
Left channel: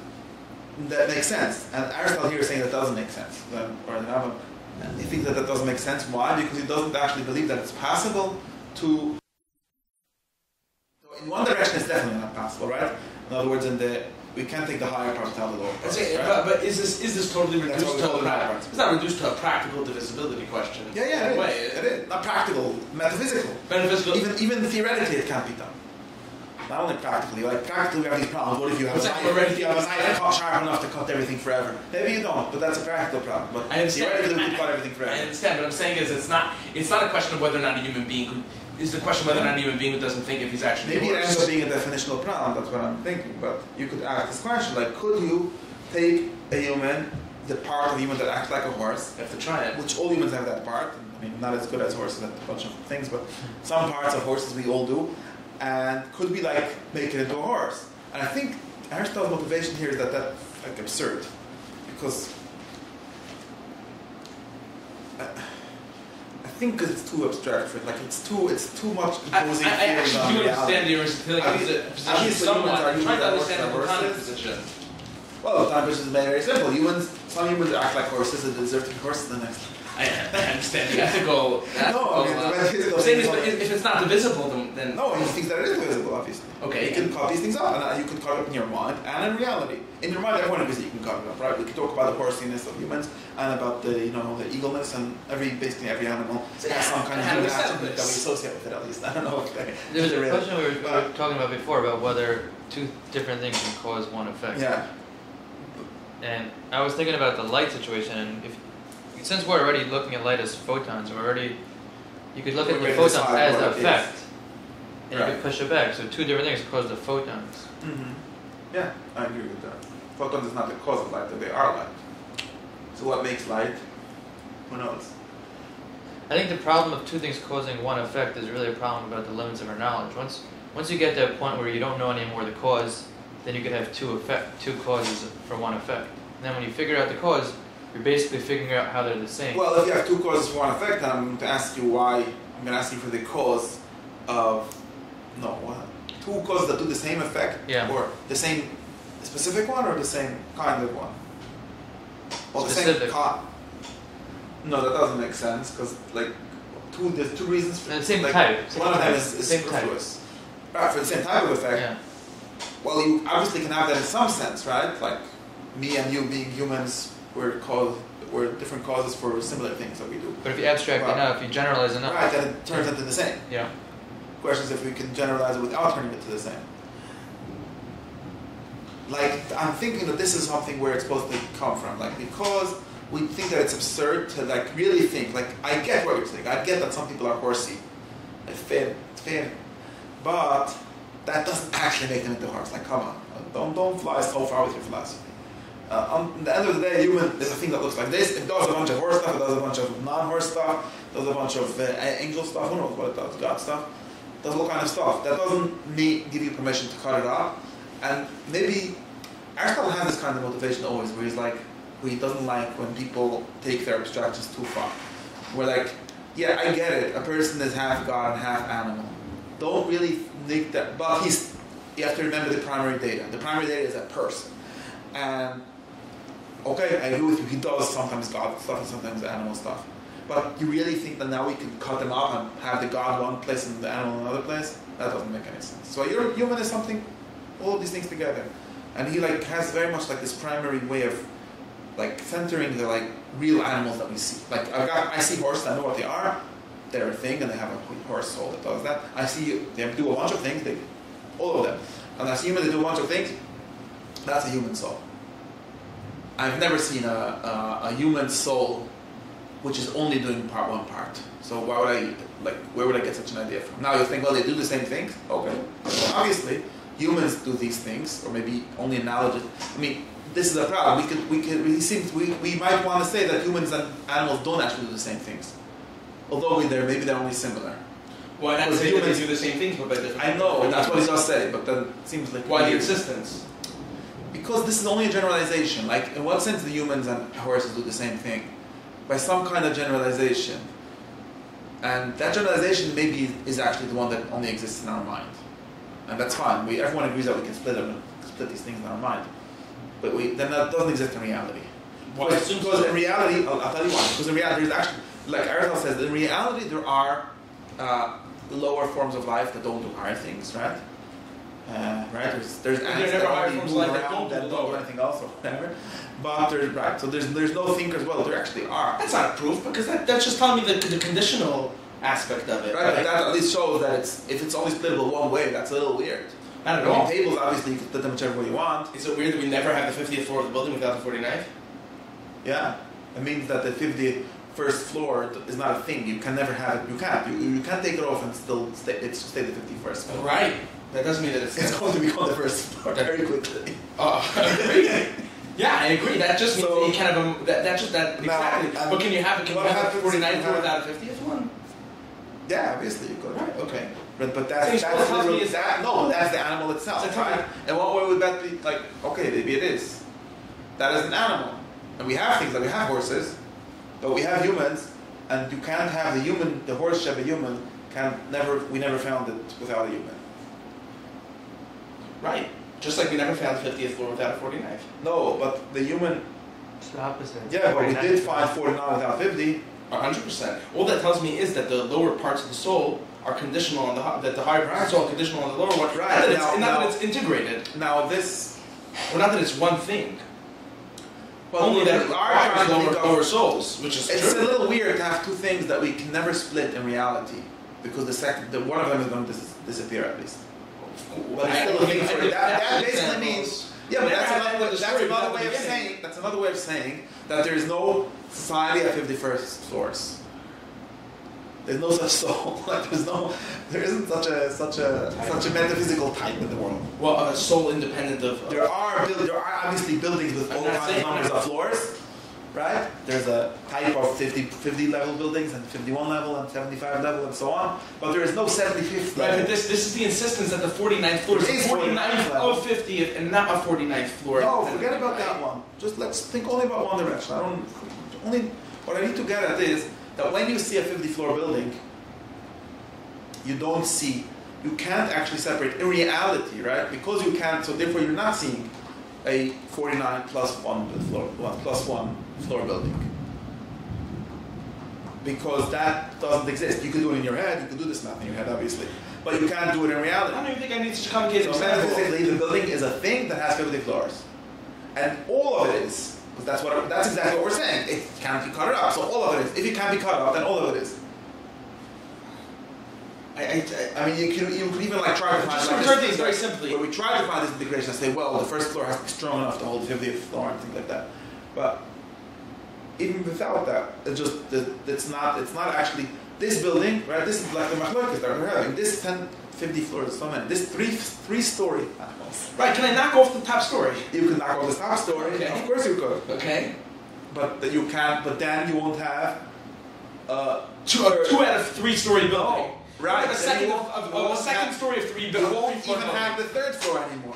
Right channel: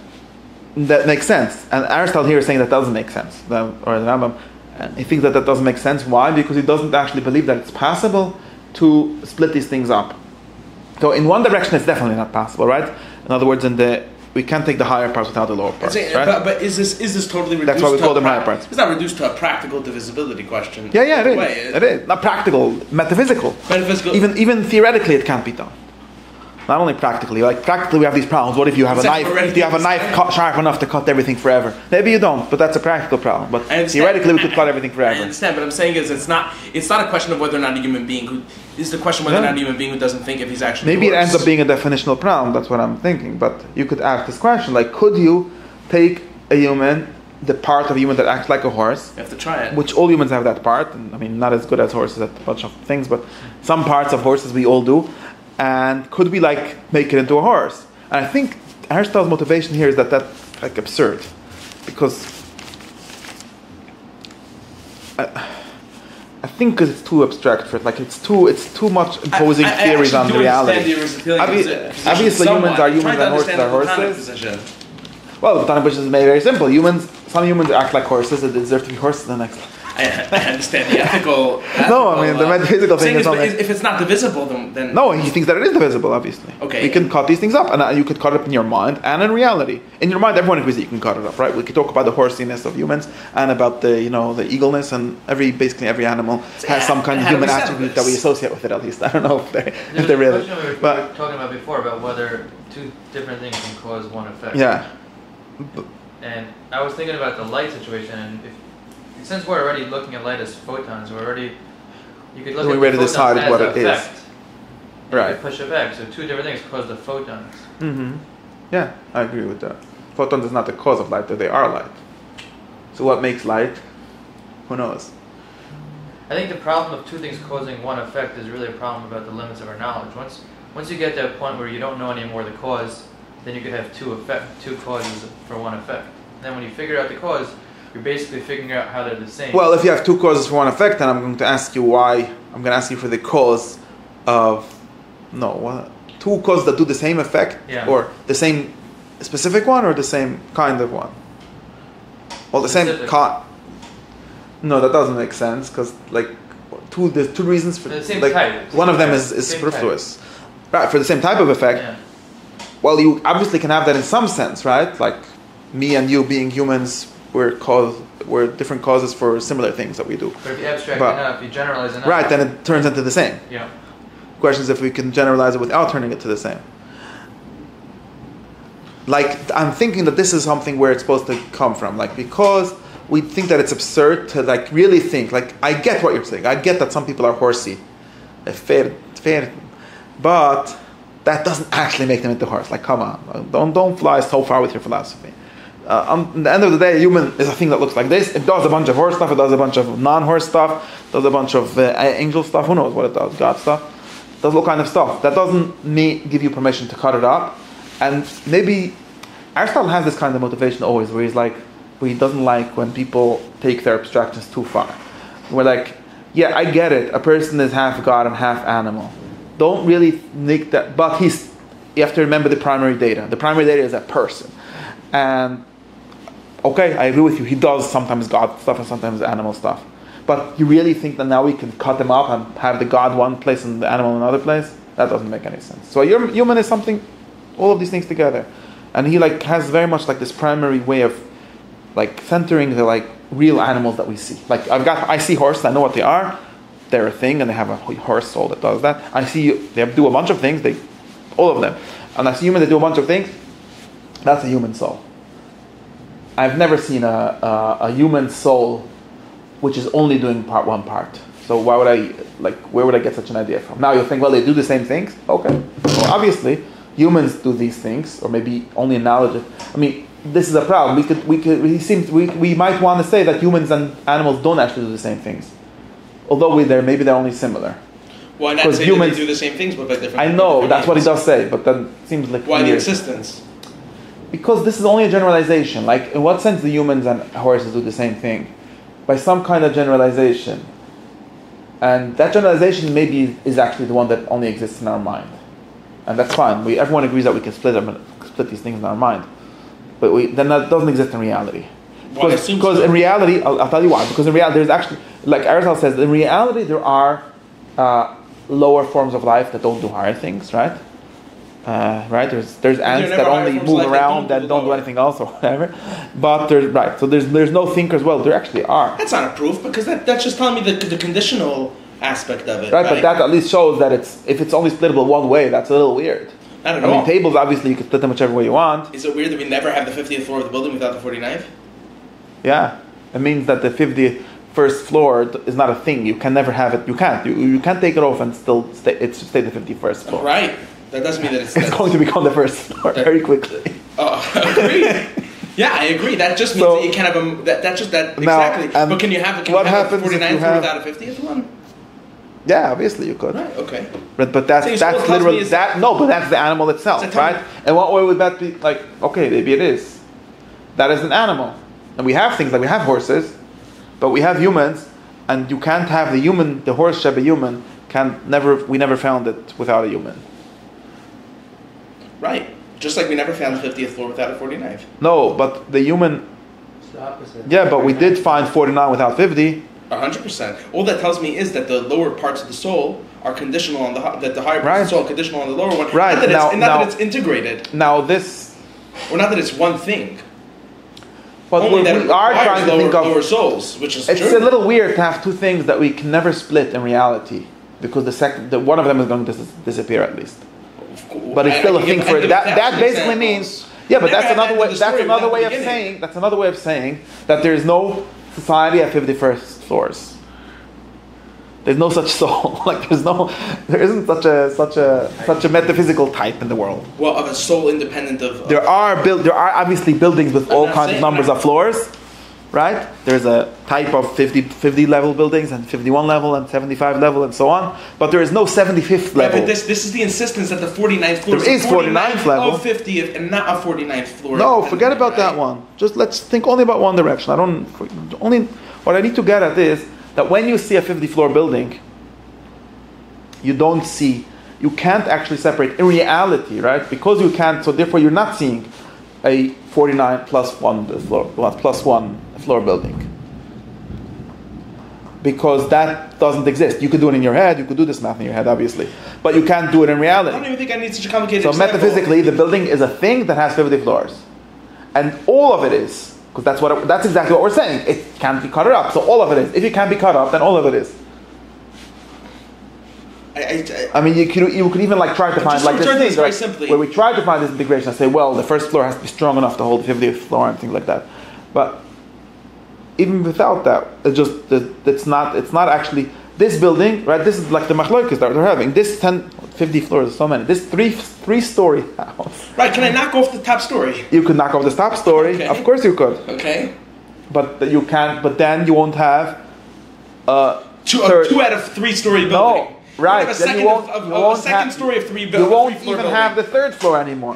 That makes sense. And Aristotle here is saying that doesn't make sense. Or the Rambam. And he thinks that doesn't make sense. Why? Because he doesn't actually believe that it's possible to split these things up. So in one direction, it's definitely not possible, right? In other words, we can't take the higher parts without the lower parts, right? But is this totally reduced? That's why we call them higher parts. It's not reduced to a practical divisibility question. Yeah, it is. Not practical, metaphysical. Even theoretically, it can't be done. Not only practically, like practically we have these problems. What if you have a knife? If you have a knife sharp enough to cut everything forever? Maybe you don't, but that's a practical problem. But theoretically we could cut everything forever. I understand, but I'm saying is it's not a question of whether or not a human being is the question whether or not a human being who doesn't think if he's actually maybe it ends up being a definitional problem. That's what I'm thinking. But you could ask this question, like, could you take a human, the part of a human that acts like a horse? You have to try it. Which all humans have that part. I mean, not as good as horses at a bunch of things, but some parts of horses we all do. And could we make it into a horse? And I think Aristotle's motivation here is that that's like absurd, because I think because it's too abstract for it. Like it's too much imposing theories on reality. Obviously, humans are humans and horses are horses. Well, the Tana position is made very simple. Some humans act like horses. They deserve to be horses the next. I understand the ethical. No, I mean the metaphysical thing is if it's not divisible, then no, he thinks that it is divisible. Obviously, okay. You can cut these things up, and you could cut it up in your mind and in reality. In your mind, everyone agrees that you can cut it up, right? We could talk about the horsiness of humans and about the the eagleness, and basically every animal has some kind of human attribute that we associate with it. At least I don't know if they really. We were talking about before about whether two different things can cause one effect. Yeah. And I was thinking about the light situation, and since we're already looking at light as photons, you could look at the photons as the effect. Right. You could push it back. So two different things cause the photons. Mm-hmm. Yeah, I agree with that. Photons is not the cause of light, but they are light. So what makes light? Who knows? I think the problem of two things causing one effect is really a problem about the limits of our knowledge. Once you get to that point where you don't know anymore the cause, then you could have two causes for one effect. And then when you figure out the cause, you're basically figuring out how they're the same. Well, if you have two causes for one effect, then I'm going to ask you why. I'm going to ask you for the cause of two causes that do the same effect, or the same specific one, or the same kind of one. Well, specific. The same No, that doesn't make sense because there's two reasons for the same type. One of them is superfluous, right? For the same type of effect. Yeah. well, you obviously can have that in some sense, right? Like me and you being humans, we're different causes for similar things that we do. But if you abstract enough, you generalize enough. Right, then it turns into the same. Yeah. Question is if we can generalize it without turning it to the same. Like, I'm thinking that this is something where it's supposed to come from. Like, because we think that it's absurd to, like, really think. Like, I get what you're saying. I get that some people are horsey. Fair. But that doesn't actually make them into horse. Like, come on. Don't fly so far with your philosophy. At the end of the day, a human is a thing that looks like this. It does a bunch of horse stuff. It does a bunch of non-horse stuff. It does a bunch of angel stuff. Who knows what it does? God stuff. Does all kind of stuff. That doesn't give you permission to cut it up. And maybe Aristotle has this kind of motivation always, where he's like, where he doesn't like when people take their abstractions too far. We're like, yeah, I get it. A person is half God and half animal. Don't really make that. But you have to remember the primary data. The primary data is a person. And okay, I agree with you. He does sometimes God stuff and sometimes animal stuff. But you really think that now we can cut them up and have the God one place and the animal in another place? That doesn't make any sense. So your human is something, all of these things together. And he like has very much like this primary way of like centering the like real animals that we see. Like I see horses, I know what they are. They're a thing and they have a horse soul that does that. I see they do a bunch of things, all of them. And I see humans that do a bunch of things. That's a human soul. I've never seen a human soul which is only doing one part. So why would where would I get such an idea from? Now you think, well, they do the same things? Okay. Well, obviously, humans do these things, or maybe only knowledge. I mean, this is a problem. We might want to say that humans and animals don't actually do the same things. Although maybe they're only similar. Why not say humans do the same things, but by different? I know, that's what he does say, but that seems like why the insistence? Because this is only a generalization. Like, in what sense do humans and horses do the same thing? By some kind of generalization. And that generalization maybe is actually the one that only exists in our mind. And that's fine. Everyone agrees that we can split these things in our mind. But then that doesn't exist in reality. Because in reality, I'll tell you why. Because in reality, there's actually, like Aristotle says, in reality there are lower forms of life that don't do higher things, right? Right? There's ants that only move around and don't do anything else or whatever. But so there's no thinkers. Well, there actually are. That's not a proof, because that's just telling me the conditional aspect of it. Right, but that at least shows that if it's only splittable one way, that's a little weird. Not at all. I mean, tables, obviously, you can split them whichever way you want. Is it weird that we never have the 50th floor of the building without the 49th? Yeah. It means that the 51st floor is not a thing. You can never have it. You can't. You can't take it off and still stay the 51st floor. Right. That doesn't mean that it's going to become the first floor very quickly. Agreed. Yeah, I agree. That just means that you can't have exactly. Now, but can you have the 49th floor without a 50th one? Yeah, obviously you could. Right, okay. But that's literally that. No, but that's the animal itself, right? And what way would that be? Like, okay, maybe it is. That is an animal, and we have things like we have horses, but we have humans, and you can't have the horse shall be human. We never found it without a human. Right. Just like we never found the 50th floor without a 49th. No, but the human. It's the opposite. Yeah, but we did find 49 without 50. 100%. All that tells me is that the lower parts of the soul are conditional on the higher parts of the soul are conditional on the lower one. Right. Not that it's integrated. Now this. Well, not that it's one thing. But only that we are trying to think of lower souls, which is it's true. a little weird to have two things that we can never split in reality, because one of them is going to disappear at least. But it's still a thing for that basically means but that's another way. That's another way of saying. That's another way of saying that there is no society at 51st floors. There's no such soul. Like there isn't such a metaphysical type in the world. Well, of a soul independent of. There are obviously buildings with all kinds of numbers of floors. Right? There's a type of 50 level buildings and 51 level and 75 level and so on. But there is no 75th level. Right, but this is the insistence that the 49th floor is 49th level. Of 50th and not a 49th floor. No, forget about that one. Just let's think only about one direction. What I need to get at is that when you see a 50 floor building, you can't actually separate in reality, right? Because you can't, so therefore you're not seeing a 49 plus one floor building, because that doesn't exist. You could do it in your head. You could do this math in your head, obviously, but you can't do it in I reality. don't even think I need such a complicated So example. metaphysically, the building is a thing that has 50 floors, and all of it is, because that's exactly what we're saying. It can't be cut up, so all of it is. If it can't be cut up, then all of it is. I mean, you could even like try to find like this thing, very right, simply. where we try to find this integration. I say, well, the first floor has to be strong enough to hold the 50th floor and things like that. But even without that, it's not actually this building, right? This is like the machlokas that they're having. This 50 floors, so many. This three-story house. Right? Can I knock off the top story? You could knock off the top story. Okay. Of course, you could. Okay. But you can't. But then you won't have Two out of 3-story building. No. Right, A then second story of 3 you buildings. won't even have the third floor anymore.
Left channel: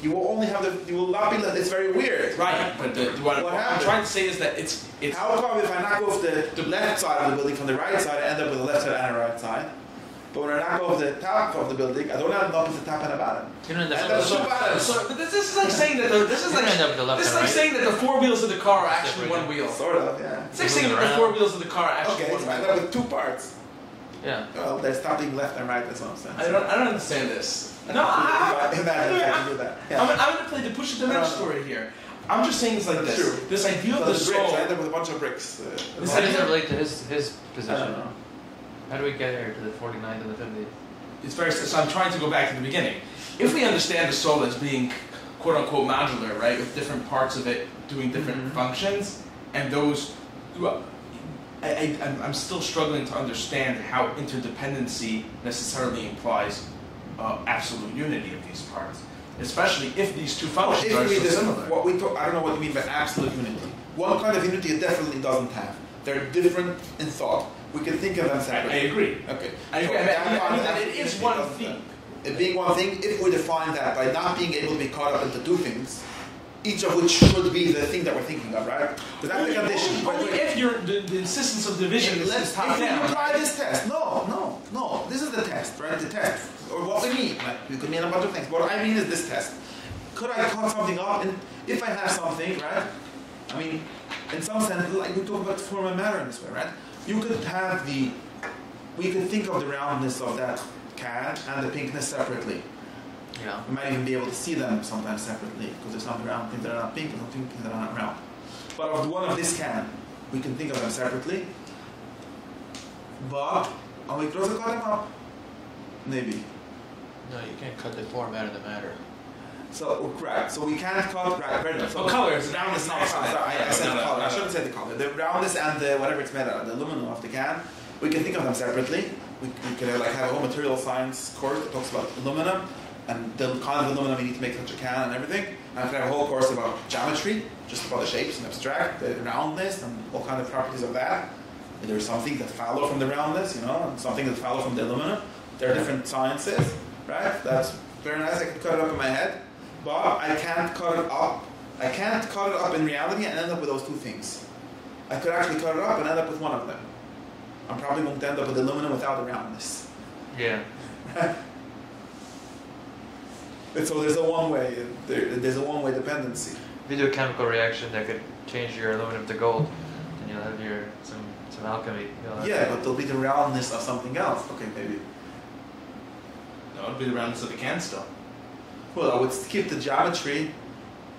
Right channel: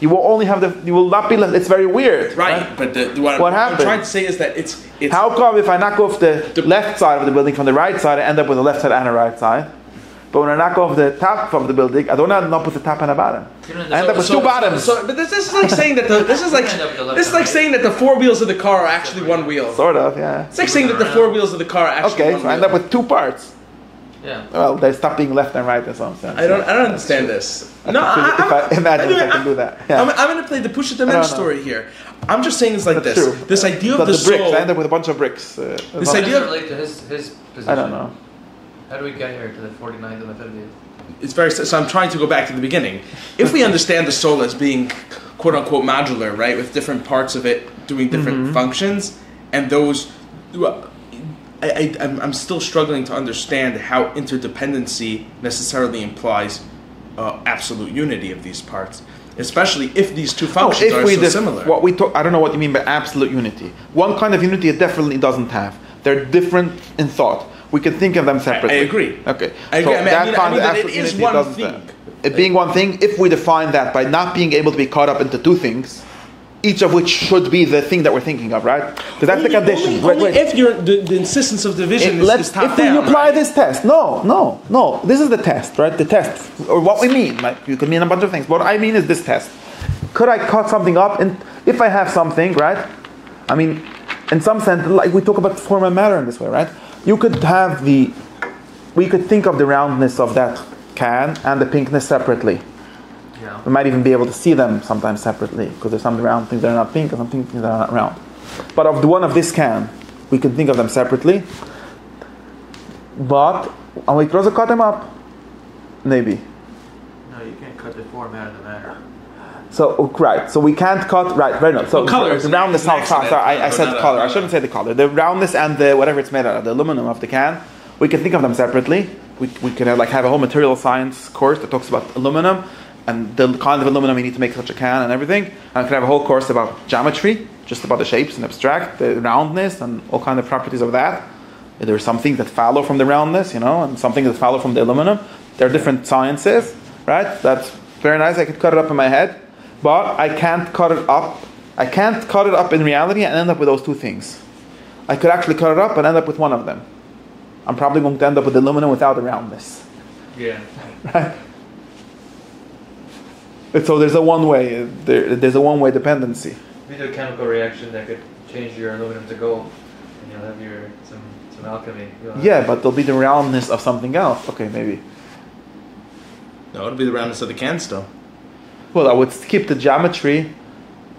You will only have you will not be left. It's very weird. Right, but what I'm happened? trying to say is that it's How come if I knock off the left side of the building from the right side, I end up with a left side and a right side? But when I knock off the top of the building, I don't end up with the top and a bottom. I end up with two bottoms. But this is like saying that this is like saying that the 4 wheels of the car are actually 1 wheel. Sort of, yeah. It's like saying that the 4 wheels of the car are actually Okay, one so I end wheel. up with two parts. Yeah. Well, they stop being left and right in some sense. I don't understand this. No, Imagine if I can do that. Yeah. I'm going to play the push the mensch story here. I'm just saying it's like That's this. true. This idea But of the the bricks, soul. I end up with a bunch of bricks. This How does idea it of- relate to his position? I don't know. How do we get here to the 49th and the 50th? It's very. So I'm trying to go back to the beginning. If we understand the soul as being quote unquote modular, right, with different parts of it doing different functions, and those, I'm still struggling to understand how interdependency necessarily implies absolute unity of these parts, especially if these two functions are so similar. What we talk, I don't know what you mean by absolute unity. One kind of unity it definitely doesn't have. They're different in thought. We can think of them separately. I agree. Okay. I agree. So I that mean kind of that it absolute is unity one doesn't thing. have. It being one thing, if we define that by not being able to be caught up into two things, each of which should be the thing that we're thinking of, right? Because that's the condition. Only if the insistence of division is top if we down. apply this test, no. This is the test, right? The test, or what we mean. Like, you could mean a bunch of things. What I mean is this test. Could I cut something up? And if I have something, right? I mean, in some sense, like we talk about form and matter in this way, right? You could have we could think of the roundness of that can and the pinkness separately. Yeah. We might even be able to see them sometimes separately, because there's some round things that are not pink and some things that are not round. But of the one of this can, we can think of them separately. But and we could also cut them up, maybe. No, you can't cut the form out of the matter. So right, so we can't cut right. No. So color the roundness. Sorry, I said the color. I shouldn't say the color. The roundness and the whatever it's made out of, the aluminum of the can, we can think of them separately. We can have a whole material science course that talks about aluminum and the kind of aluminum you need to make such a can and everything. And we can have a whole course about geometry, just about the shapes and abstract, the roundness and all kind of properties of that. There are some things that follow from the roundness, and some things that follow from the aluminum. There are different sciences, right? That's very nice. I could cut it up in my head. But I can't cut it up. I can't cut it up in reality and end up with those two things. I could actually cut it up and end up with one of them. I'm probably going to end up with aluminum without the roundness. Yeah. Right? And so there's a one-way. There's a one-way dependency. If you do a chemical reaction that could change your aluminum to gold, and you'll have some alchemy. Yeah, but there'll be the roundness of something else. Okay, maybe. No, it'll be the roundness of the can still. Well, I would keep the geometry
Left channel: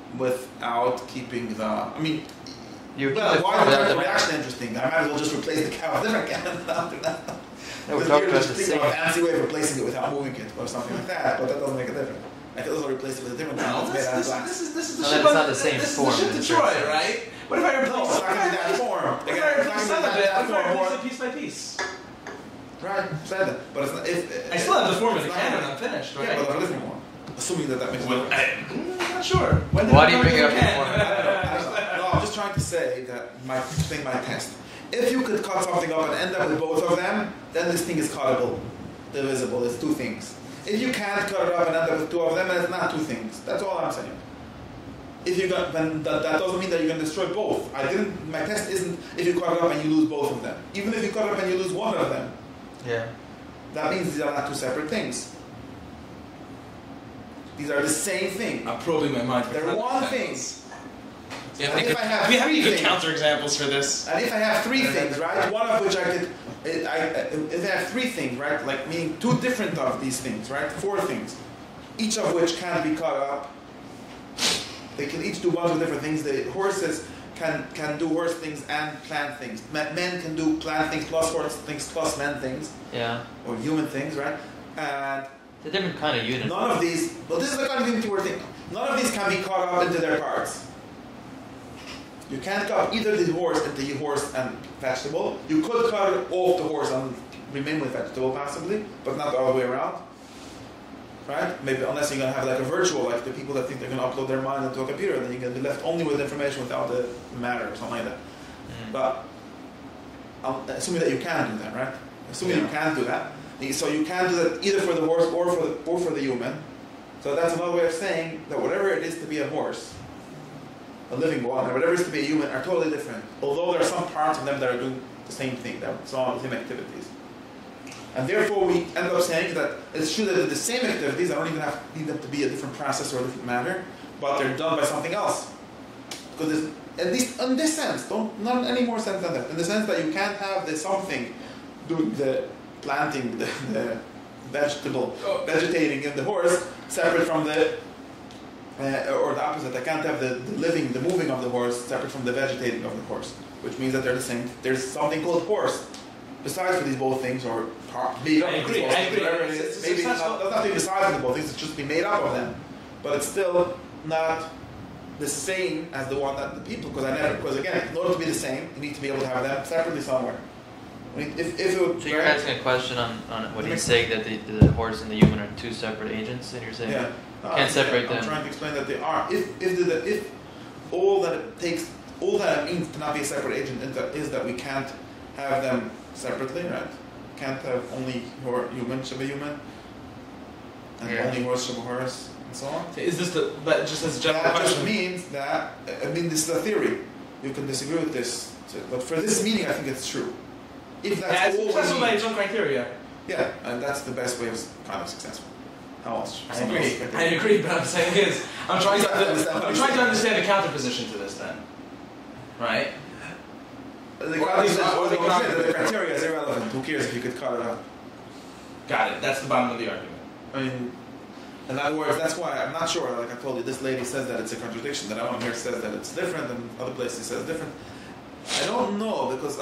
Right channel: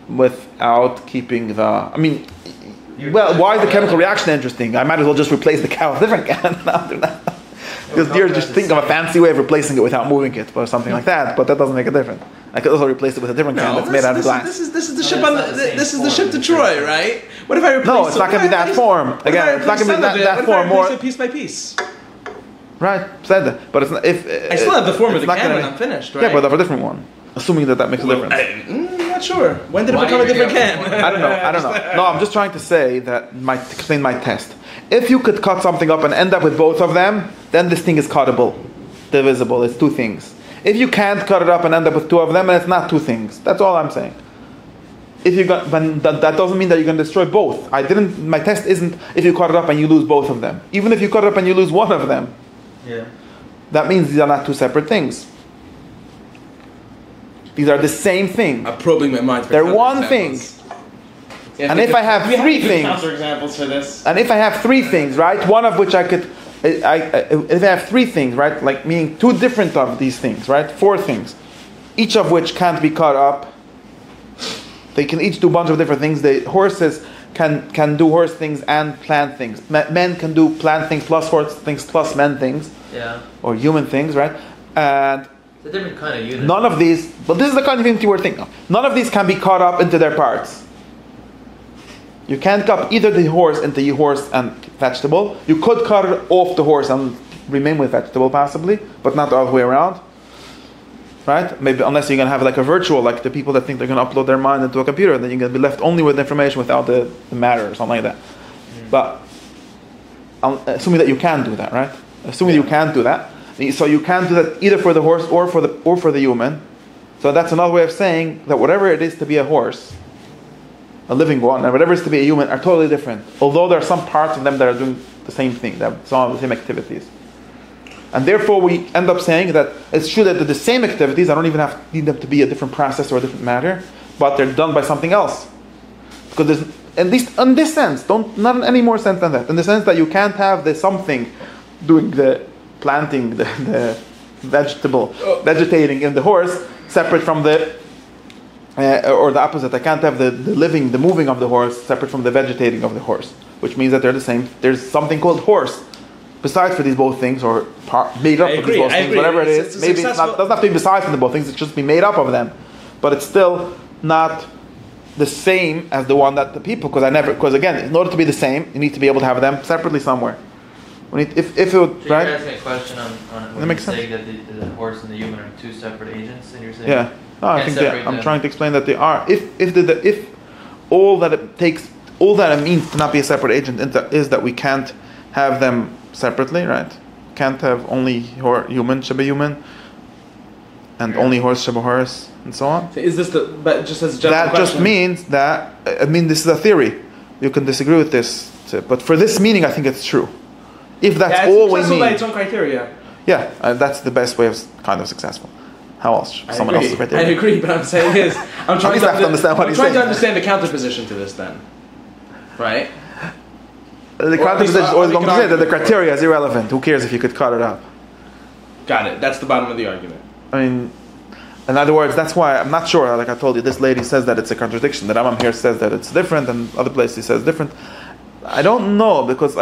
without keeping the... I mean, why is the chemical reaction interesting? I might as well just replace the can with a different can. Not do that. Because you're just thinking of a fancy way of replacing it without moving it or something like that, but that doesn't make a difference. I could also replace it with a different can that's made out of glass. This is the ship. This is the ship to Troy, right? What if I replace? No, it's not going to be that form. Again, it's not going to be that form. More piece by piece. Right, said that. But it's not, if I still have the form of the not can gonna- when I'm finished, right? Yeah, but of a different one. Assuming that makes a difference. I'm not sure. When did it Why do become a you different think can? I don't know. No, I'm just trying to say that explain my test. If you could cut something up and end up with both of them, then this thing is cuttable, divisible. It's two things. If you can't cut it up and end up with two of them, and it's not two things. That's all I'm saying. If you got, but that doesn't mean that you're going to destroy both. My test isn't if you cut it up and you lose both of them. Even if you cut it up and you lose one of them, Yeah. that means these are not two separate things. These are the same thing. I'm probing my mind. They're one thing. And if I have three things, counterexamples for this. and if I have three things, right, one of which I could if they have three things, right? Like meaning two different of these things, right? Four things, each of which can't be cut up. They can each do a bunch of different things. The horses can do horse things and plant things. Men can do plant things plus horse things plus men things. Yeah. Or human things, right? And it's a different kind of unity. none of these, but this is the kind of unity we're thinking of. None of these can be cut up into their parts. You can't cut either the horse into horse and vegetable. You could cut it off the horse and remain with vegetable possibly, but not the other way around. Right? Maybe unless you're going to have like a virtual, like the people that think they're going to upload their mind into a computer, then you're going to be left only with information without the matter or something like that. But assuming that you can do that, right? Assuming you can do that. So you can do that either for the horse or for the human. So that's another way of saying that whatever it is to be a horse, a living one, and whatever it is to be a human are totally different. Although there are some parts of them that are doing the same thing, that some of the same activities. And therefore we end up saying that it's true that they're the same activities. I don't even need them to be a different process or a different matter, but they're done by something else. Because there's, at least in this sense, not in any more sense than that. In the sense that you can't have the something doing the planting, the vegetating in the horse separate from the, or the opposite. I can't have the moving of the horse separate from the vegetating of the horse, which means that they're the same. There's something called horse besides for these both things, or made up of these both things, whatever it is. Maybe it doesn't have to be besides for the both things. It's just be made up of them, but it's still not the same as the one that the people. Because again, in order to be the same, you need to be able to have them separately somewhere. If it would, so right? You're asking a question on when you're saying that the horse and the human are two separate agents, and you're saying I think I'm trying to explain that they are. If all that it takes, all that it means to not be a separate agent is that we can't have them separately, right? Can't have only human sheba human, and only horse sheba horse, and so on. Is this that just as a general that question? Just means that this is a theory. You can disagree with this, but for this meaning, I think it's true. If that's all we mean, by its own criteria. Yeah, and that's the best way of kind of successful. How else? Someone else's criteria. I agree, but I'm saying is, I'm trying to understand the counterposition to this. Then, right? The counterposition is always going to say that the criteria is irrelevant. Who cares if you could cut it up? Got it. That's the bottom of the argument. I mean, in other words, that's why I'm not sure. Like I told you, this lady says that it's a contradiction. That Rambam here says that it's different, and other places he says different. I don't know, because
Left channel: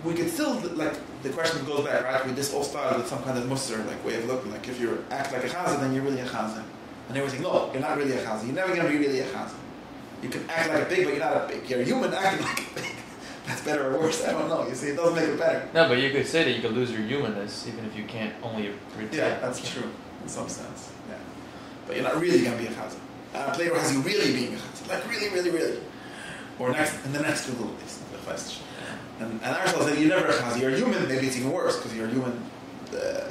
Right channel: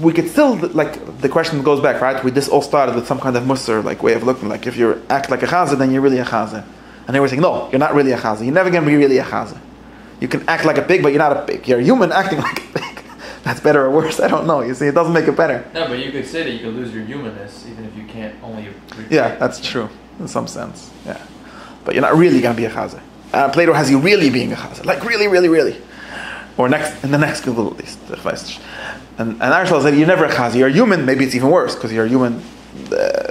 we could still, the question goes back, right? This all started with some kind of musar, way of looking. Like if you act like a chazah, then you're really a chazah. And they were saying, no, you're not really a chazah. You're never going to be really a chazah. You can act like a pig, but you're not a pig. You're a human acting like a pig. That's better or worse? I don't know. You see, it doesn't make it better. No, but you could say that you could lose your humanness even if you can't only. Yeah, that's true in some sense. Yeah, but you're not really going to be a chazah. Plato has you really being a chazah, like really, really, really, or in the next Google at least. And Aristotle said you're never a chazah. You're a human. Maybe it's even worse because you're a human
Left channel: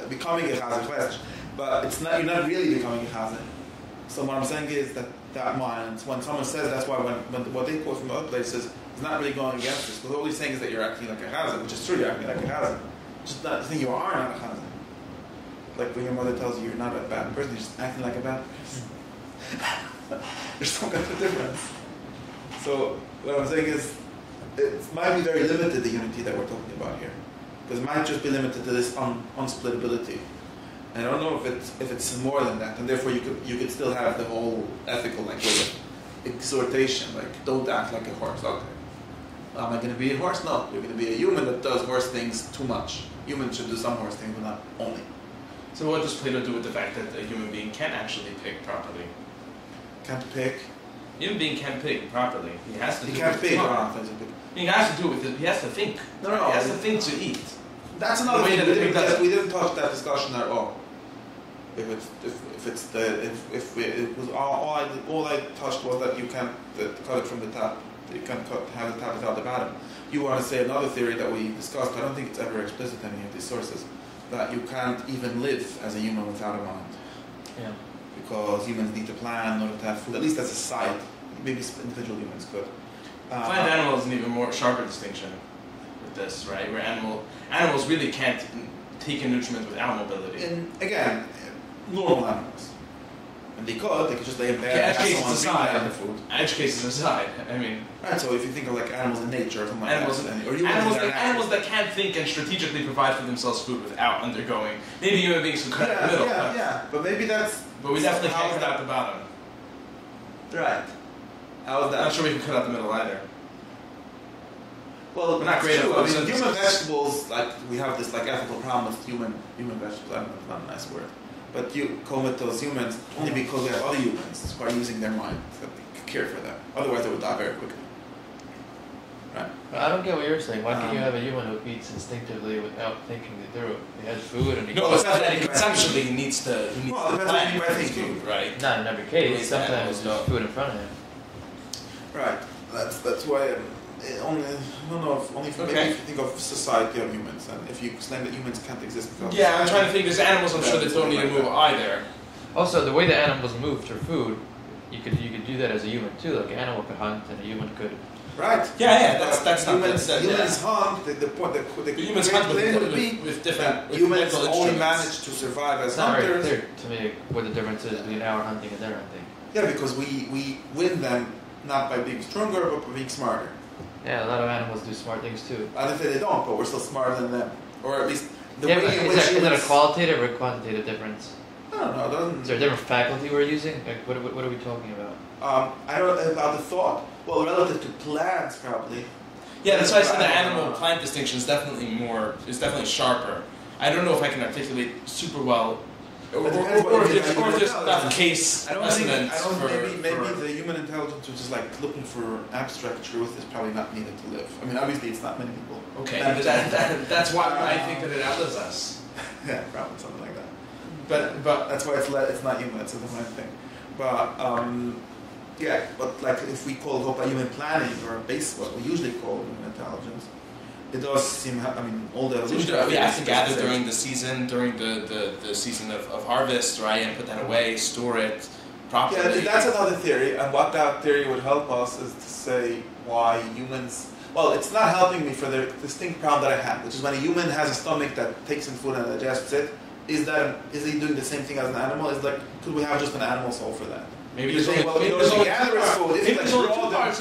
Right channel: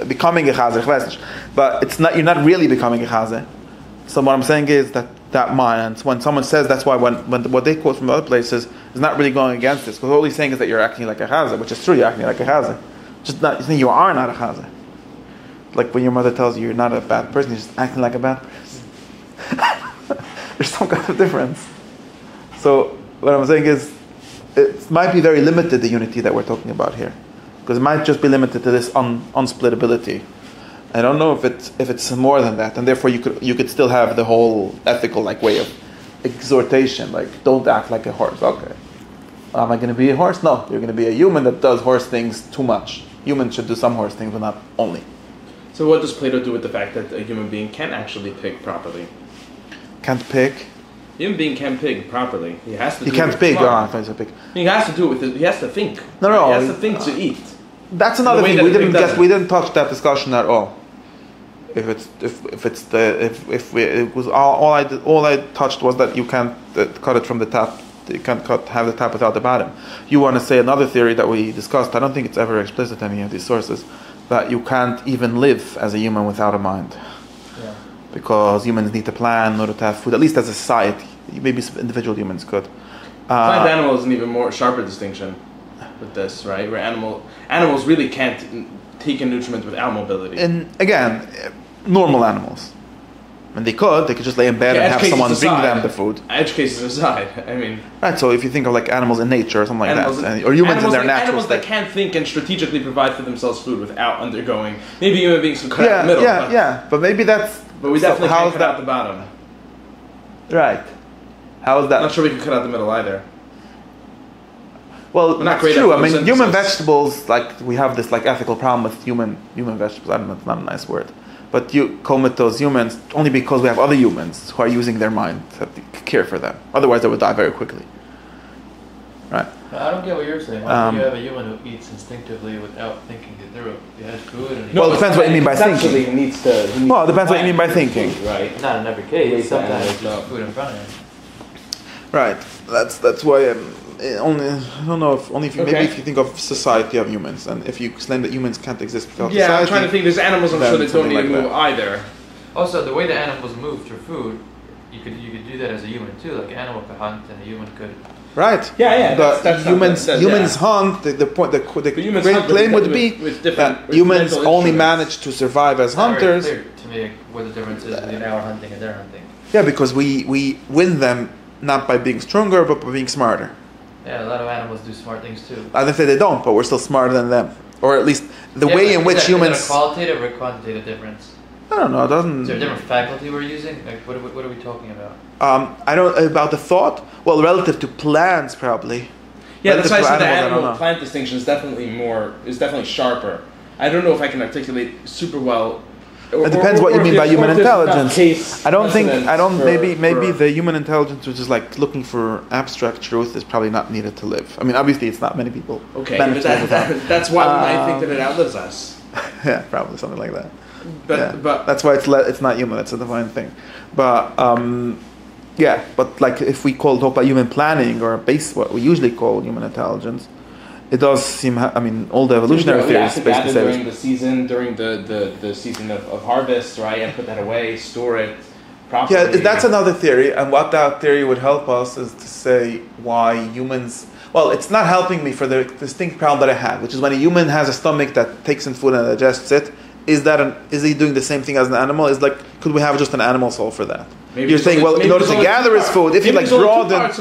becoming a chazah. But it's not. You're not really becoming a chazah. So what I'm saying is that mind. When someone says that's why when what they quote from other places is not really going against this, because all he's saying is that you're acting like a chazah, which is true. You're acting like a chazah. Just not. You think you are not a chazah. Like when your mother tells you you're not a bad person, you're just acting like a bad person. There's some kind of difference. So what I'm saying is, it might be very limited, the unity that we're talking about here, because it might just be limited to this unsplittability. I don't know if it's more than that, and therefore you could still have the whole ethical way of exhortation, don't act like a horse. Okay, am I going to be a horse? No, you're going to be a human that does horse things too much. Humans should do some horse things, but not only. So what does Plato do with the fact that a human being can actually pick properly? Can't pick. A human being can pick properly. He has to. He can't pick. He has to do it with it. He has to think. No. He has to think to eat. That's another thing. We didn't touch that discussion at all. All I touched was that you can't cut it from the top. You can't have the top without the bottom. You want to say another theory that we discussed. I don't think it's ever explicit in any of these sources, that you can't even live as a human without a mind. Yeah. Because humans need to plan in order to have food, at least as a society. Maybe individual humans could. I find animals an even more sharper distinction with this, right? Where animals really can't take in nutriment without mobility. And again, normal animals. And they could just lay in bed and have someone bring them the food. Edge cases aside, I mean. Right, so if you think of like animals in nature or something like that, or humans in their natural animals state. that can't think and strategically provide for themselves food without undergoing. Maybe human beings can cut out the middle. But maybe that's. But we definitely can't cut out the bottom. Right. How is that? I'm not sure we can cut out the middle either. Well, that's true. I mean, human vegetables, like we have this like ethical problem with human vegetables. I don't know, it's not a nice word. But you comatose humans only because we have other humans who are using their mind to care for them. Otherwise, they would die very quickly. Right? I don't get what you're saying. Why do you have a human who eats instinctively without thinking it through? He has food and he... Well, it depends what you mean by thinking. It needs to... Well, it depends what you mean by thinking. Right. Not in every case. Sometimes there's food in front of him. Right. That's why... only I don't know if only if you maybe if you think of society of humans, and if you claim that humans can't exist without society. I'm trying to think. There's animals I'm sure that don't need to move either. Also, the way the animals move through food, you could do that as a human too. Like an animal could hunt and a human could. Right. Yeah. That's humans hunt. The great claim would be that humans only manage to survive as hunters. Very clear to me what the difference is between our hunting and their hunting. Yeah, because we win them not by being stronger, but by being smarter. Yeah, a lot of animals do smart things too. I don't say they don't, but we're still smarter than them. Or at least the way in which humans... Is there a qualitative or quantitative difference? I don't know, it doesn't... Is there a different faculty we're using? Like, what are we talking about? I don't... About the thought? Well, relative to plants, probably. Yeah, that's why I said the animal-plant distinction is definitely sharper. I don't know if I can articulate super well... It depends what you mean by human intelligence. Maybe the human intelligence, which is like looking for abstract truth, is probably not needed to live. I mean, obviously, it's not many people. Okay, but that's why I think that it outlives us. Yeah, probably something like that. But that's why it's not human. That's a divine thing. But but like if we talk about human planning or beis, what we usually call human intelligence. It does seem. I mean, all the evolutionary theories basically gather during the season, during the season of harvest, right, and put that away, store it properly. Yeah, that's another theory, and what that theory would help us is to say why humans. Well, it's not helping me for the distinct problem that I had, which is when a human has a stomach that takes in food and digests it. Is he doing the same thing as an animal? Could we have just an animal soul for that? Maybe you're saying, well, in order to gather his food, if you like broaden,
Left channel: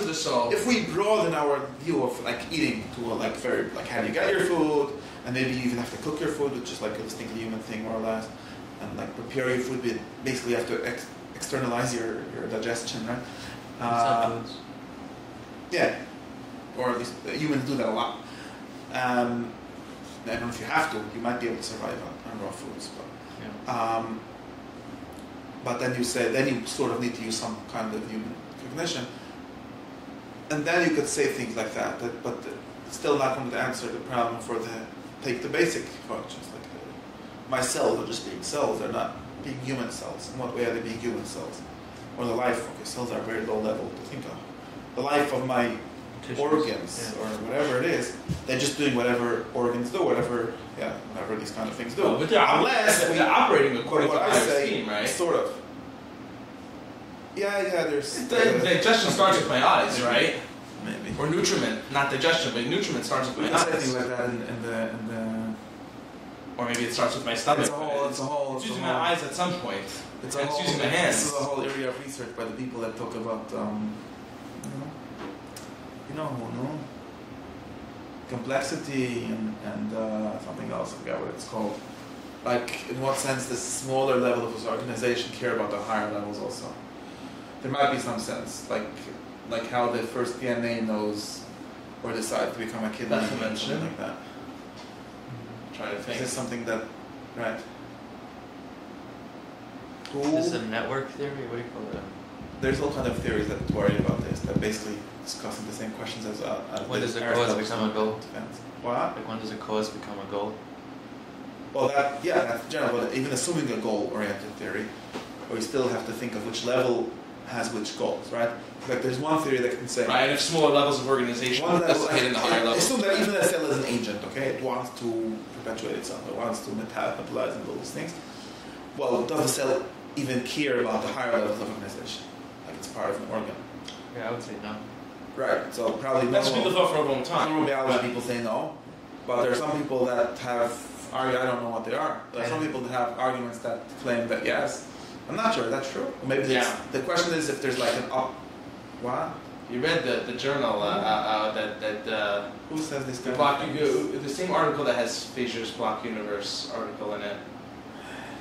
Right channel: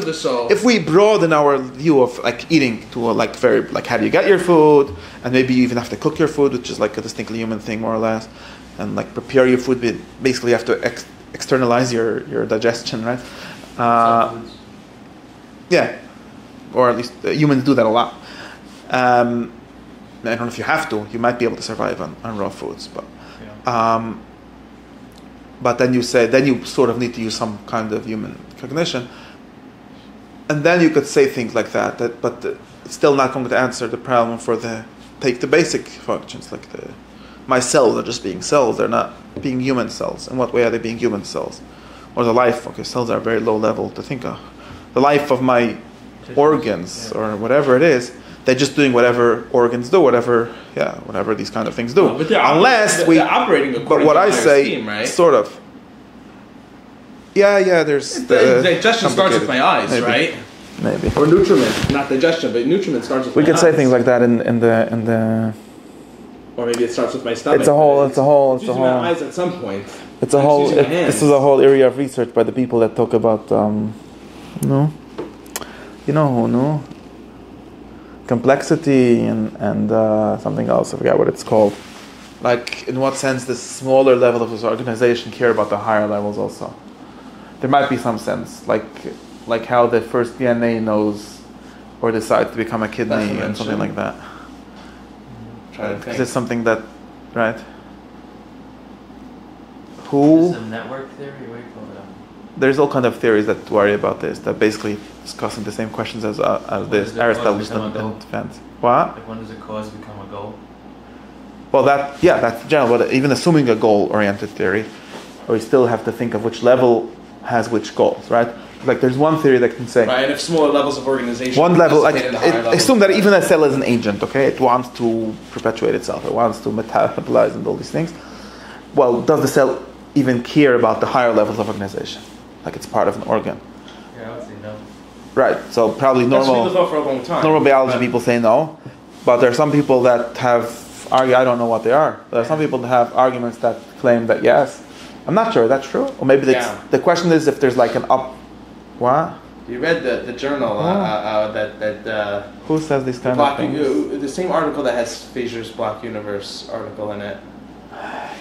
if we broaden our view of like eating to a like very like how do you get your food, and maybe you even have to cook your food, which is like a distinctly human thing more or less, and like prepare your food. Basically, you have to externalize your digestion, right? Yeah, or at least humans do that a lot. I don't know if you have to. You might be able to survive on raw foods, but. Yeah. But then you sort of need to use some kind of human cognition, and then you could say things like that. But it's still not going to answer the problem for take the basic functions like my cells are just being cells. They're not being human cells. In what way are they being human cells? Or the life? Okay, cells are very low level to think of. The life of my organs or whatever it is, they're just doing whatever organs do, whatever these kind of things do. Well, they're operating according but what to I say, scheme, right? sort of. Yeah. There's digestion starts with my eyes, maybe. right? Maybe. Or nutriment, not digestion, but nutriment starts with. We my could eyes. say things like that in the. Or maybe it starts with my stomach. It's a whole. Using my eyes at some point. It's a whole. This is a whole area of research by the people that talk about complexity and something else. I forgot what it's called. Like, in what sense the smaller level of this organization care about the higher levels also? There might be some sense, like how the first DNA knows or decides to become a kidney and something like that. Is this something that, right? Is this a network theory? What do you call that? There's all kind of theories that worry about this, that basically discussing the same questions as this Aristotle's defense. What? Like when does a cause become a goal? Well, that's general, but even assuming a goal-oriented theory, we still have to think of which level has which goals, right? Like there's one theory that can say... Right, and if smaller levels of organization... One level, assume that even a cell is an agent, okay? It wants to perpetuate itself, it wants to metabolize and all these things. Well, does the cell even care about the higher levels of organization? Like it's part of an organ. Yeah, I would say no. Right, so probably normal biology people say no, but there are some people that have I don't know what they are. There are some people that have arguments that claim that yes, I'm not sure. That's true, or maybe the question is if there's like an up. What? You read the journal that who says these kind of things? The same article that has Fisher's Block Universe article in it.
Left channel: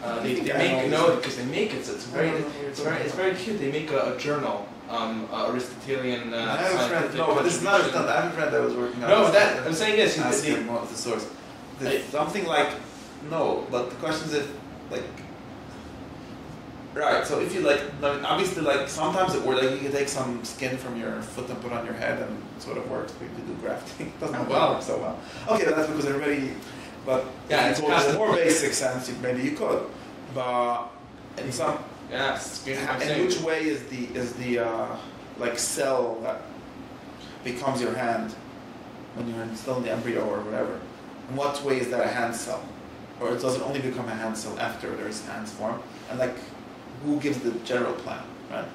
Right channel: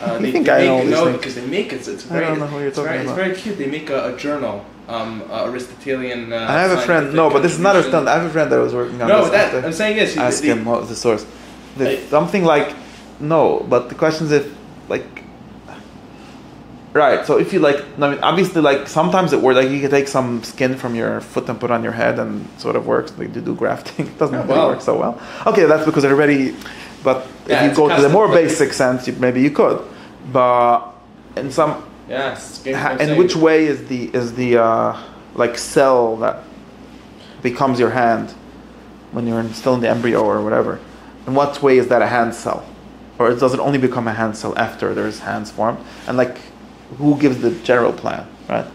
I think I know because they make it. It's very. I don't know who you're talking about. It's very cute. They make a journal, Aristotelian. I have a friend. No, but this is not a friend. I have a friend that was working on. No, this. that I'm saying is ask him what was the source. Something like no, but the question is if like. Right, so if you like, I mean, obviously, like sometimes it works. Like you can take some skin from your foot and put on your head, and it sort of works. Like to do grafting, it doesn't really work so well. Okay, that's because it already. But if you go to the more basic sense, maybe you could. But in some, in which way is the like cell that becomes your hand when you're still in the embryo or whatever? In what way is that a hand cell, or does it only become a hand cell after there's hands formed? And like. Who gives the general plan, right?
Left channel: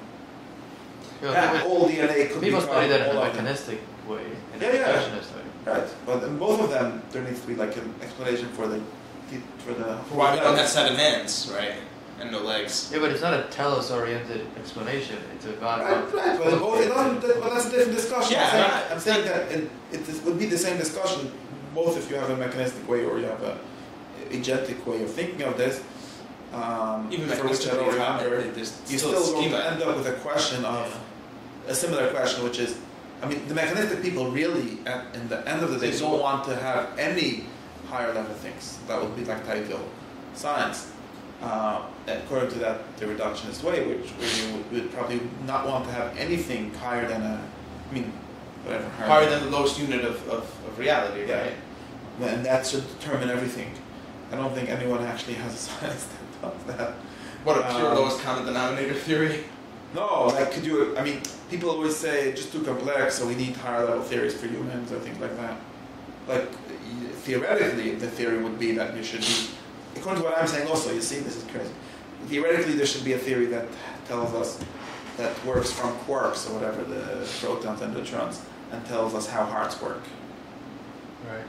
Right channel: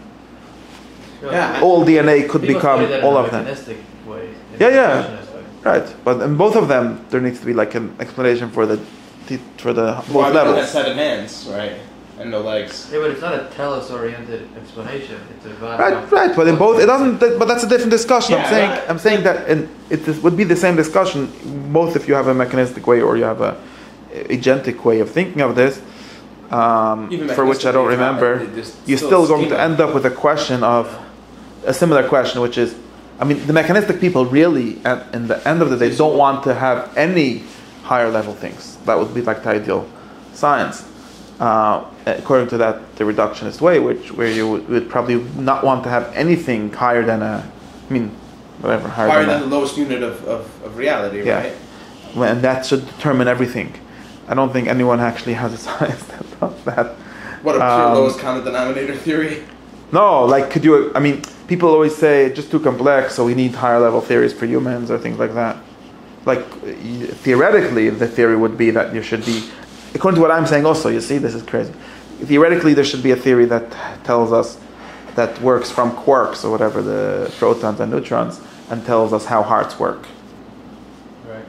Well, all DNA could become all of them. Way, right. But in both of them, there needs to be like an explanation for the both levels. That set of hands, right, and no legs. Yeah, but it's not a telos-oriented explanation. It's a right. But in both, it doesn't. But that's a different discussion. Yeah, I'm saying that it would be the same discussion, both if you have a mechanistic way or you have a agentic way of thinking of this. For which I don't remember, you're still going to end up with a question of a similar question, which is, I mean, the mechanistic people really, in the end of the day, don't want to have any higher level things. That would be like the ideal science, according to that the reductionist way, where you would probably not want to have anything higher than higher than the lowest unit of reality, right? And that should determine everything. I don't think anyone actually has a science that does that. What, a pure lowest common denominator theory? No, like people always say it's just too complex, so we need higher level theories for humans or things like that. Like, theoretically, the theory would be that there should be, according to what I'm saying also, you see, this is crazy. Theoretically, there should be a theory that tells us, that works from quarks or whatever, the protons and neutrons, and tells us how hearts work. Right.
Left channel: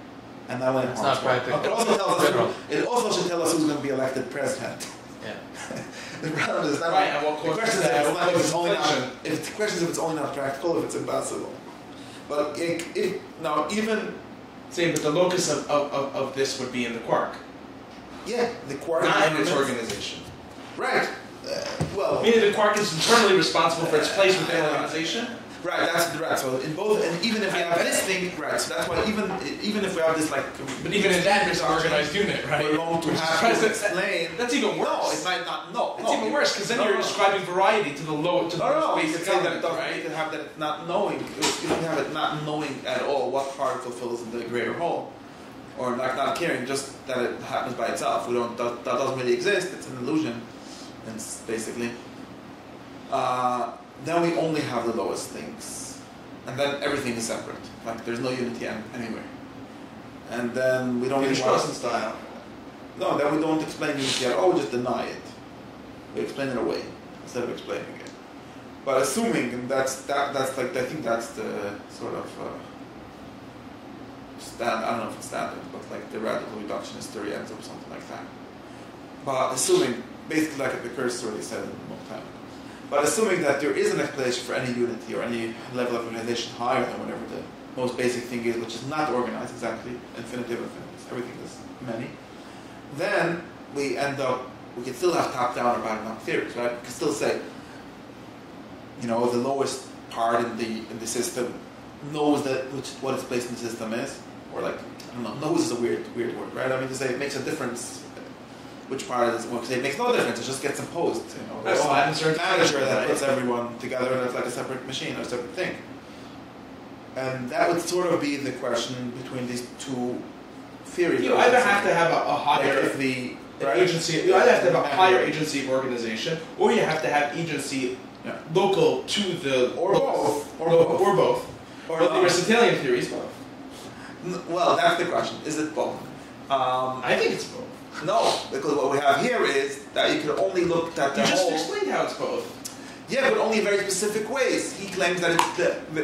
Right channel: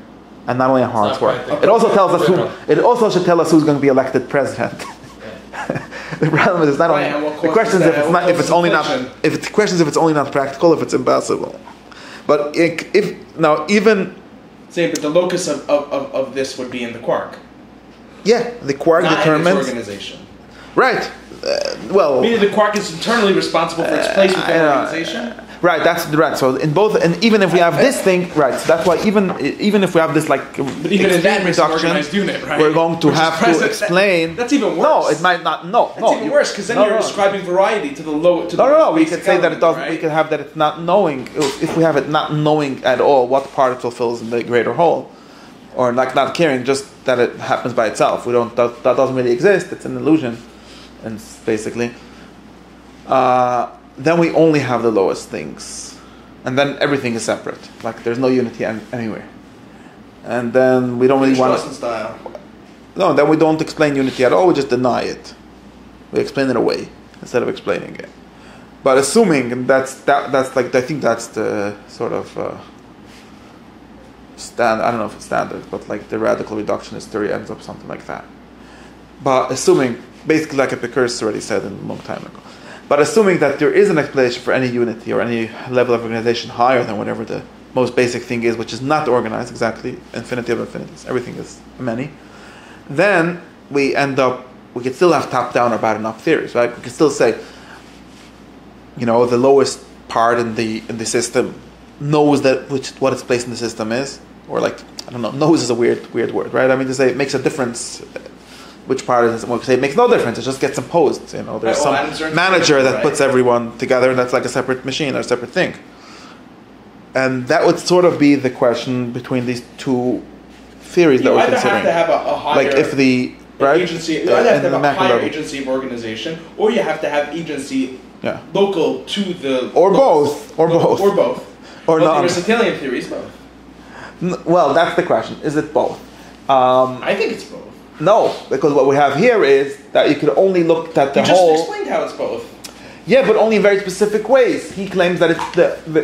And not only how hearts work. It also tells us it also should tell us who's going to be elected president. Yeah. The problem is not only the question is if it's only not practical, if it's impossible. But even saying that the locus of this would be in the quark. Yeah, the quark not determines in its organization. Right. Meaning the quark is internally responsible for its place within the organization. Right, that's right. So in both, and even if we have this thing, right. So that's why even if we have this like even in that reduction unit, right, we're going to have to explain. That's even worse. No, it might not. No, that's even worse because then you're ascribing variety to the low. To the no. We could say that it doesn't. Right? We could have that it's not knowing. If we have it not knowing at all what particle fills in the greater whole, or like not caring, just that it happens by itself. We don't. That doesn't really exist. It's an illusion, and basically. Then we only have the lowest things. And then everything is separate. Like there's no unity anywhere. And then we don't really want to... No, then we don't explain unity at all, we just deny it. We explain it away instead of explaining it. But assuming, and that's like, I think that's the sort of I don't know if it's standard, but like the radical reductionist theory ends up something like that. But assuming, basically like Epicurus already said a long time ago, but assuming that there is an explanation for any unity or any level of organization higher than whatever the most basic thing is, which is not organized exactly, infinity of infinities, everything is many, then we could still have top-down or bottom-up theories, right? We could still say, the lowest part in the system knows what its place in the system is, or like, I don't know, knows is a weird word, right? I mean, to say it makes a difference. Which part is it? It makes no difference. It just gets imposed. There's some manager that puts everyone together, and that's like a separate machine or a separate thing. And that would sort of be the question between these two theories that we're considering. You either have to have a higher agency. You either have to have a higher agency of organization, or you have to have agency local to the or both, or both. The Aristotelian theories, both. Well, that's the question. Is it both? I think it's both. No, because what we have here is that you can only look at the whole. You just explained how it's both. Yeah, but only in very specific ways. He claims that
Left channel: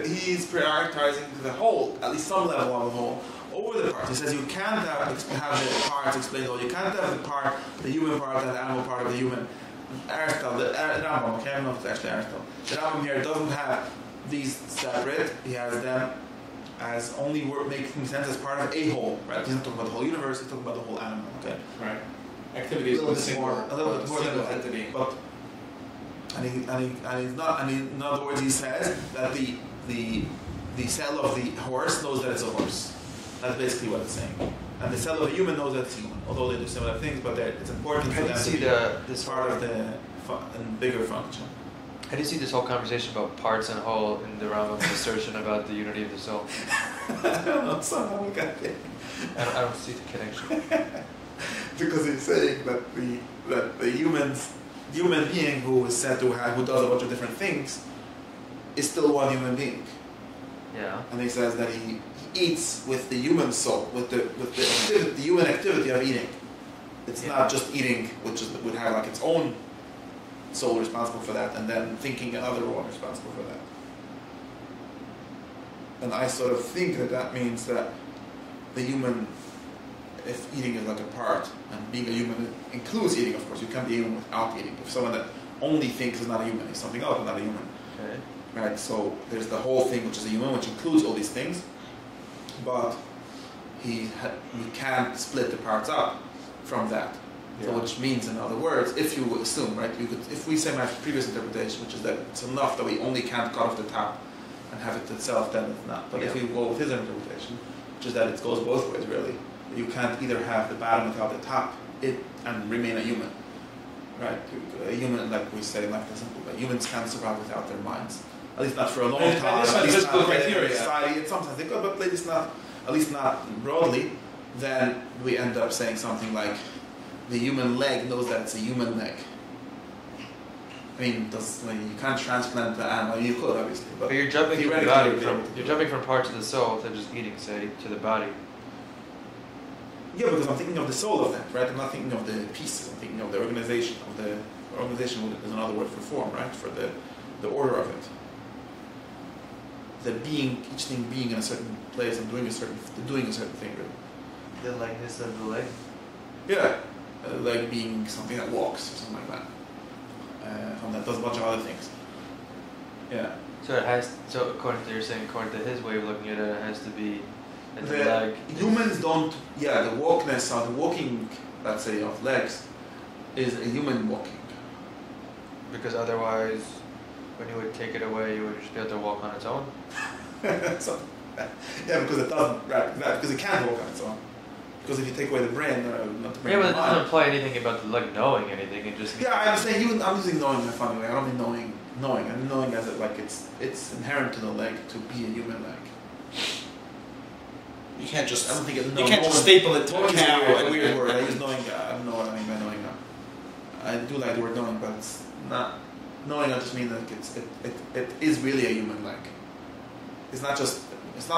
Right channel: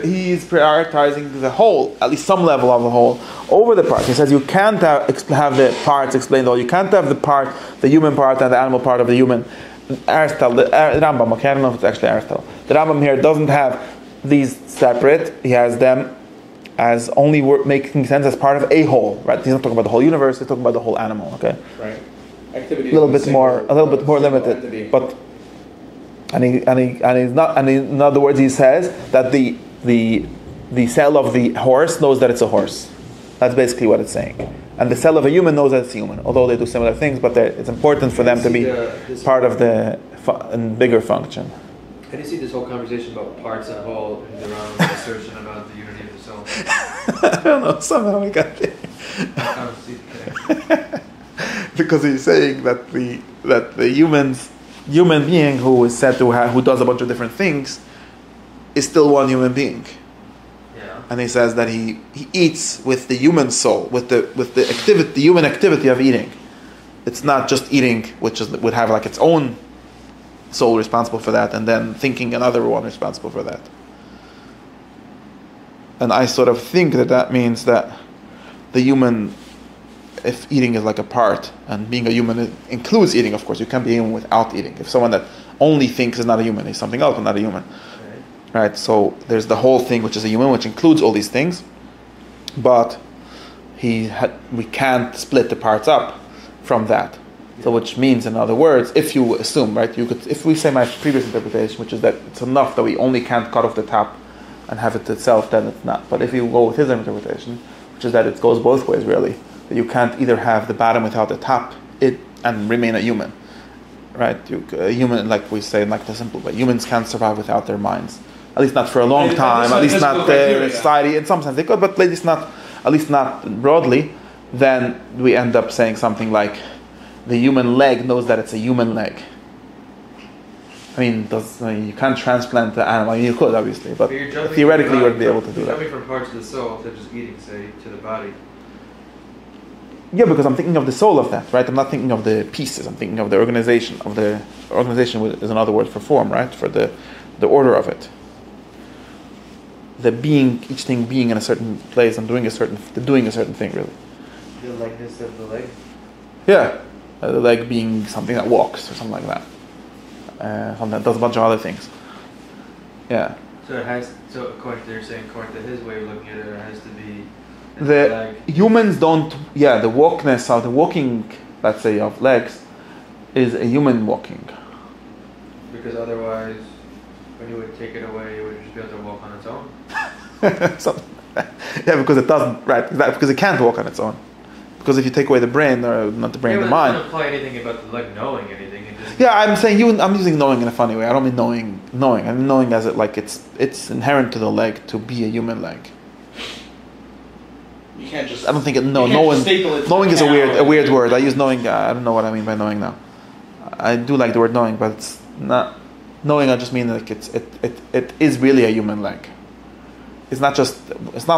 he's prioritizing the whole, at least some level of the whole, over the parts. He says you can't have the parts explained all. You can't have the human part and the animal part of the human Aristotle, the Rambam, okay, I don't know if it's actually Aristotle. The Rambam here doesn't have these separate. He has them as only making sense as part of a whole, right? He's not talking about the whole universe. He's talking about the whole animal, okay? Right. Activity. A little bit more limited, entity. But he's not. And in other words, he says that the cell of the horse knows that it's a horse. That's basically what it's saying. And the cell of a human knows that it's human, although they do similar things. But it's important for them to be part of the bigger function. How do you see this whole conversation about parts and whole in the realm of assertion about the unity of the soul? I don't know. Somehow I got there. I don't see the connection. Because he's saying that the human being who is said to who does a bunch of different things is still one human being. Yeah. And he says that he eats with the human soul, with the activity, the human activity of eating. It's not just eating, which would have like its own soul responsible for that, and then thinking another one responsible for that. And I sort of think that means that the human, if eating is like a part, and being a human includes eating, of course, you can't be a human without eating. If someone that only thinks is not a human, is something else and not a human. Right? So there's the whole thing, which is a human, which includes all these things, but we can't split the parts up from that. So which means, in other words, if you assume, right, if we say my previous interpretation, which is that it's enough that we only can't cut off the top and have it itself, then it's not. But if you go with his interpretation, which is that it goes both ways, really, that you can't either have the bottom without the top, and remain a human, right? A human, like we say, like the simple way, humans can't survive without their minds, at least not for a long time, at least not in society. In some sense they could, but at least not broadly. Then we end up saying something like, the human leg knows that it's a human leg. I mean, you can't transplant the animal. I mean, you could, obviously, but theoretically you'd be able to do that. You're jumping from parts of the soul that just eating, say, to the body. Yeah, because I'm thinking of the soul of that, right? I'm not thinking of the pieces. I'm thinking of the organization. Organization is another word for form, right? For the order of it. The being, each thing being in a certain place and doing a certain thing, really. The likeness of the leg? Yeah. The leg being something that walks or something like that. Something that does a bunch of other things. Yeah. So according to his way of looking at it, it has to be the humans don't. Yeah, the walking, let's say, of legs, is a human walking. Because otherwise, when you would take it away, you would just be able to walk on its own. Yeah, because it doesn't. Right, because it can't walk on its own. Because if you take away the brain, or not the brain, the mind. It doesn't imply anything about the leg knowing anything. It just. Yeah, I'm saying I'm using knowing in a funny way. I don't mean knowing. I'm knowing as it's inherent to the leg to be a human leg. You can't just. I don't think knowing is a weird word. I use knowing. I don't know what I mean by knowing now. I do like the word knowing, but it's not knowing. I just mean like it is really a human leg. It's not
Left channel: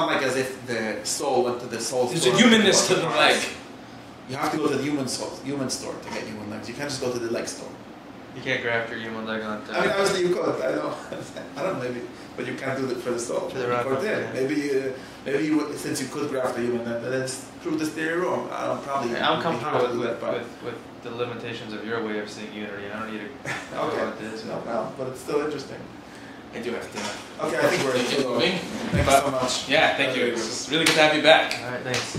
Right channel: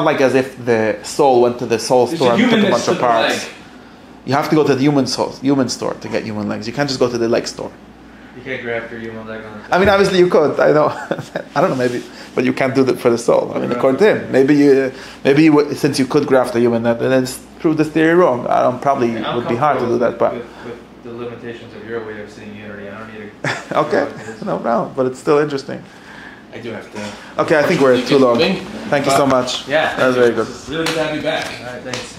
like as if the soul went to the soul store and took a bunch of parts. You have to go to the human store to get human legs. You can't just go to the leg store. You can't graft your human leg on. I mean, obviously you could. I know. I don't know, maybe, but you can't do that for the soul. I mean, according to him, maybe you since you could graft a human, then prove this theory wrong. Probably it would be hard to do that, but with the limitations of your way of seeing unity, I don't need to. Okay, no problem, but it's still interesting. I do have to. Okay, I think we're too long. Thank you so much. Yeah, that was very good. It's really good to have you back. All right, thanks.